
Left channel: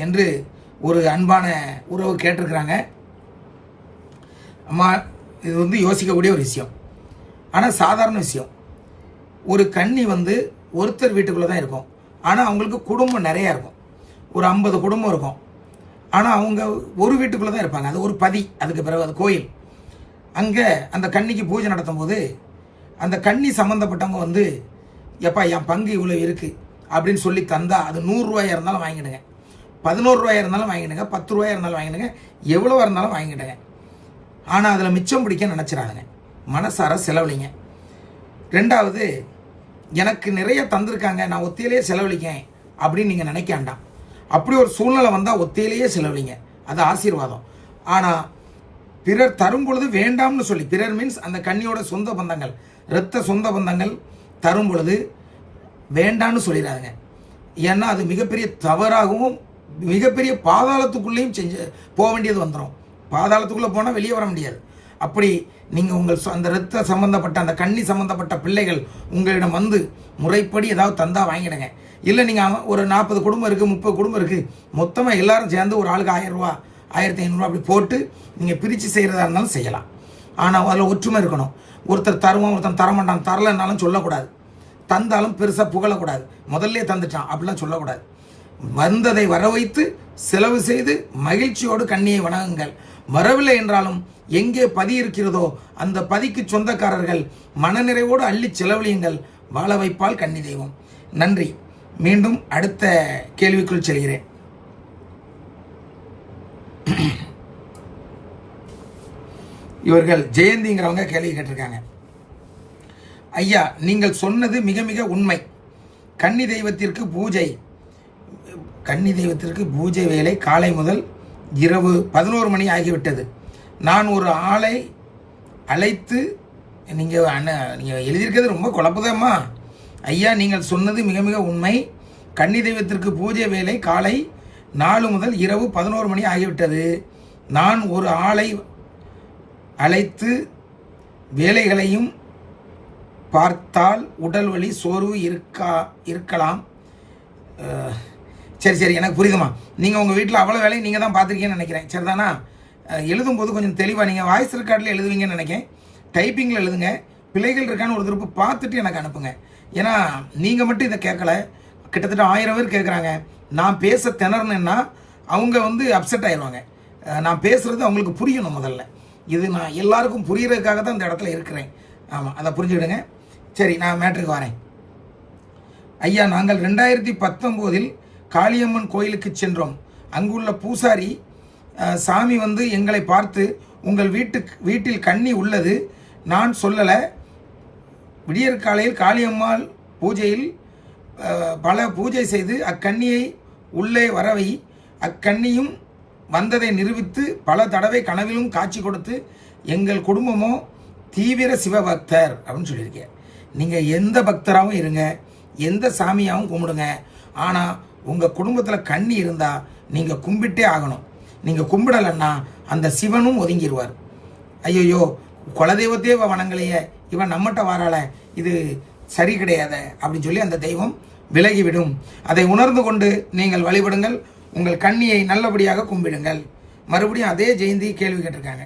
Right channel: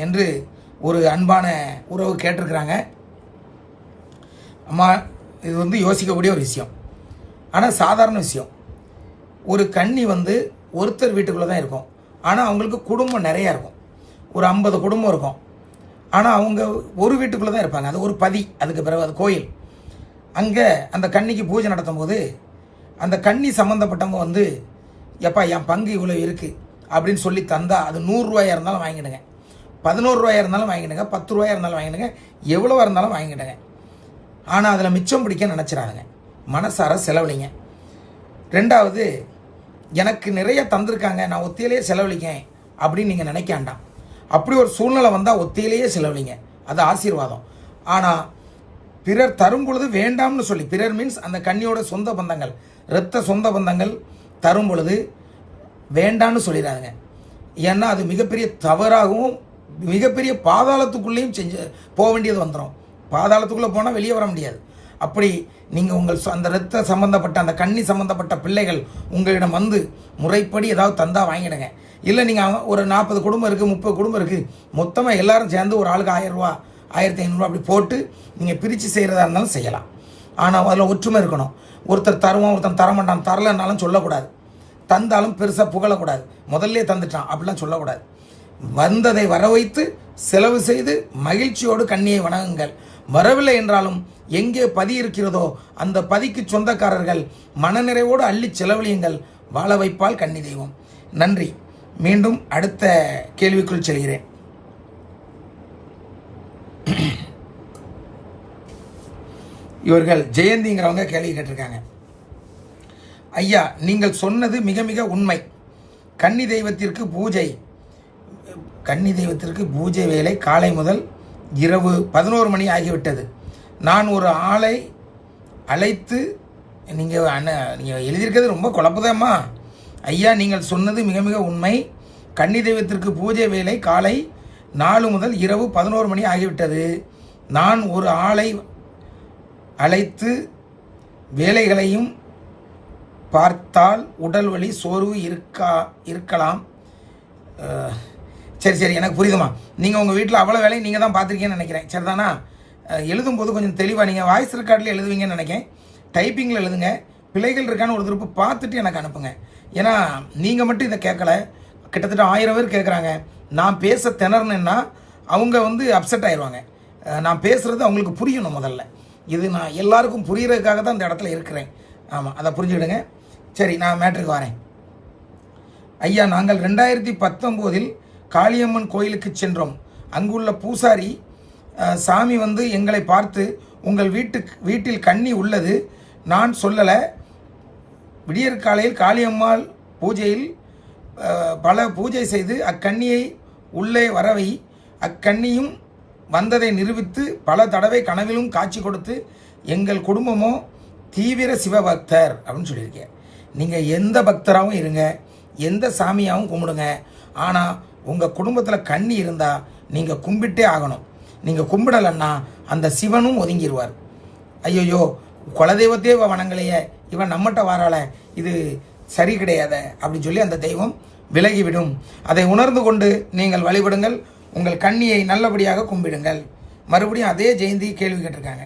என்று ஒரு அன்பான உறவு கேட்டிருக்கிறாங்க. அம்மா, இது வந்து யோசிக்கக்கூடிய ஒரு விஷயம், ஆனால் சாதாரண விஷயம். ஒரு கன்னி வந்து ஒருத்தர் வீட்டுக்குள்ளே தான் இருக்கும், ஆனால் அவங்களுக்கு குடும்பம் நிறையா இருக்கும். ஒரு 50 குடும்பம் இருக்கும், ஆனால் அவங்க ஒரு வீட்டுக்குள்ளே தான் இருப்பாங்க. அது ஒரு பதி, அதுக்கு பிறகு அது கோயில். அங்கே அந்த கன்னிக்கு பூஜை நடத்தும் போது அந்த கன்னி சம்மந்தப்பட்டவங்க வந்து, எப்பா என் பங்கு இவ்வளோ இருக்குது அப்படின்னு சொல்லி தந்தால் அது 100 ரூபாயா இருந்தாலும் வாங்கிடுங்க, 11 ரூபாயா இருந்தாலும் வாங்கிடுங்க, 10 ரூபாயா இருந்தாலும் வாங்கிடுங்க, எவ்வளோவா இருந்தாலும் வாங்கிடுங்க. ஆனால் அதில் மிச்சம் பிடிக்க நினச்சிடாதுங்க, மனசார செலவழிங்க. ரெண்டாவது, எனக்கு நிறைய தந்திருக்காங்க, நான் ஒத்தையிலேயே செலவழிக்கேன் அப்படின்னு நீங்கள் நினைக்க வேண்டாம். அப்படி ஒரு சூழ்நிலை வந்தால் ஒத்தையிலேயே செலவழிங்க, அது ஆசீர்வாதம். ஆனால் பிறர் தரும் பொழுது வேண்டாம்னு சொல்லி, பிறர் மீன்ஸ் அந்த கன்னியோட சொந்த பந்தங்கள், இரத்த சொந்த பந்தங்கள் தரும் பொழுது வேண்டான்னு சொல்லிடாதுங்க. ஏன்னா அது மிகப்பெரிய தவறாகவும் மிகப்பெரிய பாதாளத்துக்குள்ளேயும் போக வேண்டியது வந்துடும். பாதாளத்துக்குள்ளே போனால் வெளியே வர முடியாது. அப்படி நீங்கள் உங்கள் அந்த இரத்த சம்பந்தப்பட்ட அந்த கன்னி சம்பந்தப்பட்ட பிள்ளைகள் உங்களிடம் வந்து முறைப்படி ஏதாவது தந்தா வாங்கிடுங்க. இல்லை நீங்கள் ஒரு 40 குடும்பம் இருக்குது, 30 குடும்பம் இருக்குது, மொத்தமாக எல்லாரும் சேர்ந்து ஒரு ஆளுக்கு 1000 ரூபா 1500 அப்படி போட்டு நீங்கள் பிரித்து செய்கிறதா இருந்தாலும் செய்யலாம். ஆனால் அதில் ஒற்றுமை இருக்கணும். ஒருத்தர் தருவான், ஒருத்தர் தரமாட்டான், தரலைன்னாலும் சொல்லக்கூடாது. தந்தாலும் பெருசாக புகழக்கூடாது, முதல்ல தந்துட்டான் அப்படிலாம் சொல்லக்கூடாது. வந்ததை வர வைத்து செலவு செய்து மகிழ்ச்சியோடு கன்னியை வணங்குங்கள். வரவில்லை என்றாலும் எங்கே பதி இருக்கிறதோ அந்த பதிக்கு சொந்தக்காரர்கள் மனநிறைவோடு அள்ளி செலவழியுங்கள். வாழ வைப்பால் கன்னி தெய்வம். நன்றி. மீண்டும் அடுத்த கேள்விக்குள் செல்கிறேன். இவர்கள் ஜெயந்திங்கிறவங்க கேள்வி கேட்டிருக்காங்க. ஐயா, நீங்கள் சொன்னது மிக மிக உண்மை. கன்னி தெய்வத்திற்கு பூஜை வேலை காலை முதல் இரவு 11 மணி ஆகிவிட்டது. நான் ஒரு ஆளை அழைத்து, நீங்கள் எழுதியிருக்கிறது ரொம்ப குழப்பதம்மா. ஐயா, நீங்கள் சொன்னது மிக மிக உண்மை. கன்னி தெய்வத்திற்கு பூஜை வேலை காலை 4 முதல் இரவு 11 மணி ஆகிவிட்டது. நான் ஒரு ஆளை அழைத்து வேலைகளையும் பார்த்தால் உடல் வலி சோர்வு இருக்கலாம். சரி, எனக்கு புரியுதுமா. நீங்கள் உங்கள் வீட்டில் அவ்வளோ வேலையை நீங்கள் தான் பார்த்துருக்கீங்கன்னு நினைக்கிறேன், சரிதானா? எழுதும்போது கொஞ்சம் தெளிவாக நீங்கள் வாய்ஸ் ரெக்கார்டில் எழுதுவீங்கன்னு நினைக்கிறேன். டைப்பிங்கில் எழுதுங்க. பிள்ளைகள் இருக்கான்னு ஒரு திருப்பு பார்த்துட்டு எனக்கு அனுப்புங்க. ஏன்னா நீங்கள் மட்டும் இதை கேட்கல, கிட்டத்தட்ட 1000 பேர் கேட்குறாங்க. நான் பேச திணறணுன்னா அவங்க வந்து அப்செட் ஆயிடுவாங்க. நான் பேசுகிறது அவங்களுக்கு புரியணும். முதல்ல இது நான் எல்லாருக்கும் புரியறதுக்காக தான் இந்த இடத்துல இருக்கிறேன். ஆமாம், அதை புரிஞ்சுக்கிடுங்க. சரி, நான் மேட்ருக்கு வரேன். ஐயா, நாங்கள் 2019 காளியம்மன் கோயிலுக்கு சென்றோம். அங்குள்ள பூசாரி சாமி வந்து எங்களை பார்த்து, உங்கள் வீட்டில் கன்னி உள்ளது, நான் சொல்லலை. விடியற் காலையில் காளியம்மாள் பூஜையில் பல பூஜை செய்து அக்கன்னியை உள்ளே வரவை, அக்கன்னியும் வந்ததை நிரூபித்து பல தடவை கனவிலும் காட்சி கொடுத்து, எங்கள் குடும்பமோ தீவிர சிவபக்தர் அப்படின்னு சொல்லியிருக்கேன். நீங்கள் எந்த பக்தராகவும் இருங்க, எந்த சாமியாகவும் கும்பிடுங்க, ஆனால் உங்கள் குடும்பத்தில் கன்னி இருந்தால் நீங்கள் கும்பிட்டே ஆகணும். நீங்கள் கும்பிடலைன்னா அந்த சிவனும் ஒதுங்கிடுவார். ஐயோ குலதெய்வத்தையே வணங்கலையே, இவன் நம்மகிட்ட வாரால, இது சரி கிடையாத அப்படின்னு சொல்லி அந்த தெய்வம் விலகிவிடும். அதை உணர்ந்து கொண்டு நீங்கள் வழிபடுங்கள். உங்கள் கன்னியை நல்லபடியாக கும்பிடுங்கள். மறுபடியும் அதே ஜெயந்தி கேள்வி கேட்டிருக்காங்க.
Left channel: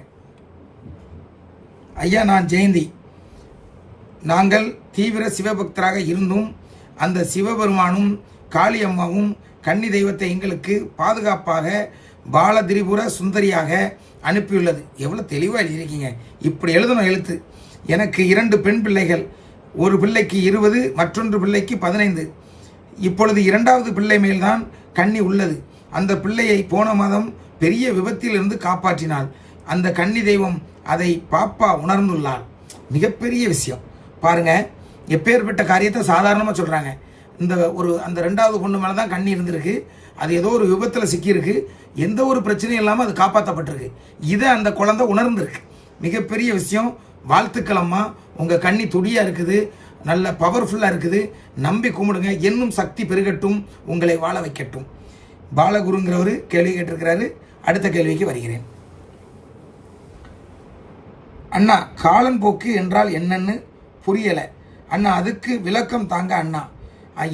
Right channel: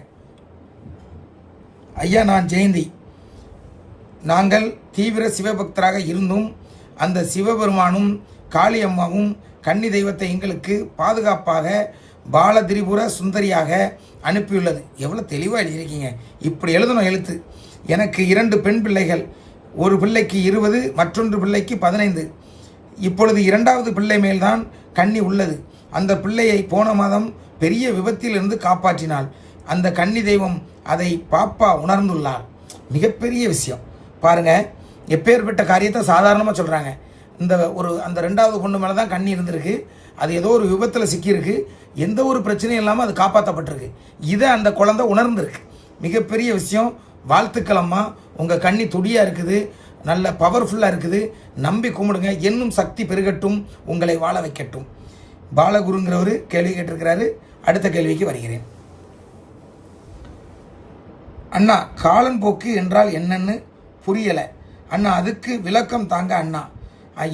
ஐயா, நான் ஜெயந்தி. நாங்கள் தீவிர சிவபக்தராக இருந்தும் அந்த சிவபெருமானும் காளி அம்மாவும் கன்னி தெய்வத்தை எங்களுக்கு பாதுகாப்பாக பாலதிரிபுர சுந்தரியாக அனுப்பியுள்ளது. எவ்வளோ தெளிவாக எழுதியிருக்கீங்க. இப்படி எழுதணும் எழுத்து. எனக்கு 2 பெண் பிள்ளைகள். ஒரு பிள்ளைக்கு 20, மற்றொன்று பிள்ளைக்கு 15. இப்பொழுது 2வது பிள்ளை மேல்தான் கன்னி உள்ளது. அந்த பிள்ளையை போன மாதம் பெரிய விபத்தில் இருந்து காப்பாற்றினாள். அந்த கன்னி தெய்வம் அதை பாப்பா உணர்ந்துள்ளாள். மிகப்பெரிய விஷயம் பாருங்க. எப்பேற்பட்ட காரியத்தை சாதாரணமாக சொல்றாங்க. அந்த 2வது பொண்ணு மேலே தான் கண்ணி இருந்திருக்கு. அது ஏதோ ஒரு விபத்தில் சிக்கியிருக்கு. எந்த ஒரு பிரச்சனையும் இல்லாமல் அது காப்பாற்றப்பட்டிருக்கு. இதை அந்த குழந்தை உணர்ந்திருக்கு. மிகப்பெரிய விஷயம். வாழ்த்துக்கள் அம்மா. உங்கள் கண்ணி துடியாக இருக்குது, நல்ல பவர்ஃபுல்லாக இருக்குது. நம்பி கும்பிடுங்க. இன்னும் சக்தி பெருகட்டும், உங்களை வாழ வைக்கட்டும். பாலகுருங்கிறவர் கேள்வி கேட்டிருக்கிறாரு. அடுத்த கேள்விக்கு வருகிறேன். அண்ணா, காலன் போக்கு என்றால் என்னன்னு புரியலை அண்ணா, அதுக்கு விளக்கம் தாங்க அண்ணா.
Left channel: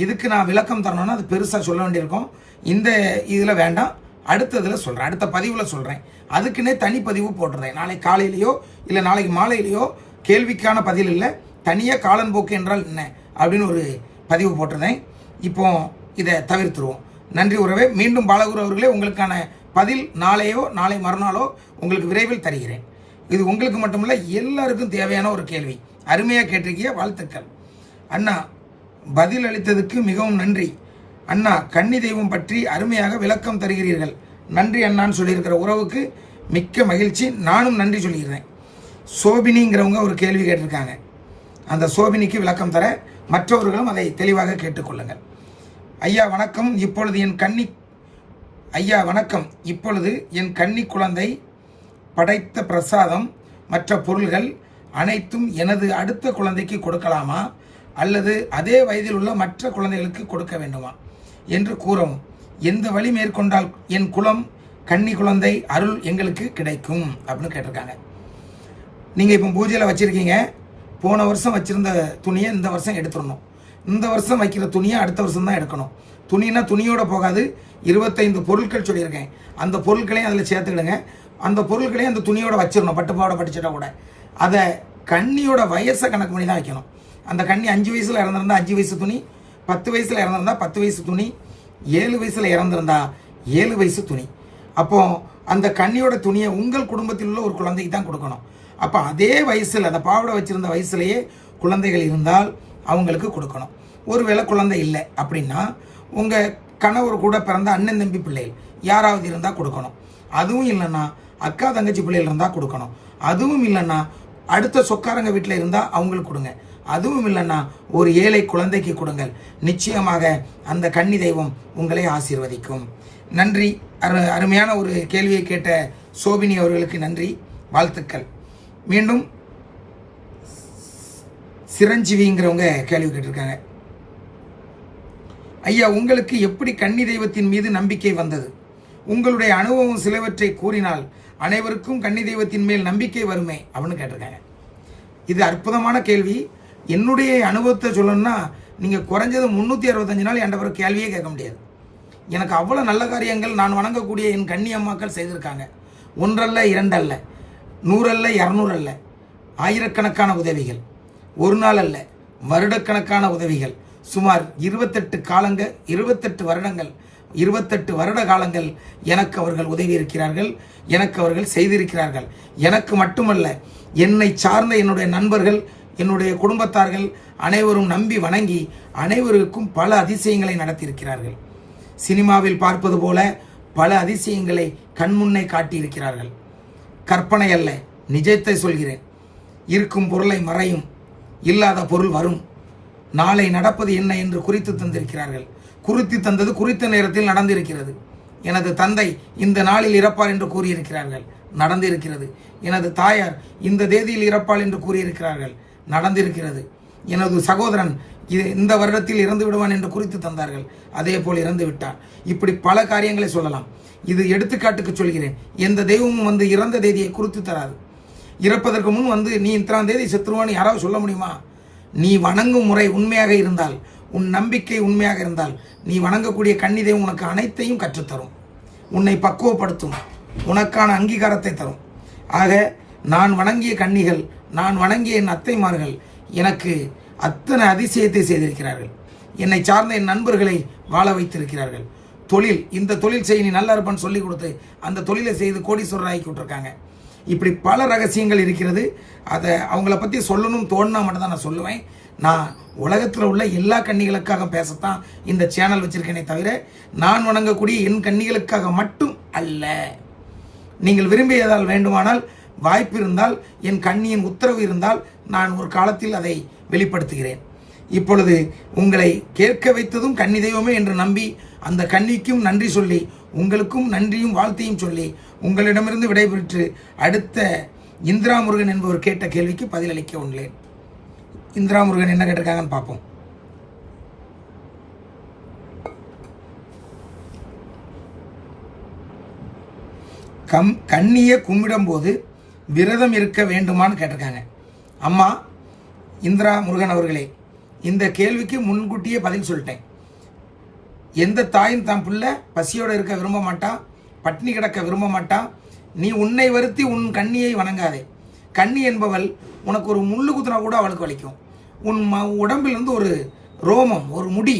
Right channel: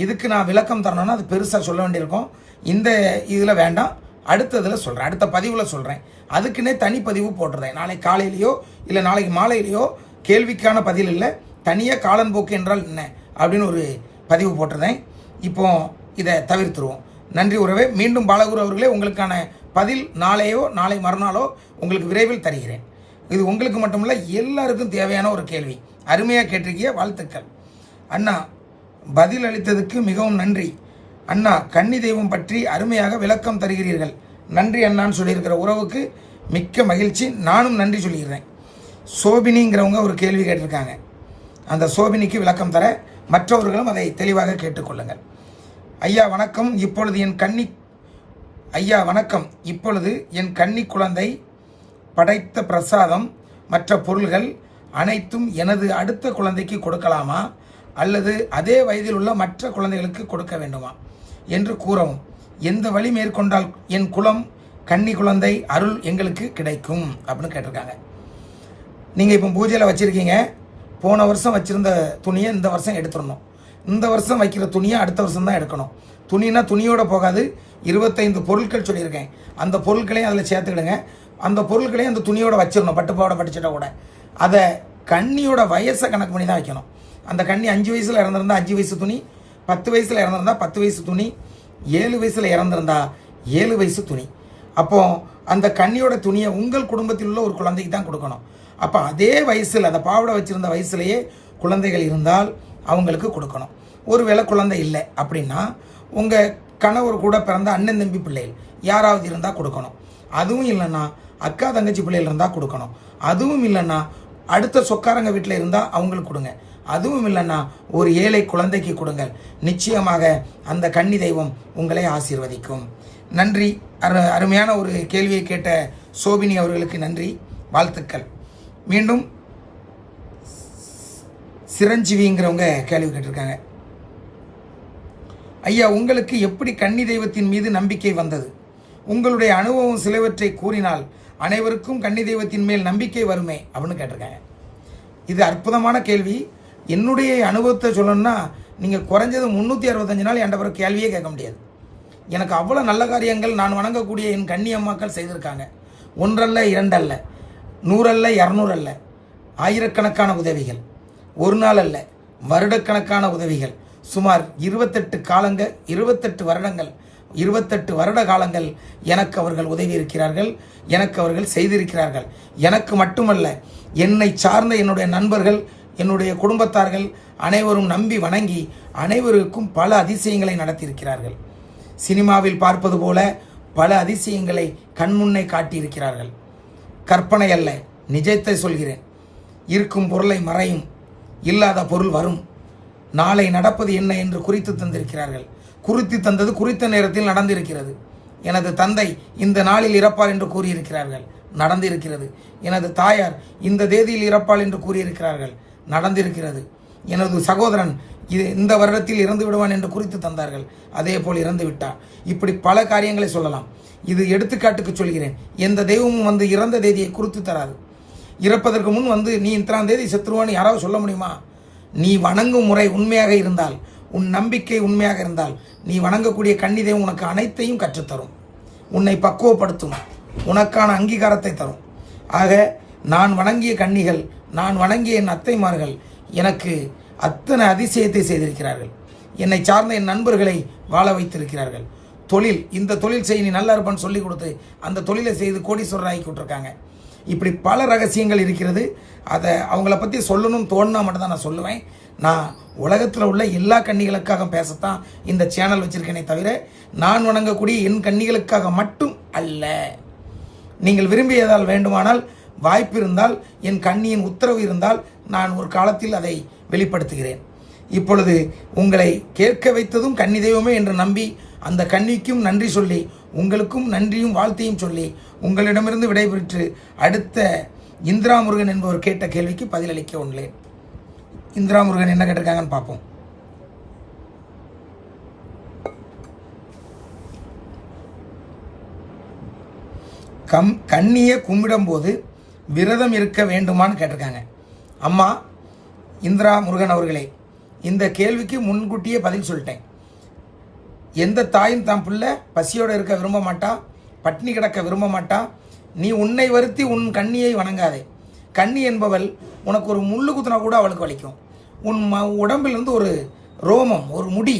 இதுக்கு நான் விளக்கம் தரணும்னா அது பெருசாக சொல்ல வேண்டியிருக்கும். இந்த இதில் வேண்டாம், அடுத்ததில் சொல்கிறேன், அடுத்த பதிவில் சொல்கிறேன். அதுக்குன்னே தனிப்பதிவு போட்டுறேன். நாளைக்கு காலையிலையோ இல்லை நாளைக்கு மாலையிலையோ கேள்விக்கான பதில் இல்லை, தனியாக காலன் போக்கு என்றால் என்ன அப்படின்னு ஒரு பதிவு போட்டுறேன். இப்போ இதை தவிர்த்துருவோம். நன்றி உறவே. மீண்டும் பாலகுரு அவர்களே, உங்களுக்கான பதில் நாளையோ நாளை மறுநாளோ உங்களுக்கு விரைவில் தருகிறேன். இது உங்களுக்கு மட்டுமில்ல, எல்லாருக்கும் தேவையான ஒரு கேள்வி. அருமையாக கேட்டிருக்கிய, வாழ்த்துக்கள் அண்ணா. பதில் அளித்ததுக்கு மிகவும் நன்றி அண்ணா. கன்னி தெய்வம் பற்றி அருமையாக விளக்கம் தருகிறீர்கள். நன்றி அண்ணான்னு சொல்லியிருக்கிற உறவுக்கு மிக்க மகிழ்ச்சி. நானும் நன்றி சொல்லிடுறேன். சோபினிங்கிறவங்க ஒரு கேள்வி கேட்டிருக்காங்க. அந்த சோபினிக்கு விளக்கம் தர மற்றவர்களும் அதை தெளிவாக கேட்டுக்கொள்ளுங்கள். ஐயா வணக்கம். இப்பொழுது என் கன்னி குழந்தை படைத்த பிரசாதம் மற்ற பொருள்கள் அனைத்தும் எனது அடுத்த குழந்தைக்கு கொடுக்கலாமா அல்லது அதே வயதில் உள்ள மற்ற குழந்தைகளுக்கு கொடுக்க வேண்டுமா என்று கூறவும். எந்த வழி மேற்கொண்டால் என் குலம் கன்னி குழந்தை அருள் எங்களுக்கு கிடைக்கும் அப்படின்னு கேட்டிருக்காங்க. நீங்கள் இப்போ பூஜையில் வச்சுருக்கீங்க. போன வருஷம் வச்சுருந்த துணியை இந்த வருஷம் எடுத்துடணும். இந்த வருஷம் வைக்கிற துணியை அடுத்த வருஷம் தான் எடுக்கணும். துணினா துணியோட போகாது. 25 பொருட்கள் சொல்லியிருக்கேன். அந்த பொருட்களையும் அதில் சேர்த்துக்கிடுங்க. அந்த பொருட்களையும் அந்த துணியோட வச்சிடணும். பட்டுப்பாவோட படிச்சுட்டா கூட அதை கன்னியோட வயசை கணக்கு பண்ணி தான் வைக்கணும். அந்த கன்னி 5 வயசில் இறந்துருந்தா 5 வயசு துணி, 10 வயசில் இறந்துருந்தா 10 வயசு துணி, 7 வயசில் இறந்துருந்தா 7 வயசு துணி. அப்போ அந்த கன்னியோட துணியை உங்கள் குடும்பத்தில் உள்ள ஒரு குழந்தைக்கு தான் கொடுக்கணும். அப்போ அதே வயசில் அந்த பாவடை வச்சிருந்த வயசுலேயே குழந்தைகள் இருந்தால் அவங்களுக்கு கொடுக்கணும். ஒருவேளை குழந்தை இல்லை அப்படின்னா உங்கள் கணவர் கூட பிறந்த அண்ணன் தம்பி பிள்ளைகள் யாராவது இருந்தால் கொடுக்கணும். அதுவும் இல்லைன்னா அக்கா தங்கச்சி பிள்ளைகள் இருந்தால் கொடுக்கணும். அதுவும் இல்லைன்னா அடுத்த சொக்காரங்க வீட்டில் இருந்தால் அவங்களுக்கு கொடுங்க. அதுவும் இல்லைன்னா ஒரு ஏழை குழந்தைக்கு கொடுங்கள். நிச்சயமாக அந்த கன்னி தெய்வம் உங்களை ஆசீர்வதிக்கும். நன்றி. அருமையான ஒரு கேள்வியை கேட்ட சோபினி அவர்களுக்கு நன்றி, வாழ்த்துக்கள். மீண்டும் சிரஞ்சீவிங்கிறவங்க கேள்வி கேட்டிருக்காங்க. ஐயா, உங்களுக்கு எப்படி கன்னி தெய்வத்தின் மீது நம்பிக்கை வந்தது? உங்களுடைய அனுபவம் சிலவற்றை கூறினால் அனைவருக்கும் கன்னி தெய்வத்தின் மேல் நம்பிக்கை வருமே அப்படின்னு கேட்டிருக்காங்க. இது அற்புதமான கேள்வி. என்னுடைய அனுபவத்தை சொல்லணும்னா நீங்கள் குறைஞ்சது 365 நாள் என்ற பிறகு கேள்வியே கேட்க முடியாது. எனக்கு அவ்வளோ நல்ல காரியங்கள் நான் வணங்கக்கூடிய என் கன்னி அம்மாக்கள் செய்திருக்காங்க. 1 அல்ல 2 அல்ல 100 அல்ல 200 அல்ல, ஆயிரக்கணக்கான உதவிகள். ஒரு நாள் அல்ல, வருடக்கணக்கான உதவிகள். சுமார் 28 வருடங்கள் 28 வருட காலங்கள் எனக்கு அவர்கள் உதவி இருக்கிறார்கள், எனக்கு அவர்கள் செய்திருக்கிறார்கள். எனக்கு மட்டுமல்ல, என்னை சார்ந்த என்னுடைய நண்பர்கள், என்னுடைய குடும்பத்தார்கள் அனைவரும் நம்பி வணங்கி அனைவருக்கும் பல அதிசயங்களை நடத்தியிருக்கிறார்கள். சினிமாவில் பார்ப்பது போல பல அதிசயங்களை கண்முன்னே காட்டியிருக்கிறார்கள். கற்பனை அல்ல, நிஜத்தை சொல்கிறேன். இருக்கும் பொருளை மறையும், இல்லாத பொருள் வரும். நாளை நடப்பது என்ன என்று குறித்து தந்திருக்கிறார்கள். குறித்து தந்தது குறித்த நேரத்தில் நடந்திருக்கிறது. எனது தந்தை இந்த நாளில் இறப்பார் என்று கூறியிருக்கிறார்கள், நடந்திருக்கிறது. எனது தாயார் இந்த தேதியில் இறப்பாள் என்று கூறியிருக்கிறார்கள், நடந்திருக்கிறது. எனது சகோதரன் இந்த வருடத்தில் இறந்து விடுவான் என்று குறித்து தந்தார்கள், அதே போல் இறந்து விட்டார். இப்படி பல காரியங்களை சொல்லலாம். இது எடுத்துக்காட்டுக்கு சொல்கிறேன். எந்த தெய்வமும் வந்து இறந்த தேதியை குறித்து தராது. இறப்பதற்கு முன் வந்து நீ இத்தனாம் தேதி செத்துருவான்னு யாராவது சொல்ல முடியுமா? நீ வணங்கும் முறை உண்மையாக இருந்தால், உன் நம்பிக்கை உண்மையாக இருந்தால், நீ வணங்கக்கூடிய கன்னி தெய்வம் உனக்கு அனைத்தையும் கற்றுத்தரும், உன்னை பக்குவப்படுத்தும், உனக்கான அங்கீகாரத்தை தரும். ஆக நான் வணங்கிய கன்னிகள், நான் வணங்கிய என் அத்தைமார்கள் எனக்கு அத்தனை அதிசயத்தை செய்திருக்கிறார்கள். என்னை சார்ந்த என் நண்பர்களை வாழ வைத்திருக்கிறார்கள். தொழில், இந்த தொழில் செய்ய நீ நல்லா இருப்பான்னு சொல்லி கொடுத்து அந்த தொழிலை செய்து கோடீஸ்வரர் ஆக்கி விட்டுருக்காங்க. இப்படி பல ரகசியங்கள் இருக்கிறது. அதை அவங்கள பற்றி சொல்லணும்னு தோணுனா மட்டும் தான் நான் சொல்லுவேன். நான் உலகத்தில் உள்ள எல்லா கன்னிகளுக்காக பேசத்தான் இந்த சேனல் வச்சிருக்கேனே தவிர நான் வணங்கக்கூடிய என் கன்னிகளுக்காக மட்டும் அல்ல. நீங்கள் விரும்பியதால் வேண்டுமானால், வாய்ப்பு இருந்தால், என் கன்னியின் உத்தரவு இருந்தால் நான் ஒரு காலத்தில் அதை வெளிப்படுத்துகிறேன். இப்பொழுது உங்களை கேட்க வைத்ததும் கன்னி தெய்வமே என்று நம்பி அந்த கன்னிக்கும் நன்றி சொல்லி, உங்களுக்கும் நன்றியும் வாழ்த்தையும் சொல்லி உங்களிடமிருந்து விடைபெற்று அடுத்த இந்திரா முருகன் என்பவர் கேட்ட கேள்விக்கு பதிலளிக்க உள்ளேன். இந்திரா முருகன் என்ன கேட்டிருக்காங்கன்னு பார்ப்போம். கன்னியை கும்பிடும் போது விரதம் இருக்க வேண்டுமான்னு கேட்டிருக்காங்க. அம்மா இந்திரா முருகன் அவர்களே, இந்த கேள்விக்கு முன்கூட்டியே பதில் சொல்லிட்டேன். எந்த தாயும் தான் பிள்ளை பசியோடு இருக்க விரும்ப மாட்டா, பட்னி கிடக்க விரும்ப மாட்டா. நீ உன்னை வருத்தி உன் கன்னியை வணங்காதே. கன்னி என்பவள் உனக்கு ஒரு முள்ளு குத்துனா கூட அவளுக்கு வலிக்கும். உன் உடம்பிலிருந்து ஒரு ரோமம், ஒரு முடி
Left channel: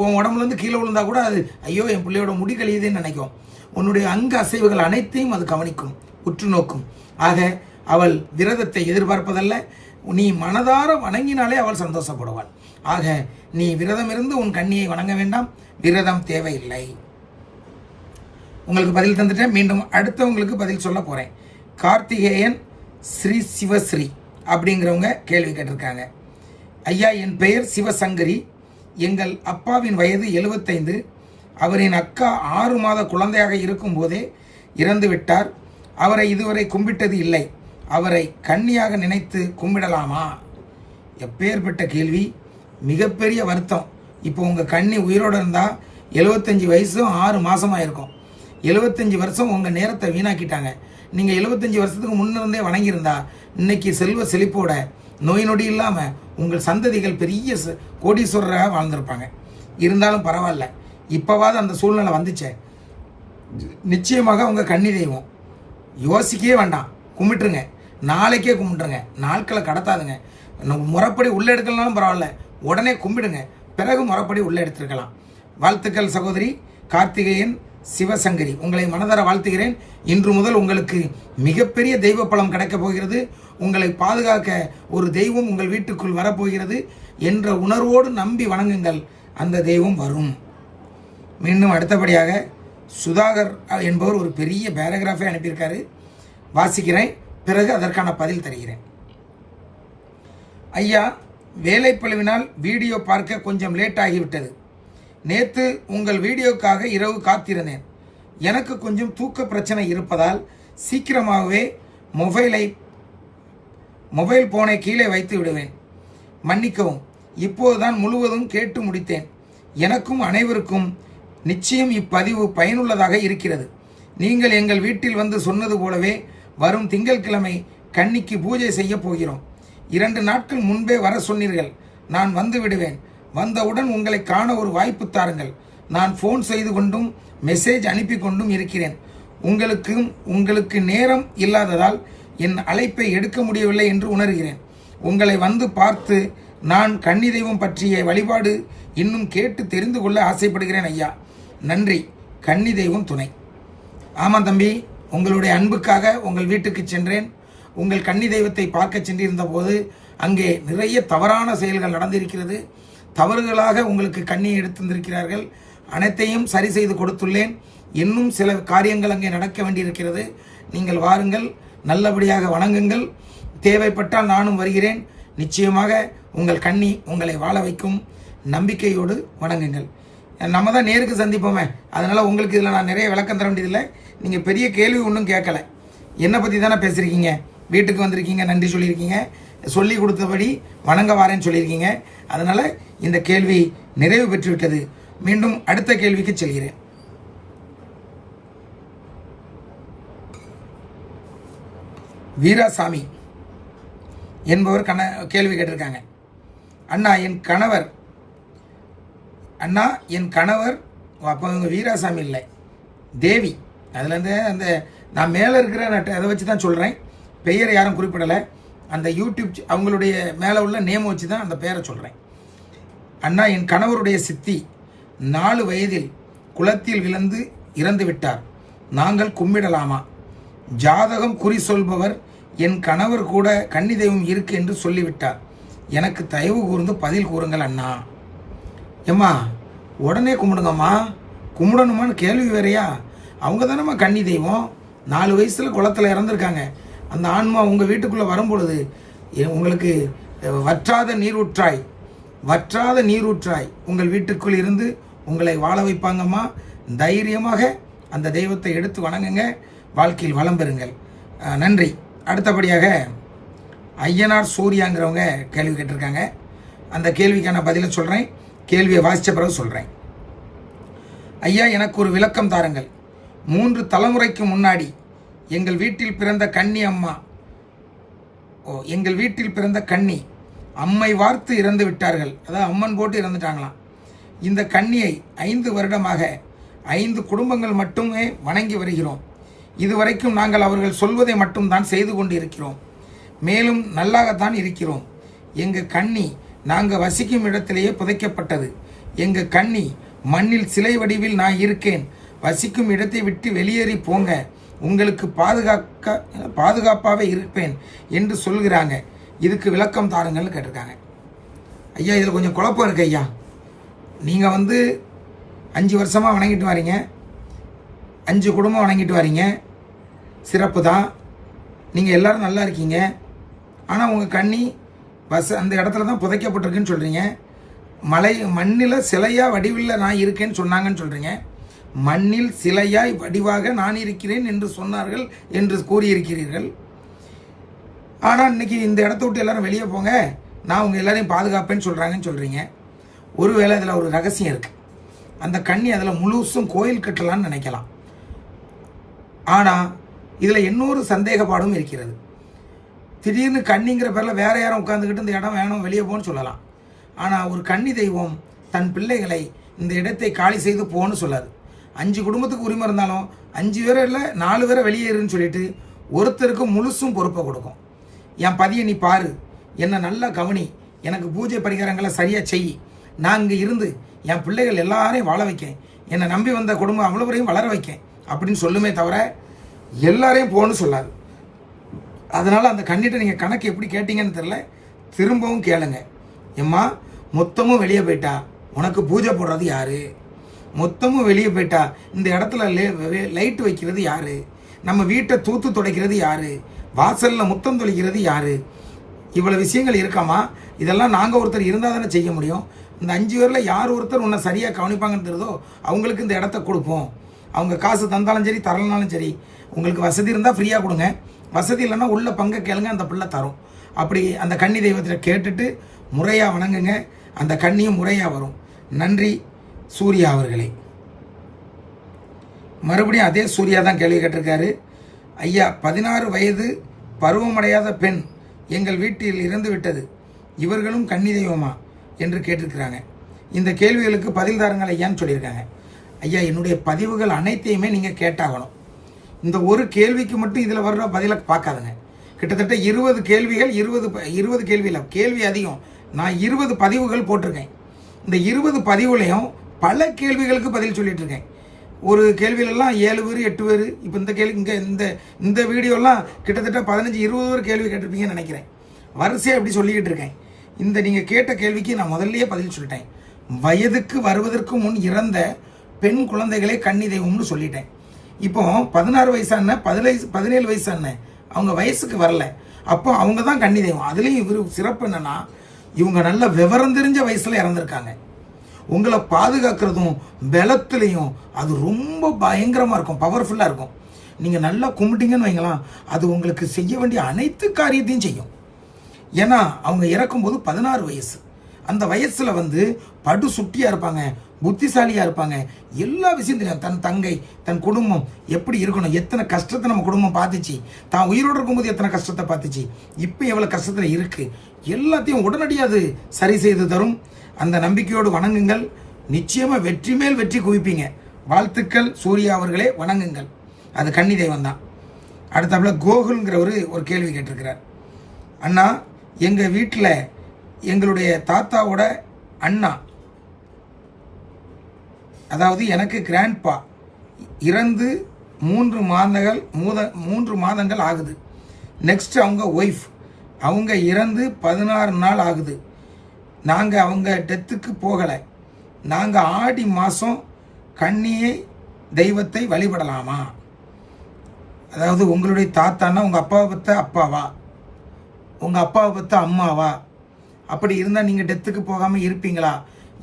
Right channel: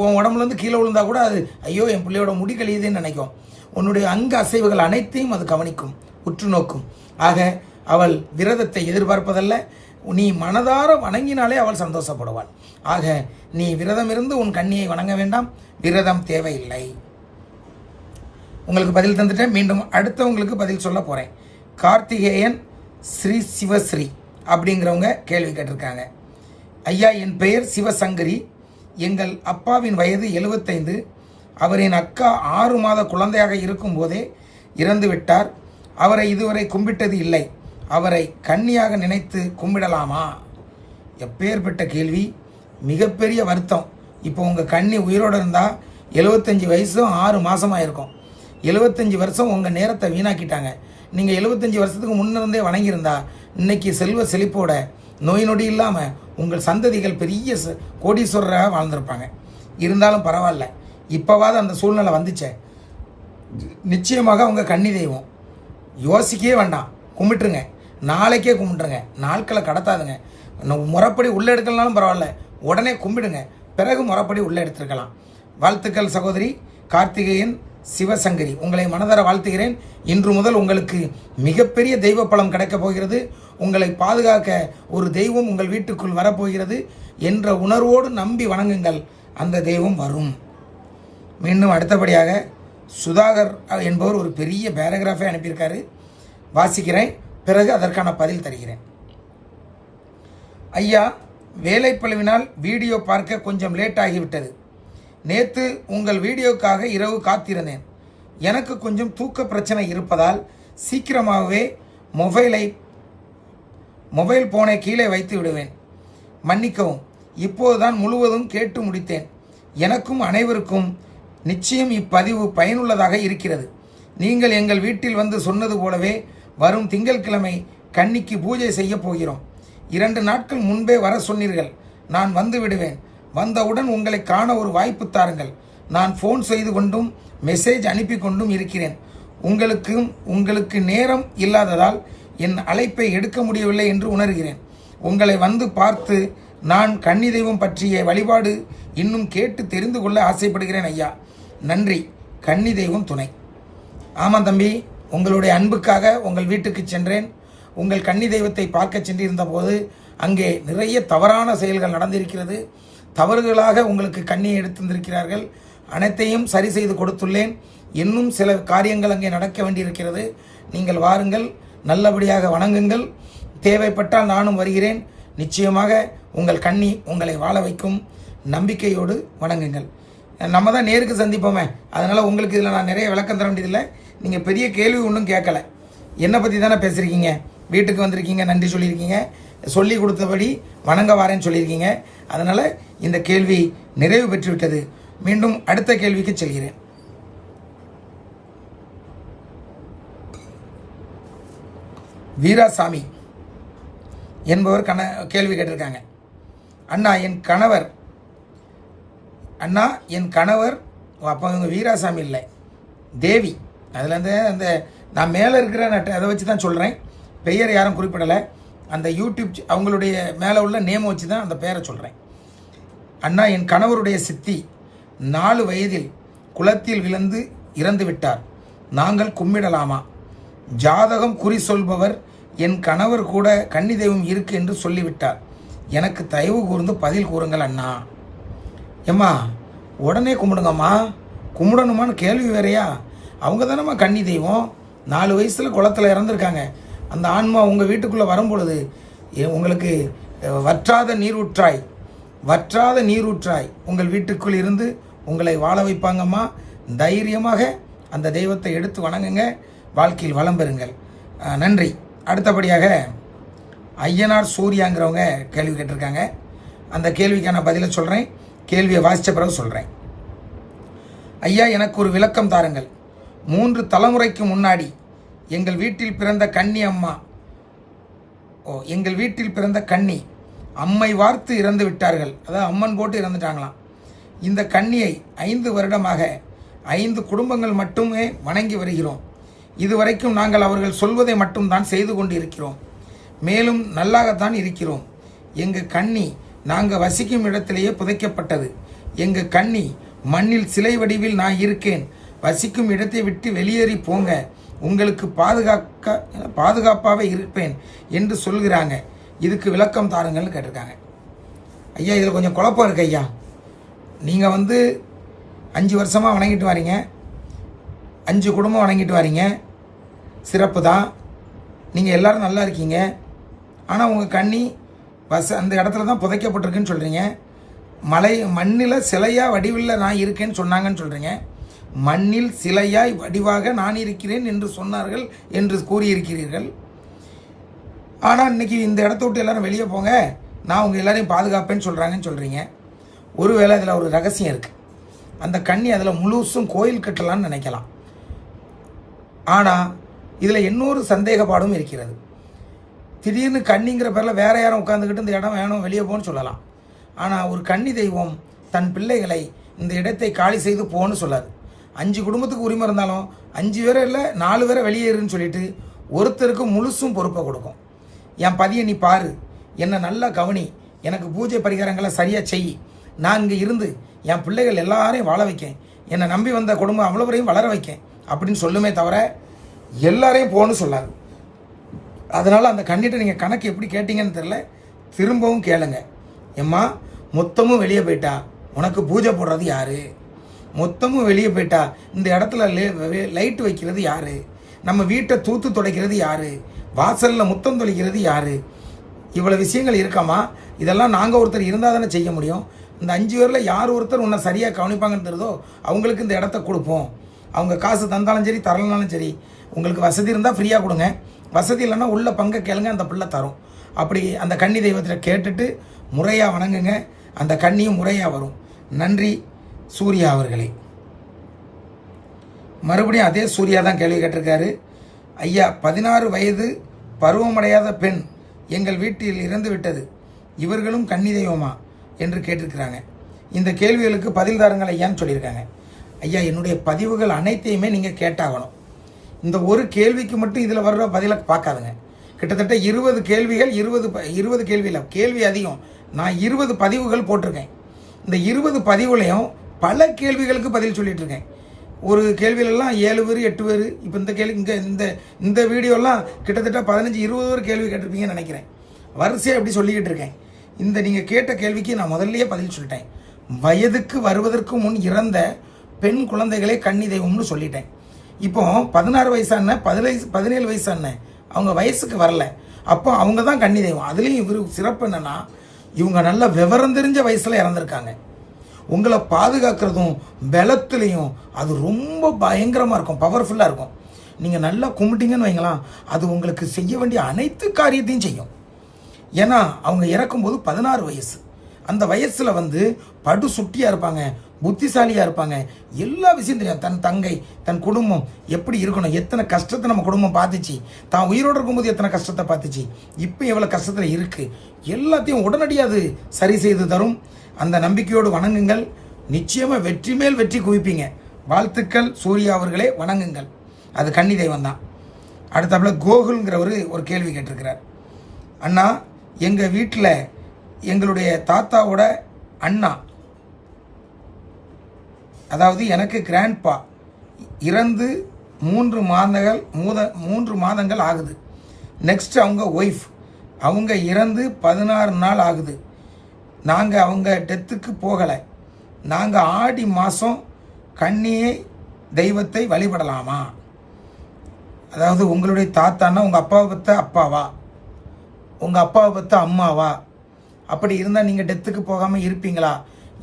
உன் உடம்புலேருந்து கீழே விழுந்தா கூட அது ஐயோ என் பிள்ளையோட முடி கழியுதுன்னு நினைக்கும். உன்னுடைய அங்க அசைவுகள் அனைத்தையும் அது கவனிக்கும், உற்று நோக்கும். ஆக அவள் விரதத்தை எதிர்பார்ப்பதல்ல, நீ மனதார வணங்கினாலே அவள் சந்தோஷப்படுவாள். ஆக நீ விரதம் இருந்து உன் கன்னியை வணங்க வேண்டாம், விரதம் தேவையில்லை. உங்களுக்கு பதில் தந்துட்டேன். மீண்டும் அடுத்தவங்களுக்கு பதில் சொல்ல போறேன். கார்த்திகேயன் ஸ்ரீ சிவஸ்ரீ அப்படிங்கிறவங்க கேள்வி கேட்டிருக்காங்க. ஐயா, என் பெயர் சிவசங்கரி. எங்கள் அப்பாவின் வயது 75. அவரின் அக்கா 6 மாத குழந்தையாக இருக்கும் போதே இறந்து விட்டார். அவரை இதுவரை கும்பிட்டது இல்லை. அவரை கன்னியாக நினைத்து கும்பிடலாமா? எப்பேற்பட்ட கேள்வி, மிகப்பெரிய வருத்தம். இப்போ உங்கள் கன்னி உயிரோடு இருந்தால் 75 வயசும் 6 மாதமாக இருக்கும். 75 வருஷம் உங்கள் நேரத்தை வீணாக்கிட்டாங்க. நீங்கள் 75 வருஷத்துக்கு முன்னிருந்தே வணங்கியிருந்தா இன்னைக்கு செல்வ செழிப்போட நோய் நொடி இல்லாமல் உங்கள் சந்ததிகள் பெரிய கோடீஸ்வரராக வாழ்ந்திருப்பாங்க. இருந்தாலும் பரவாயில்ல, இப்போவாது அந்த சூழ்நிலை வந்துச்சே. நிச்சயமாக உங்கள் கன்னி தெய்வம் யோசிக்கவே வேண்டாம், கும்பிட்டுருங்க. நாளைக்கே கும்பிட்டுருங்க, நாட்களை கடத்தாதுங்க. முறைப்படி உள்ளே எடுக்கலனாலும் பரவாயில்ல, உடனே கும்பிடுங்க, பிறகு முறைப்படி உள்ளே எடுத்துருக்கலாம். வாழ்த்துக்கள் சகோதரி கார்த்திகேயன் சிவசங்கரி, உங்களை மனதார வாழ்த்துகிறேன். இன்று முதல் உங்களுக்கு மிகப்பெரிய தெய்வ பலம் கிடைக்கப் போகிறது. உங்களை பாதுகாக்க ஒரு தெய்வம் உங்கள் வீட்டுக்குள் வரப்போகிறது என்ற உணர்வோடு நம்பி வணங்குங்கள், அந்த தெய்வம் வரும். மீண்டும் அடுத்தபடியாக சுதாகர் என்பவர் ஒரு பெரிய பேராகிராஃபை அனுப்பியிருக்காரு, வாசிக்கிறேன், பிறகு அதற்கான பதில் தருகிறேன். ஐயா, வேலைப்பளுவினால் வீடியோ பார்க்க கொஞ்சம் லேட் ஆகிவிட்டது. நேற்று உங்கள் வீடியோக்காக இரவு காத்திருந்தேன். எனக்கு கொஞ்சம் தூக்க பிரச்சனை இருப்பதால் சீக்கிரமாகவே மொபைல் போனை கீழே வைத்து விடுவேன். மன்னிக்கவும், இப்போதுதான் முழுவதும் கேட்டு முடித்தேன். எனக்கும் அனைவருக்கும் நிச்சயம் இப்பதிவு பயனுள்ளதாக இருக்கிறது. நீங்கள் எங்கள் வீட்டில் வந்து சொன்னது போலவே வரும் திங்கட்கிழமை கன்னிக்கு பூஜை செய்ய போகிறோம். 2 நாட்கள் முன்பே வர சொன்னீர்கள். நான் வந்து விடுவேன். வந்தவுடன் உங்களை காண ஒரு வாய்ப்பு தாருங்கள். நான் ஃபோன் செய்து கொண்டும் மெசேஜ் அனுப்பி கொண்டும் இருக்கிறேன். உங்களுக்கு நேரம் இல்லாததால் என் அழைப்பை எடுக்க முடியவில்லை என்று உணர்கிறேன். உங்களை வந்து பார்த்து நான் கன்னி தெய்வம் பற்றிய வழிபாடு இன்னும் கேட்டு தெரிந்து கொள்ள ஆசைப்படுகிறேன் ஐயா. நன்றி, கன்னி தெய்வம் துணை. ஆமாம் தம்பி, உங்களுடைய அன்புக்காக உங்கள் வீட்டுக்கு சென்றேன். உங்கள் கன்னி தெய்வத்தை பார்க்க சென்றிருந்த போது அங்கே நிறைய தவறான செயல்கள் நடந்திருக்கிறது. தவறுகளாக உங்களுக்கு கண்ணியை எடுத்திருக்கிறார்கள். அனைத்தையும் சரி செய்து கொடுத்துள்ளேன். இன்னும் சில காரியங்கள் அங்கே நடக்க வேண்டியிருக்கிறது. நீங்கள் வாருங்கள், நல்லபடியாக வணங்குங்கள். தேவைப்பட்டால் நானும் வருகிறேன். நிச்சயமாக உங்கள் கன்னி உங்களை வாழ வைக்கும். நம்பிக்கையோடு வணங்குங்கள். நம்ம தான் நேருக்கு சந்திப்போமே, அதனால் உங்களுக்கு இதில் நான் நிறைய விளக்கம் தர வேண்டியதில்லை. நீங்கள் பெரிய கேள்வி ஒன்றும் கேட்கல, என்னை பற்றி தானே பேசுகிறீங்க. வீட்டுக்கு வந்திருக்கீங்க, நன்றி சொல்லியிருக்கீங்க. சொல்லி கொடுத்தபடி வணங்க வாரேன்னு சொல்லியிருக்கீங்க. அதனால் இந்த கேள்வி நிறைவு பெற்றுவிட்டது. மீண்டும் அடுத்த கேள்விக்கு செல்கிறேன். வீராசாமி என்பவர் கேள்வி கேட்டிருக்காங்க. அண்ணா என் கணவர் அப்போ இவங்க வீராசாமி இல்லை, தேவி. அதில் அந்த நான் மேலே இருக்கிற அதை வச்சு தான் சொல்கிறேன், பெயர் யாரும் குறிப்பிடலை. அந்த யூடியூப் அவங்களுடைய மேலே உள்ள நேமை வச்சு தான் அந்த பெயரை சொல்கிறேன். அண்ணா, என் கணவருடைய சித்தி 4 வயதில் குளத்தில் விழுந்து இறந்து விட்டார். நாங்கள் கும்பிடலாமா? ஜாதகம் குறி சொல்பவர் என் கணவர் கூட கன்னி தெய்வம் இருக்கு என்று சொல்லிவிட்டார். எனக்கு தயவு கூர்ந்து பதில் கூறுங்கள் அண்ணா. ஏம்மா, உடனே கும்பிடுங்கம்மா. கும்பிடணுமான்னு கேள்வி வேறையா? அவங்க தானம்மா கன்னி தெய்வம். 4 வயசில் குளத்தில் இறந்துருக்காங்க. அந்த ஆன்மா உங்கள் வீட்டுக்குள்ளே வரும்பொழுது உங்களுக்கு வற்றாத நீரூற்றாய் உங்கள் வீட்டுக்குள் இருந்து உங்களை வாழ வைப்பாங்கம்மா. தைரியமாக அந்த தெய்வத்தை எடுத்து வணங்குங்க, வாழ்க்கையில் வளம் பெறுங்கள். நன்றி. அடுத்தபடியாக ஐயனார் சூர்யாங்கிறவங்க கேள்வி கேட்டிருக்காங்க. அந்த கேள்விக்கான பதிலை சொல்கிறேன், கேள்வியை வாசித்த பிறகு சொல்கிறேன். ஐயா, எனக்கு ஒரு விளக்கம் தாருங்கள். 3 தலைமுறைக்கு முன்னாடி எங்கள் வீட்டில் பிறந்த கன்னி அம்மை வார்த்து இறந்து விட்டார்கள். அதாவது அம்மன் போட்டு இறந்துட்டாங்களாம். இந்த கன்னியை 5 வருடமாக 5 குடும்பங்கள் மட்டுமே வணங்கி வருகிறோம். இதுவரைக்கும் நாங்கள் அவர்கள் சொல்வதை மட்டும்தான் செய்து கொண்டு இருக்கிறோம். மேலும் நல்லாகத்தான் இருக்கிறோம். எங்கள் கன்னி நாங்கள் வசிக்கும் இடத்திலேயே புதைக்கப்பட்டது. எங்கள் கன்னி மண்ணில் சிலை வடிவில் நான் இருக்கேன், வசிக்கும் இடத்தை விட்டு வெளியேறி போங்க, உங்களுக்கு பாதுகாப்பாகவே இருப்பேன் என்று சொல்கிறாங்க. இதுக்கு விளக்கம் தாருங்கள்னு கேட்டிருக்காங்க. ஐயா, இதில் கொஞ்சம் குழப்பம் இருக்கு ஐயா. நீங்கள் 5 வருஷமாக வணங்கிட்டு வரீங்க, 5 குடும்பம் வணங்கிட்டு வரீங்க, சிறப்பு தான். நீங்கள் எல்லோரும் நல்லா இருக்கீங்க. ஆனால் உங்கள் கன்னி அந்த இடத்துல தான் புதைக்கப்பட்டிருக்குன்னு சொல்கிறீங்க. மண்ணில் சிலையாக வடிவில் நான் இருக்கேன்னு சொன்னாங்கன்னு சொல்கிறீங்க. மண்ணில் சிலையாய் வடிவாக நான் இருக்கிறேன் என்று சொன்னார்கள் என்று கூறியிருக்கிறீர்கள். ஆனால் இன்னைக்கு இந்த இடத்த விட்டு எல்லாரும் வெளியே போங்க, நான் உங்கள் எல்லாரையும் பாதுகாப்பேன்னு சொல்கிறாங்கன்னு சொல்கிறீங்க. ஒருவேளை அதில் ஒரு ரகசியம் இருக்குது. அந்த கன்னி அதில் முழுசும் கோயில் கட்டலான்னு நினைக்கலாம். ஆனால் இதில் இன்னொரு சந்தேகப்பாடும் இருக்கிறது. திடீர்னு கன்னிங்கிற பேரில் வேற யாரும் உட்காந்துக்கிட்டு இந்த இடம் வேணும் வெளியே போன்னு சொல்லலாம். ஆனால் ஒரு கன்னி தெய்வம் தன் பிள்ளைகளை இந்த இடத்தை காலி செய்து போன்னு சொல்லாது. 5 குடும்பத்துக்கு உரிமை இருந்தாலும் 5 பேரை இல்லை 4 பேரை வெளியேறுன்னு சொல்லிட்டு ஒருத்தருக்கு முழுசும் பொறுப்பை கொடுக்கும். என் பதியை நீ பாரு, என்னை நல்லா கவனி, எனக்கு பூஜை பரிகாரங்களை சரியாக செய், நான் இங்கே இருந்து என் பிள்ளைகள் எல்லாரையும் வாழ வைக்கேன், என்னை நம்பி வந்த குடும்பம் அவ்வளோவரையும் வளர வைக்கேன் அப்படின்னு சொல்லுமே தவிர எல்லாரையும் போன்னு சொல்லாது. அதனால் அந்த கண்ணிட்ட நீங்கள் கணக்கு எப்படி கேட்டீங்கன்னு தெரில, திரும்பவும் கேளுங்க. எம்மா, மொத்தமும் வெளியே போயிட்டா உனக்கு பூஜை போடுறது யாரு? மொத்தமும் வெளியே போயிட்டா இந்த இடத்துல லைட் வைக்கிறது யாரு? நம்ம வீட்டை தூத்து துடைக்கிறது யாரு? வாசலில் முத்தம் தொலைக்கிறது யாரு? இவ்வளோ விஷயங்கள் இருக்காமா? இதெல்லாம் நாங்கள் ஒருத்தர் இருந்தால் தானே செய்ய முடியும். இந்த 5 பேரில் யார் ஒருத்தர் உன்னை சரியாக கவனிப்பாங்கன்னு தெரியுதோ அவங்களுக்கு இந்த இடத்த கொடுப்போம். அவங்க காசு தந்தாலும் சரி தரலனாலும் சரி, உங்களுக்கு வசதி இருந்தால் ஃப்ரீயாக கொடுங்க, வசதி இல்லைன்னா உள்ள பங்கை கேளுங்க, அந்த பிள்ளை தரும். அப்படி அந்த கன்னி தெய்வத்தில் கேட்டுட்டு முறையாக வணங்குங்க, அந்த கன்னியும் முறையாக வரும். நன்றி சூர்யா அவர்களே. மறுபடியும் அதே சூர்யா தான் கேள்வி கேட்டிருக்காரு. ஐயா, 16 வயது பருவமடையாத பெண் எங்கள் வீட்டில் இறந்து விட்டது, இவர்களும் கன்னி தெய்வமா என்று கேட்டிருக்கிறாங்க. இந்த கேள்விகளுக்கு பதில் தாருங்கள் ஐயான்னு சொல்லியிருக்காங்க. ஐயா, என்னுடைய பதிவுகள் அனைத்தையுமே நீங்கள் கேட்டாகணும். இந்த ஒரு கேள்விக்கு மட்டும் இதில் வர்ற பதிலை பார்க்காதுங்க. கிட்டத்தட்ட 20 கேள்விகள், 20 கேள்வியில் கேள்வி அதிகம். நான் 20 பதிவுகள் போட்டிருக்கேன். இந்த 20 பதிவுலையும் பல கேள்விகளுக்கு பதில் சொல்லிட்டு இருக்கேன். ஒரு கேள்வியிலெல்லாம் 7 பேர் 8 பேர், இப்போ இந்த கேள்வி இந்த வீடியோலாம் கிட்டத்தட்ட 15-20 பேர் கேள்வி கேட்டிருப்பீங்கன்னு நினைக்கிறேன். வரிசையாக எப்படி சொல்லிக்கிட்டு இருக்கேன். இந்த நீங்கள் கேட்ட கேள்விக்கு நான் முதல்லயே பதில் சொல்லிட்டேன். வயதுக்கு வருவதற்கு முன் இறந்த பெண் குழந்தைகளே கன்னி தெய்வம்னு சொல்லிட்டேன். இப்போ 16 வயசான 17 வயசான அவங்க வயசுக்கு வரல, அப்போ அவங்க தான் கன்னி தெய்வம். அதுலேயும் இவர் சிறப்பு என்னன்னா, இவங்க நல்ல விவரம் தெரிஞ்ச வயசுல இறந்துருக்காங்க. உங்களை பாதுகாக்கிறதும் பலத்துலேயும் அது ரொம்ப பயங்கரமாக இருக்கும், பவர்ஃபுல்லாக இருக்கும். நீங்கள் நல்லா கும்பிட்டீங்கன்னு வைங்களாம், அது உங்களுக்கு செய்ய வேண்டிய அனைத்து காரியத்தையும் செய்யும். ஏன்னா அவங்க இறக்கும்போது 16 வயசு. அந்த வயசில் வந்து படு சுட்டியாக இருப்பாங்க, புத்திசாலியாக இருப்பாங்க, எல்லா விஷயம் தெரியும். தன் தங்கை, தன் குடும்பம் எப்படி இருக்கணும், எத்தனை கஷ்டத்தை நம்ம குடும்பம் பார்த்துச்சு, தான் உயிரோடு இருக்கும்போது எத்தனை கஷ்டத்தை பார்த்துச்சு, இப்போ எவ்வளோ கஷ்டத்தில் இருக்குது, எல்லாத்தையும் உடனடியாக அது சரி செய்து தரும். அந்த நம்பிக்கையோடு வணங்குங்கள், நிச்சயமாக வெற்றி மேல் வெற்றி குவிப்பீங்க. வாழ்த்துக்கள் சூர்யா அவர்களே, வணங்குங்கள். அது கன்னி தெய்வம் தான். அடுத்தாப்புல கோகுல்ங்கிறவர் ஒரு கேள்வி கேட்டிருக்கிறார். அண்ணா, எங்கள் வீட்டில் எங்களுடைய தாத்தாவோட அண்ணா, அதாவது எனக்கு கிராண்ட்பா இறந்து 3 மாதங்கள் ஆகுது. நெக்ஸ்ட் அவங்க ஒய்ஃப், அவங்க இறந்து 16 நாள் ஆகுது. நாங்கள் அவங்க டெத்துக்கு போகலை. நாங்கள் ஆடி மாதம் கன்னியை தெய்வத்தை வழிபடலாமா? அதாவது உங்களுடைய தாத்தான்னா உங்கள் அப்பாவை பற்ற அப்பாவா, உங்கள் அப்பாவை பற்ற அம்மாவா? அப்படி இருந்தால் நீங்கள் டெத்துக்கு போகாமல் இருப்பீங்களா?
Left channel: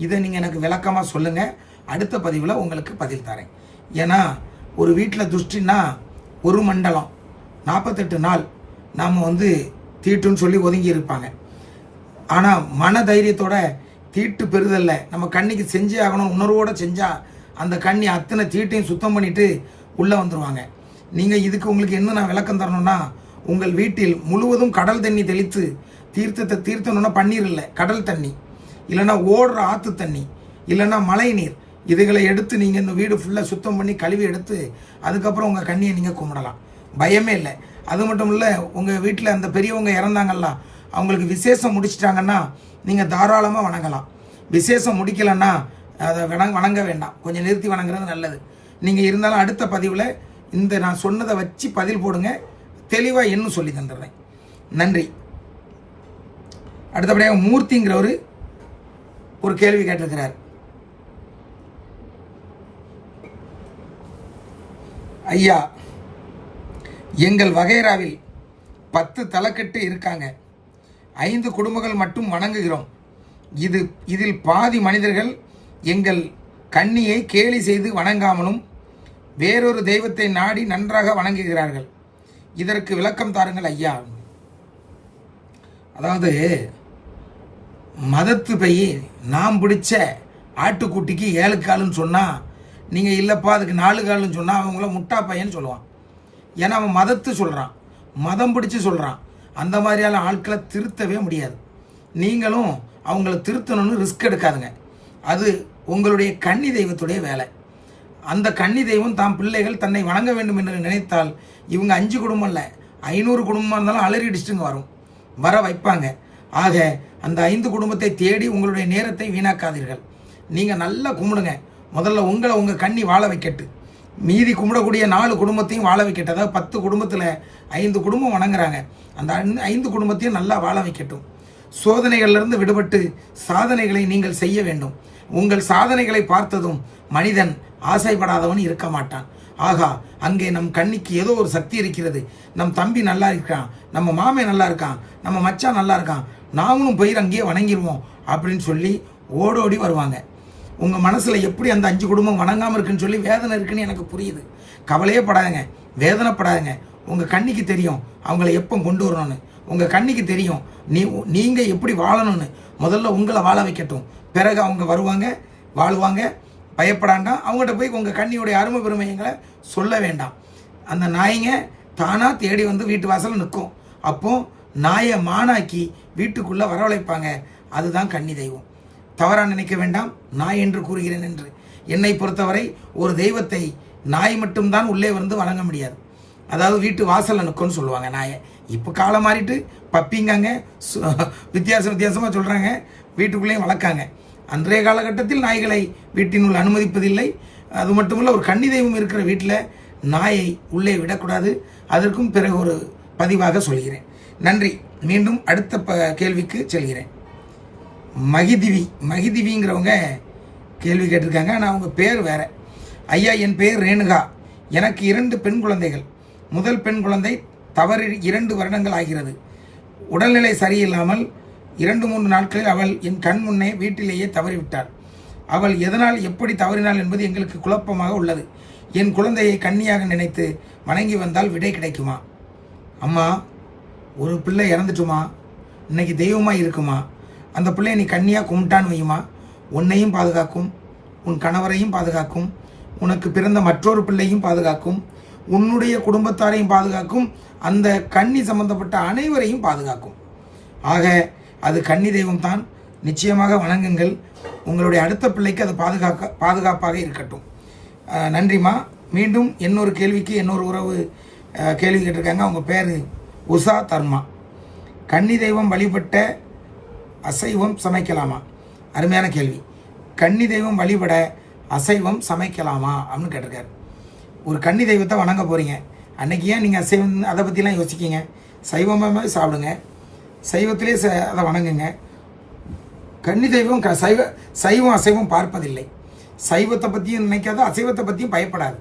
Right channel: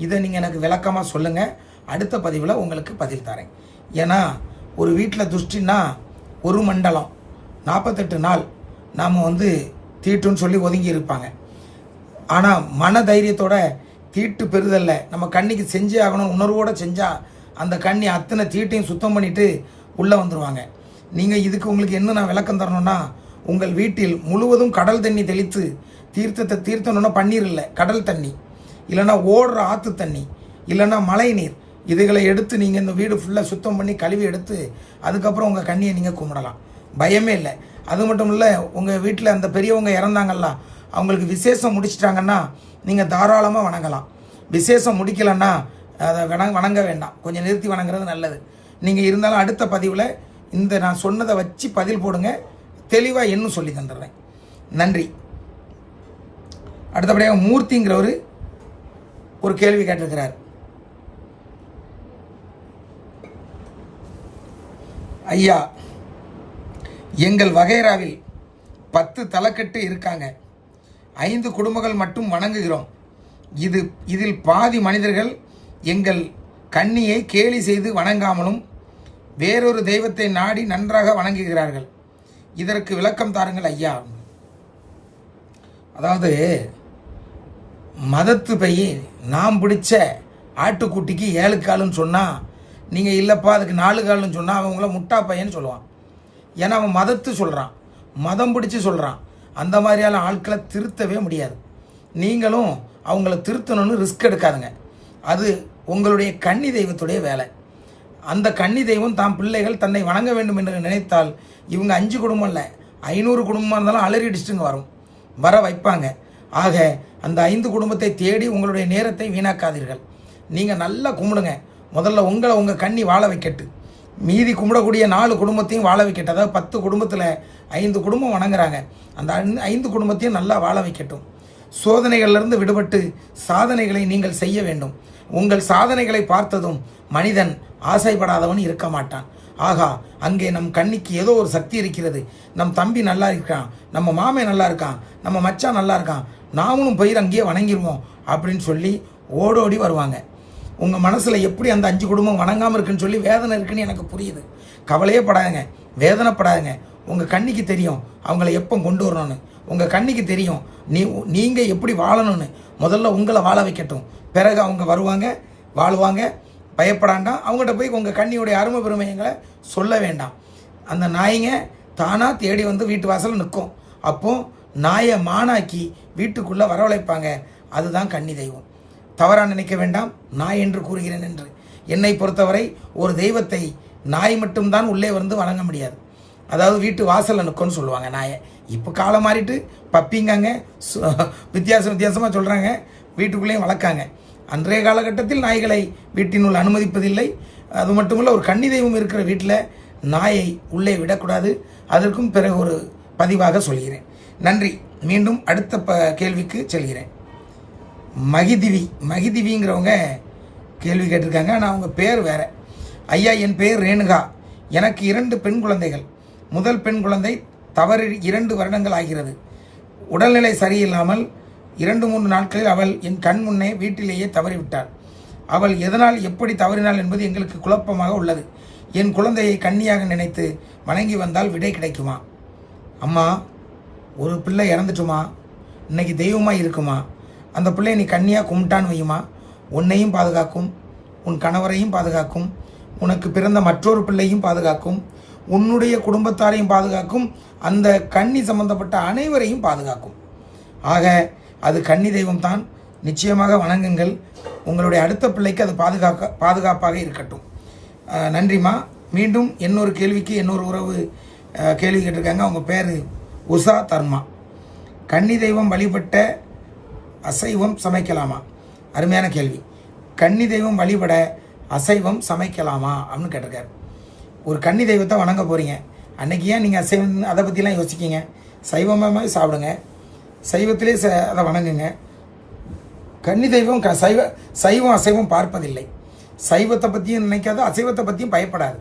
இதை நீங்கள் எனக்கு விளக்கமாக சொல்லுங்கள். அடுத்த பதிவில் உங்களுக்கு பதில் தரேன். ஏன்னா ஒரு வீட்டில் துஷ்டின்னா ஒரு மண்டலம் 48 நாள் நாம் வந்து தீட்டுன்னு சொல்லி ஒதுங்கி இருப்பாங்க. ஆனால் மன தைரியத்தோட தீட்டு பெறுதல்ல நம்ம கண்ணிக்கு செஞ்சே ஆகணும் உணர்வோடு செஞ்சால் அந்த கண்ணி அத்தனை தீட்டையும் சுத்தம் பண்ணிட்டு உள்ளே வந்துடுவாங்க. நீங்கள் இதுக்கு உங்களுக்கு என்ன நான் விளக்கம் தரணும்னா, உங்கள் வீட்டில் முழுவதும் கடல் தண்ணி தெளித்து தீர்த்தத்தை தீர்த்தணும்னா பன்னீர் இல்லை, கடல் தண்ணி, இல்லைன்னா ஓடுற ஆற்று தண்ணி, இல்லைன்னா மழை நீர், இதுகளை எடுத்து நீங்கள் இந்த வீடு ஃபுல்லாக சுத்தம் பண்ணி கழுவி எடுத்து அதுக்கப்புறம் உங்கள் கண்ணியை நீங்கள் கும்பிடலாம். பயமே இல்லை. அது மட்டும் இல்லை, உங்கள் வீட்டில் அந்த பெரியவங்க இறந்தாங்கல்ல, அவங்களுக்கு விசேஷம் முடிச்சிட்டாங்கன்னா நீங்கள் தாராளமாக வணங்கலாம். விசேஷம் முடிக்கலைன்னா அதை வணங்க வேண்டாம், கொஞ்சம் நிறுத்தி வணங்குறது நல்லது. நீங்கள் இருந்தாலும் அடுத்த பதிவில் இந்த நான் சொன்னதை வச்சு பதில் போடுங்க, தெளிவாக இன்னும் சொல்லி தந்துடுறேன். நன்றி. அடுத்தபடியாக மூர்த்திங்கிறவர் ஒரு கேள்வி கேட்டிருக்கிறார். ஐயா, எங்கள் வகைராவில் 10 தலைக்கட்டு இருக்காங்க, 5 குடும்பங்கள் மட்டும் வணங்குகிறோம். இதில் பாதி மனிதர்கள் எங்கள் கன்னியை கேலி செய்து வணங்காமலும் வேறொரு தெய்வத்தை நாடி நன்றாக வணங்குகிறார்கள். இதற்கு விளக்கம் தாருங்கள் ஐயா. அதாவது மதத்து பைய நாம் பிடிச்ச ஆட்டுக்குட்டிக்கு 7 காலுன்னு சொன்னால், நீங்கள் இல்லைப்பா அதுக்கு 4 காலுன்னு சொன்னால் அவங்கள முட்டா பையன்னு சொல்லுவான். ஏன்னா அவன் மதத்து சொல்கிறான், மதம் பிடிச்சி சொல்கிறான். அந்த மாதிரியான ஆட்களை திருத்தவே முடியாது. நீங்களும் அவங்கள திருத்தணும்னு ரிஸ்க் எடுக்காதுங்க. அது உங்களுடைய கன்னி தெய்வத்துடைய வேலை. அந்த கன்னி தெய்வம் தாம் பிள்ளைகள் தன்னை வணங்க வேண்டும் என்று நினைத்தால் இவங்க 5 குடும்பம் இல்லை 500 குடும்பமாக இருந்தாலும் அலறி அடிச்சுட்டுங்க வர வைப்பாங்க. ஆக அந்த 5 குடும்பத்தை தேடி உங்களுடைய நேரத்தை வீணாக்காதீர்கள். நீங்கள் நல்லா கும்பிடுங்க. முதல்ல உங்கள் கன்னி வாழ வைக்கட்டு, மீதி கும்பிடக்கூடிய 4 குடும்பத்தையும் வாழ வைக்கட்டும். அதாவது 10 குடும்பத்தில் 5 குடும்பம் வணங்குறாங்க, அந்த 5 குடும்பத்தையும் நல்லா வாழ வைக்கட்டும். சோதனைகளிலிருந்து விடுபட்டு சாதனைகளை நீங்கள் செய்ய வேண்டும். உங்கள் சாதனைகளை பார்த்ததும் மனிதன் ஆசைப்படாதவன் இருக்க மாட்டான். ஆகா, அங்கே நம் கண்ணிக்கு ஏதோ ஒரு சக்தி இருக்கிறது, நம் தம்பி நல்லா இருக்கான், நம்ம மாமே நல்லா இருக்கான், நம்ம மச்சான் நல்லா இருக்கான், நாமளும் போய் அங்கேயே வணங்கிடுவோம் அப்படின்னு சொல்லி ஓடோடி வருவாங்க. உங்கள் மனசில் எப்படி அந்த 5 குடும்பம் வணங்காமல் இருக்குன்னு சொல்லி வேதனை இருக்குன்னு எனக்கு புரியுது. கவலையே படாதுங்க, வேதனைப்படாதுங்க. உங்கள் கண்ணிக்கு தெரியும் அவங்கள எப்போ கொண்டு வரணும்னு. உங்கள் கண்ணிக்கு தெரியும் நீங்கள் எப்படி வாழணும்னு. முதல்ல உங்களை வாழ வைக்கட்டும், பிறகு அவங்க வருவாங்க, வாழ்வாங்க. பயப்படாண்டா. அவங்ககிட்ட போய் உங்கள் கண்ணியுடைய அருமை பெருமைகளை சொல்ல வேண்டாம். அந்த நாய்ங்க தானாக தேடி வந்து வீட்டு வாசலில் நிற்கும். அப்போது நாயை மானாக்கி வீட்டுக்குள்ளே வரவழைப்பாங்க. அதுதான் கன்னி தெய்வம். தவறாக நினைக்க வேண்டாம், நாய் என்று கூறுகிறேன் என்று. என்னை பொறுத்தவரை ஒரு தெய்வத்தை நாய் மட்டும்தான் உள்ளே வந்து வணங்க முடியாது. அதாவது வீட்டு வாசலில் நிற்கும்னு சொல்லுவாங்க நாயை. இப்போ காலம் மாறிட்டு பப்பிங்காங்க, வித்தியாசமாக சொல்கிறாங்க, வீட்டுக்குள்ளேயும் வளர்க்காங்க. அன்றைய காலகட்டத்தில் நாய்களை வீட்டினுள் அனுமதிப்பதில்லை. அது மட்டுமல்ல, ஒரு கன்னி தெய்வம் இருக்கிற வீட்டில் நாயை உள்ளே விடக்கூடாது. அதற்கும் பிறகு ஒரு பதிவாக சொல்கிறேன். நன்றி. மீண்டும் அடுத்த கேள்விக்கு செல்கிறேன். மகிதிவிங்கிறவங்க கேள்வி கேட்டிருக்காங்க. ஆனால் அவங்க பேர் வேற. ஐயா, என் பேர் ரேணுகா. எனக்கு 2 பெண் குழந்தைகள். முதல் பெண் குழந்தை தவறி 2 வருடங்கள் ஆகிறது. உடல்நிலை சரியில்லாமல் 2-3 நாட்களில் அவள் என் கண் முன்னே வீட்டிலேயே தவறிவிட்டாள். அவள் எதனால் எப்படி தவறினாள் என்பது எங்களுக்கு குழப்பமாக உள்ளது. என் குழந்தையை கன்னியாக நினைத்து வணங்கி வந்தால் விடை கிடைக்குமா? அம்மா, ஒரு பிள்ளை இறந்துட்டுமா, இன்னைக்கு தெய்வமாக இருக்குமா? அந்த பிள்ளையை நீ கன்னியாக கும்பிட்டான்னு வையுமா, உன்னையும் பாதுகாக்கும், உன் கணவரையும் பாதுகாக்கும், உனக்கு பிறந்த மற்றொரு பிள்ளையும் பாதுகாக்கும், உன்னுடைய குடும்பத்தாரையும் பாதுகாக்கும், அந்த கன்னி சம்பந்தப்பட்ட அனைவரையும் பாதுகாக்கும். ஆக அது கன்னி தெய்வம் தான். நிச்சயமாக வணங்குங்கள். உங்களுடைய அடுத்த பிள்ளைக்கு அது பாதுகாப்பாக இருக்கட்டும். நன்றிம்மா. மீண்டும் இன்னொரு கேள்விக்கு இன்னொரு உறவு கேள்வி கேட்டிருக்காங்க. அவங்க பேர் உஷா தர்மா. கன்னி தெய்வம் வழிபட்ட அசைவம் சமைக்கலாமா? அருமையான கேள்வி. கன்னி தெய்வம் வழிபட அசைவம் சமைக்கலாமா அப்படின்னு கேட்டிருக்காரு. ஒரு கன்னி தெய்வத்தை வணங்க போகிறீங்க, அன்னைக்கு ஏன் நீங்கள் அசைவம் அதை பற்றிலாம் யோசிக்கிங்க? சைவமாக சாப்பிடுங்க, சைவத்திலே அதை வணங்குங்க. கன்னி தெய்வம் சைவம் அசைவம் பார்ப்பதில்லை. சைவத்தை பற்றியும் நினைக்காது, அசைவத்தை பற்றியும் பயப்படாது.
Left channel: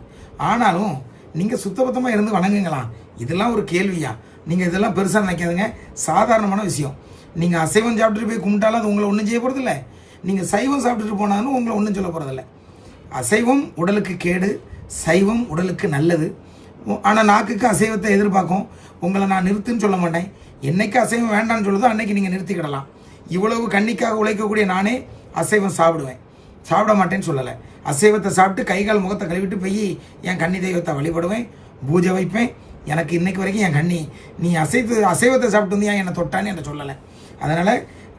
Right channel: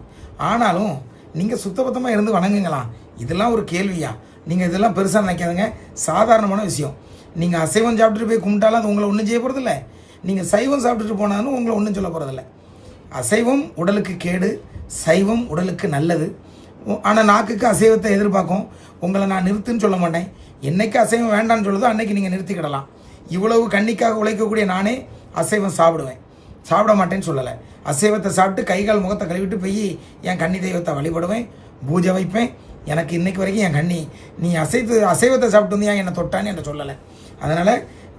ஆனாலும் நீங்கள் சுத்தபத்தமாக இருந்து வணங்குங்களா? இதெல்லாம் ஒரு கேள்வியா? நீங்கள் இதெல்லாம் பெருசாக நினைக்காதுங்க, சாதாரணமான விஷயம். நீங்கள் அசைவம் சாப்பிட்டுட்டு போய் கும்பிட்டாலும் அது உங்களை ஒன்றும் செய்ய போகிறதில்ல. நீங்கள் சைவம் சாப்பிட்டுட்டு போனாலும் உங்களை ஒன்றும் சொல்ல போகிறதில்ல. அசைவம் உடலுக்கு கேடு, சைவம் உடலுக்கு நல்லது. ஆனால் நாக்குக்கு அசைவத்தை எதிர்பார்க்கும். உங்களை நான் நிறுத்துன்னு சொல்ல மாட்டேன். என்னைக்கு அசைவம் வேண்டான்னு சொல்லுதோ அன்னைக்கு நீங்கள் நிறுத்திக்கிடலாம். இவ்வளவு கண்ணிக்காக உழைக்கக்கூடிய நானே அசைவம் சாப்பிடுவேன், சாப்பிட மாட்டேன்னு சொல்லலை. அசைவத்தை சாப்பிட்டு கைகால் முகத்தை கழுவிட்டு போய் என் கன்னி தெய்வத்தை வழிபடுவேன், பூஜை வைப்பேன். எனக்கு இன்னைக்கு வரைக்கும் என் கண்ணி நீ அசைவத்தை சாப்பிட்டு வந்து என்னை தொட்டான்னு என்ன சொல்லலை. அதனால்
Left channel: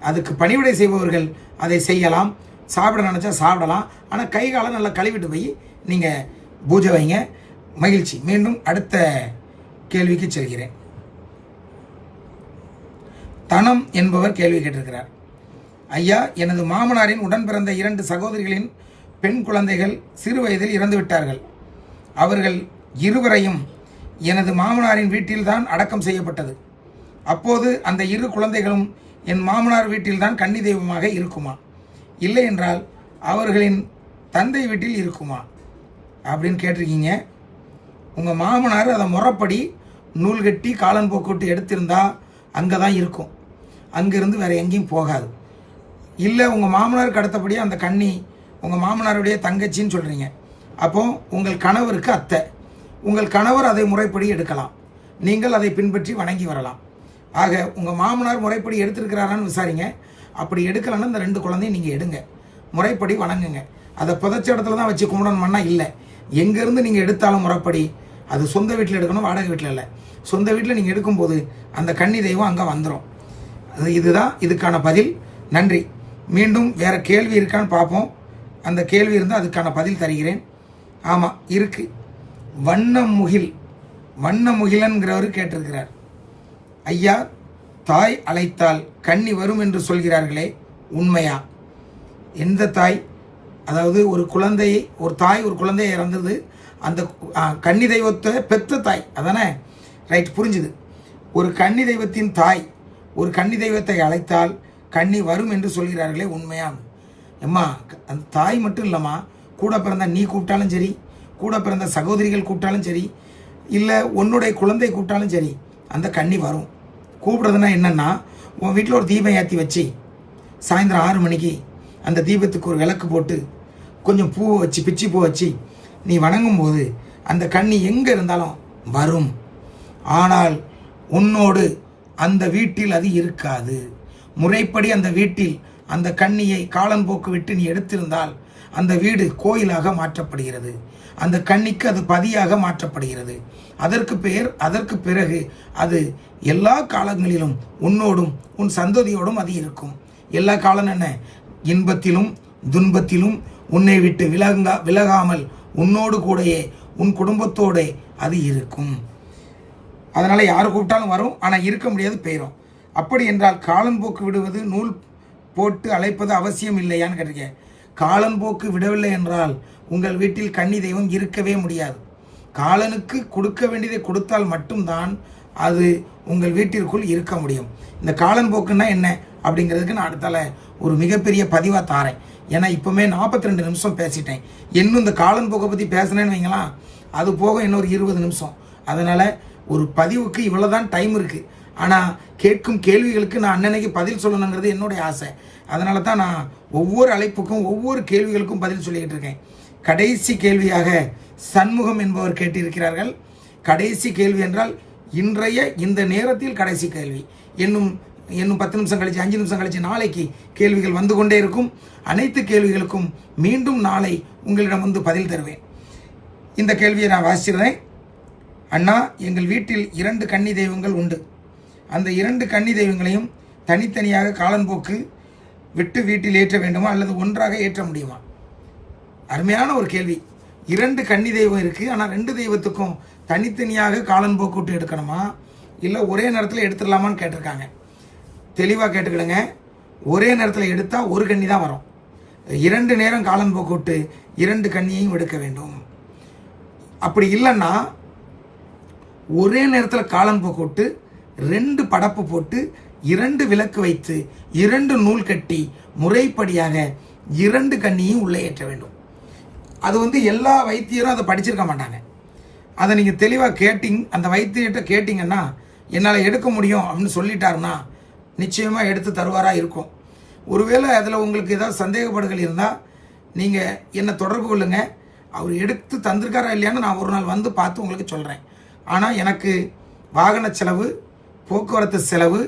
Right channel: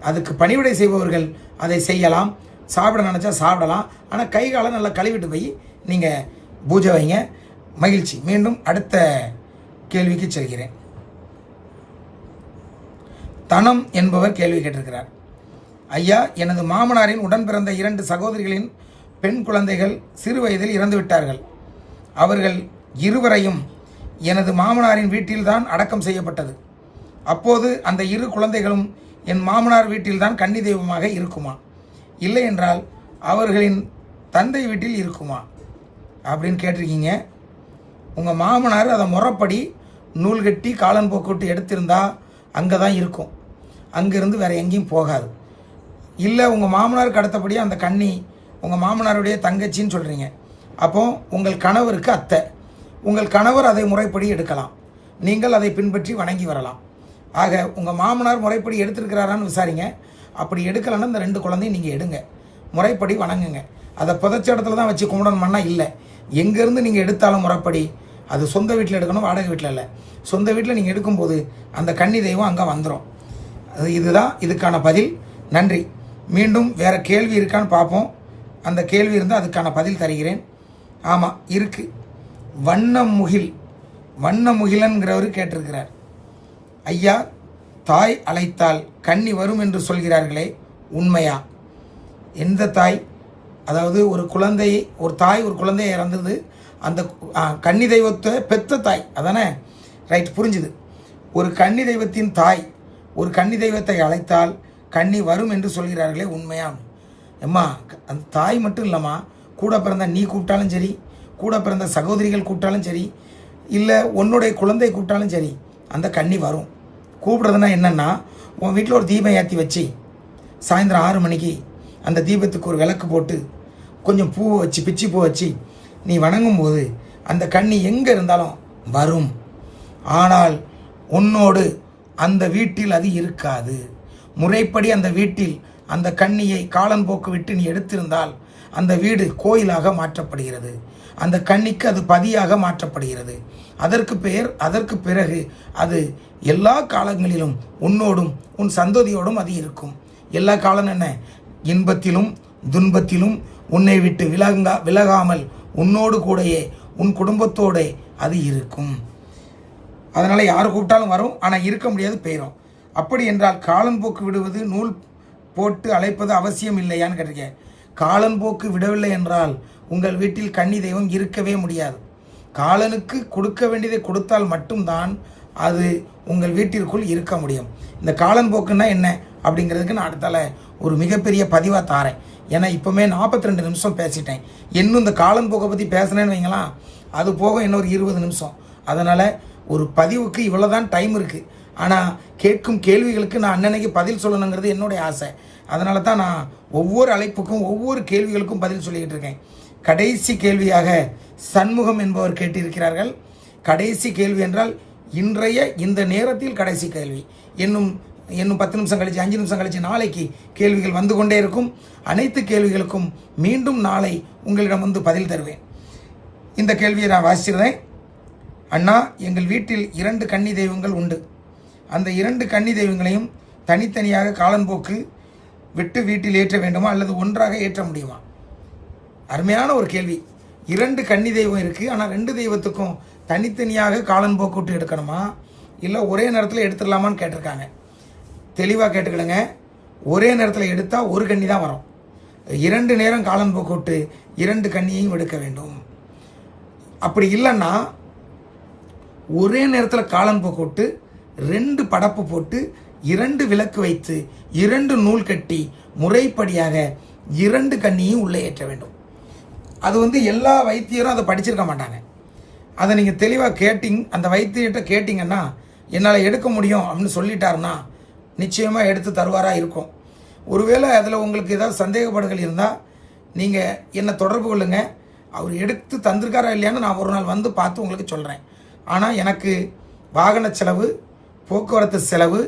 அதுக்கு பணிவிடை செய்பவர்கள் அதை செய்யலாம், சாப்பிட நினச்சா சாப்பிடலாம். ஆனால் கை காலை நல்லா கழுவிட்டு போய் நீங்கள் பூஜை வைங்க. மகிழ்ச்சி. மீண்டும் அடுத்த கேள்விக்கு செல்கிறேன். தனம் என்பவர் கேள்வி கேட்டிருக்கிறார். ஐயா, எனது மாமனாரின் உடன் பிறந்த 2 சகோதரிகளின் பெண் குழந்தைகள் சிறு வயதில் இறந்து விட்டார்கள். அவர்கள் இருவரையும் எனது மாமனாரின் வீட்டில்தான் அடக்கம் செய்யப்பட்டது. அப்போது அந்த 2 குழந்தைகளும் என் மாமனார் வீட்டில்தான் கன்னி தெய்வமாக இருக்குமா, இல்லை என்றால் அவர்களின் தந்தை வீட்டில் இருக்குமா அப்படின்னு கேட்டிருக்கீங்க. உங்கள் மாமனார் அதை முறைப்படி நூல் கட்டி காலன் போக்குவிட்டு எடுத்திருந்தா அங்கே தான் இருக்கும், அங்கேருந்து வேறு எங்கேயும் போகாது. இல்லை உங்கள் மாமனாருக்கு அடுத்தபடியாக அந்த கன்னி உங்கள் மாமனாருடைய தங்கச்சின்னு சொல்கிறீங்க. அப்போ உங்கள் கணவருக்கு அத்தை, உங்கள் கணவர் அதை முறைப்படி எடுக்கலாம், நீங்கள் அதை பின்பற்றி வணங்கி வரலாம். ஆக உங்கள் மாமனார் முறைப்படி எடுத்திருக்கிறாரான்னு விசாரிங்க. அப்படி எடுக்கலைன்னா இந்த 2 குழந்தையும் நீங்கள் எடுங்க, முறைப்படி வணங்குங்க. அதை புதைச்ச இடத்துல தான் வச்சு கும்பிடணும்னா இல்லை, எங்கேருந்து நீங்கள் எடுத்தாலும் முறைப்படி அது சொந்த வீட்டில் எடுக்கணும், வாடகை வீட்டில் இல்லை. சொந்த வீட்டில் நீங்கள் எடுக்கும்போது அந்த கன்னி தெய்வம் அங்கே வந்துடும். இதுதான் இதுக்கான பதில். நன்றி. மீண்டும் வேறு கேள்வி இருக்கான்னு பார்ப்போம். அந்த கேள்வி இருந்தால் அதுக்கான பதில் தருகிறேன். ஆமாம் இருக்கு. வண்ணமுகிலன்கிறவர் கேட்டிருக்கிறார். ஐயா, தாய் அழைத்தால் கன்னி வரும் என்று சொல்கிறார்களே, உண்மையா? எந்த தாய்? அதாவது ஒரு தாய் ஒரு குழந்தையை இறந்தது, அந்த கன்னி தெய்வத்தை பெத்த தாய் அதானே? ரைட், புரிஞ்சுது. ஒரு கன்னி தெய்வத்தின் தாய் ஒரு கன்னி தெய்வத்தை அழைத்தால் கன்னி வரும் என்று சொல்கிறார்களே, உண்மையா? அம்மா, அந்த தாய் மட்டும் இல்லைம்மா, கூட பிறந்த நீ கூப்பிட்டாலும் சரி, கூட பிறந்த சகோதரிகள் கூப்பிட்டாலும் சரி, இல்லை உன்னுடைய குழந்தை கூப்பிட்டாலும் சரி, அந்த கன்னி வரும். கூப்பிடுறதுனா என்னென்னா, உன் வீட்டில் ஒரு தீபம் ஏற்றி வச்சு சாயந்தரம் 6 மணிக்கு அந்த தீபத்துக்கு ஒரு விளக்கு போட்டு கொஞ்சம் பூ வச்சு பிச்சி பூ வச்சு நீ வணங்கும்போது அந்த கன்னி எங்கே இருந்தாலும் வரும். ஆனால் உன்னோடு அந்த வீட்டில் அது இருக்காது. முறைப்படி அந்த வீட்டில் அந்த கன்னியை காலன்போக்கு விட்டு நீ எடுத்திருந்தால் அந்த வீடு கோயிலாக மாற்றப்படுகிறது, அந்த கன்னிக்கு அது பதியாக மாற்றப்படுகிறது. அதற்கு பிறகு அது எல்லா காலங்களிலும் உன்னோடும் உன் சந்ததியோடும் அது இருக்கும். எல்லா காலம் என்ன? இன்பத்திலும் துன்பத்திலும் உன்னை விட்டு விலகாமல் உன்னோடு கூடயே உன் குடும்பத்தோட அது இருக்கும். அதனால் யார் கூப்பிட்டாலும் வரும், ஆனால் இருக்க முடியாது, போயிடும். அப்படி என்றால் காலன்போக்கு விடுவது நூல் போட்டு அழைப்பது அவசியம் இல்லையான்னு கேட்டிருக்கேன். காலன்போக்கு விடவில்லை என்றால் உங்கள் வீட்டில் கன்னி தெய்வம் இருக்கவே முடியாது. காலனுக்கு கொடுக்க வேண்டியதை கொடுத்தால் மட்டும்தான் அது உங்கள் வீட்டிற்குள் இருக்க முடியும். இந்த காலன்போக்குன்னா என்ன அப்படிங்கிறதுக்கு நான் அடுத்தால ஒரு மிகப்பெரிய பதிவாக தாரேன். ஏன்னா இப்போமே 42 நிமிஷம் பேசிட்டேன். இன்னும் இந்த காலன்போக்கை பற்றி பேசினேன்னு வைங்களா, அது போக இன்னொரு 20 நிமிஷம். அதனால் ஒரு பதிவுக்கு இவ்வளோதான் டைம் இருக்குது. ஆனால் கேட்கும் கேள்விகளுக்கு நான் அன்னன்னைக்கு பதில் சொல்லணுங்கிறது என்னுடைய ஆசை. அதனால தான் நான் ஒவ்வொரு அழைப்புக்கும் ஒவ்வொரு கேள்விகளுக்கும் பதில் சொல்லிக்கிட்டு இருக்கேன். கடைசி கேள்வியாக சண்முகம் என்பவர் கேட்டிருக்கிறார்கள். கடைசி கேள்வி என்றால் இன்றைய இந்த நேரத்தில் கடைசி கேள்வி. இன்னும் இன்னும் 10 நிமிஷம் கழிச்சு 5 நிமிஷம் கழிச்சு நாளைக்கு கேள்விகள் வந்து கொண்டே இருக்கும். அனைத்து கேள்விகளுக்கும் மீண்டும் நாளை உங்களிடம் வந்து பதில் தருவேன். இந்த கேள்வியை நான் வாசிச்சிருந்தேன். அண்ணா, எங்கள் வீட்டில் 2 கன்னி தெய்வங்கள் உண்டு. அந்த 2 கன்னி தெய்வங்களையும் தனித்தனியாக காலன்போக்கு விட்டு வீட்டில் ஏற்ற வேண்டுமா அல்லது ஒன்றாக ஏற்ற முடியுமா? அருமையான ஒரு கேள்வி. 2 கன்னி தெய்வம் இருக்குது, ஆனால் 2 தெய்வத்துக்கும் தனித்தனியாக காலன்போக்கு விட்டு எடுக்கணுமா இல்லை ஒரே நேரத்தில் எடுத்துடலாமான்னு கேட்டிருக்காங்க. தெளிவாக கேட்டுக்கிடுங்க. ஒரே நேரத்தில் எடுத்தால் ஒரு கன்னி தான் வரும். 2 நேரம் காலன்போக்கு விட்டு 2 கன்னியையும் எடுக்க வேண்டும். அப்படி இல்லைன்னா ஒரே நேரத்தில் காலன்போக்கு விட்டு 2 படப்பு போட்டு 2 விளக்கு வைத்து 2 நூல் கட்டி முறைப்படியாக 2 கன்னியும் உள்ளே ஏற்ற வேண்டும். அது எல்லா வைத்தியரும் அதை படிச்சிருக்க மாட்டாங்க. அதை நீங்கள் தெளிவாக அந்த வைத்தியர்கிட்ட கேட்டிங்கன்னா என்னால் எடுக்க முடியும் அப்படின்னு சொல்லிட்டாருன்னா நிச்சயமாக எடுத்து தருவாராக இருக்கும். ஒருவேளை அதில் உங்களுக்கு ஏதாவது சந்தேகப்படுகள் இருந்தால் நீங்கள் என்னை தொடர்பு கொள்ளுங்க. அவர் எடுத்து தந்திருக்காரா இல்லையான்னு நான் ஒரு நாள் வந்து பார்த்து உங்களுக்கு சொல்கிறேன். ஆனால் எனக்கு வாகன செலவு, போக்குவரத்து செலவு,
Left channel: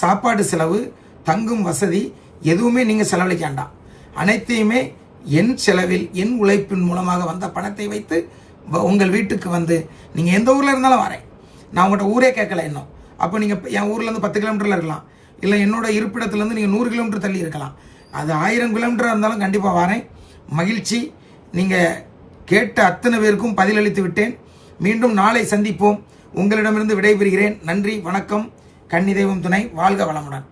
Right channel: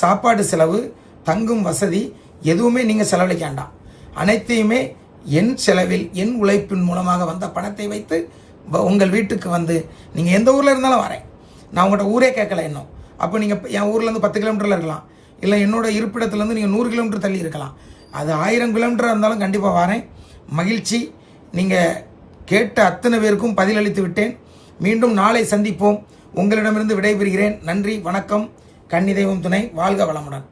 சாப்பாடு செலவு, தங்கும் வசதி எதுவுமே நீங்கள் செலவழிக்காண்டாம். அனைத்தையுமே என் செலவில் என் உழைப்பின் மூலமாக வந்த பணத்தை வைத்து உங்கள் வீட்டுக்கு வந்து நீங்கள் எந்த ஊரில் இருந்தாலும் வரேன். நான் உங்கள்கிட்ட ஊரே கேட்கல இன்னும். அப்போ நீங்கள் என் ஊர்லேருந்து 10 கிலோமீட்டரில் இருக்கலாம், இல்லை என்னோட இருப்பிடத்துலேருந்து நீங்கள் 100 கிலோமீட்டர் தள்ளி இருக்கலாம். அது 1000 கிலோமீட்டராக இருந்தாலும் கண்டிப்பாக வரேன். மகிழ்ச்சி. நீங்கள் கேட்ட அத்தனை பேருக்கும் பதிலளித்து விட்டேன். மீண்டும் நாளை சந்திப்போம். உங்களிடமிருந்து விடைபெறுகிறேன். நன்றி, வணக்கம். கன்னி தெய்வம் துணை. வாழ்க வளமுடன்.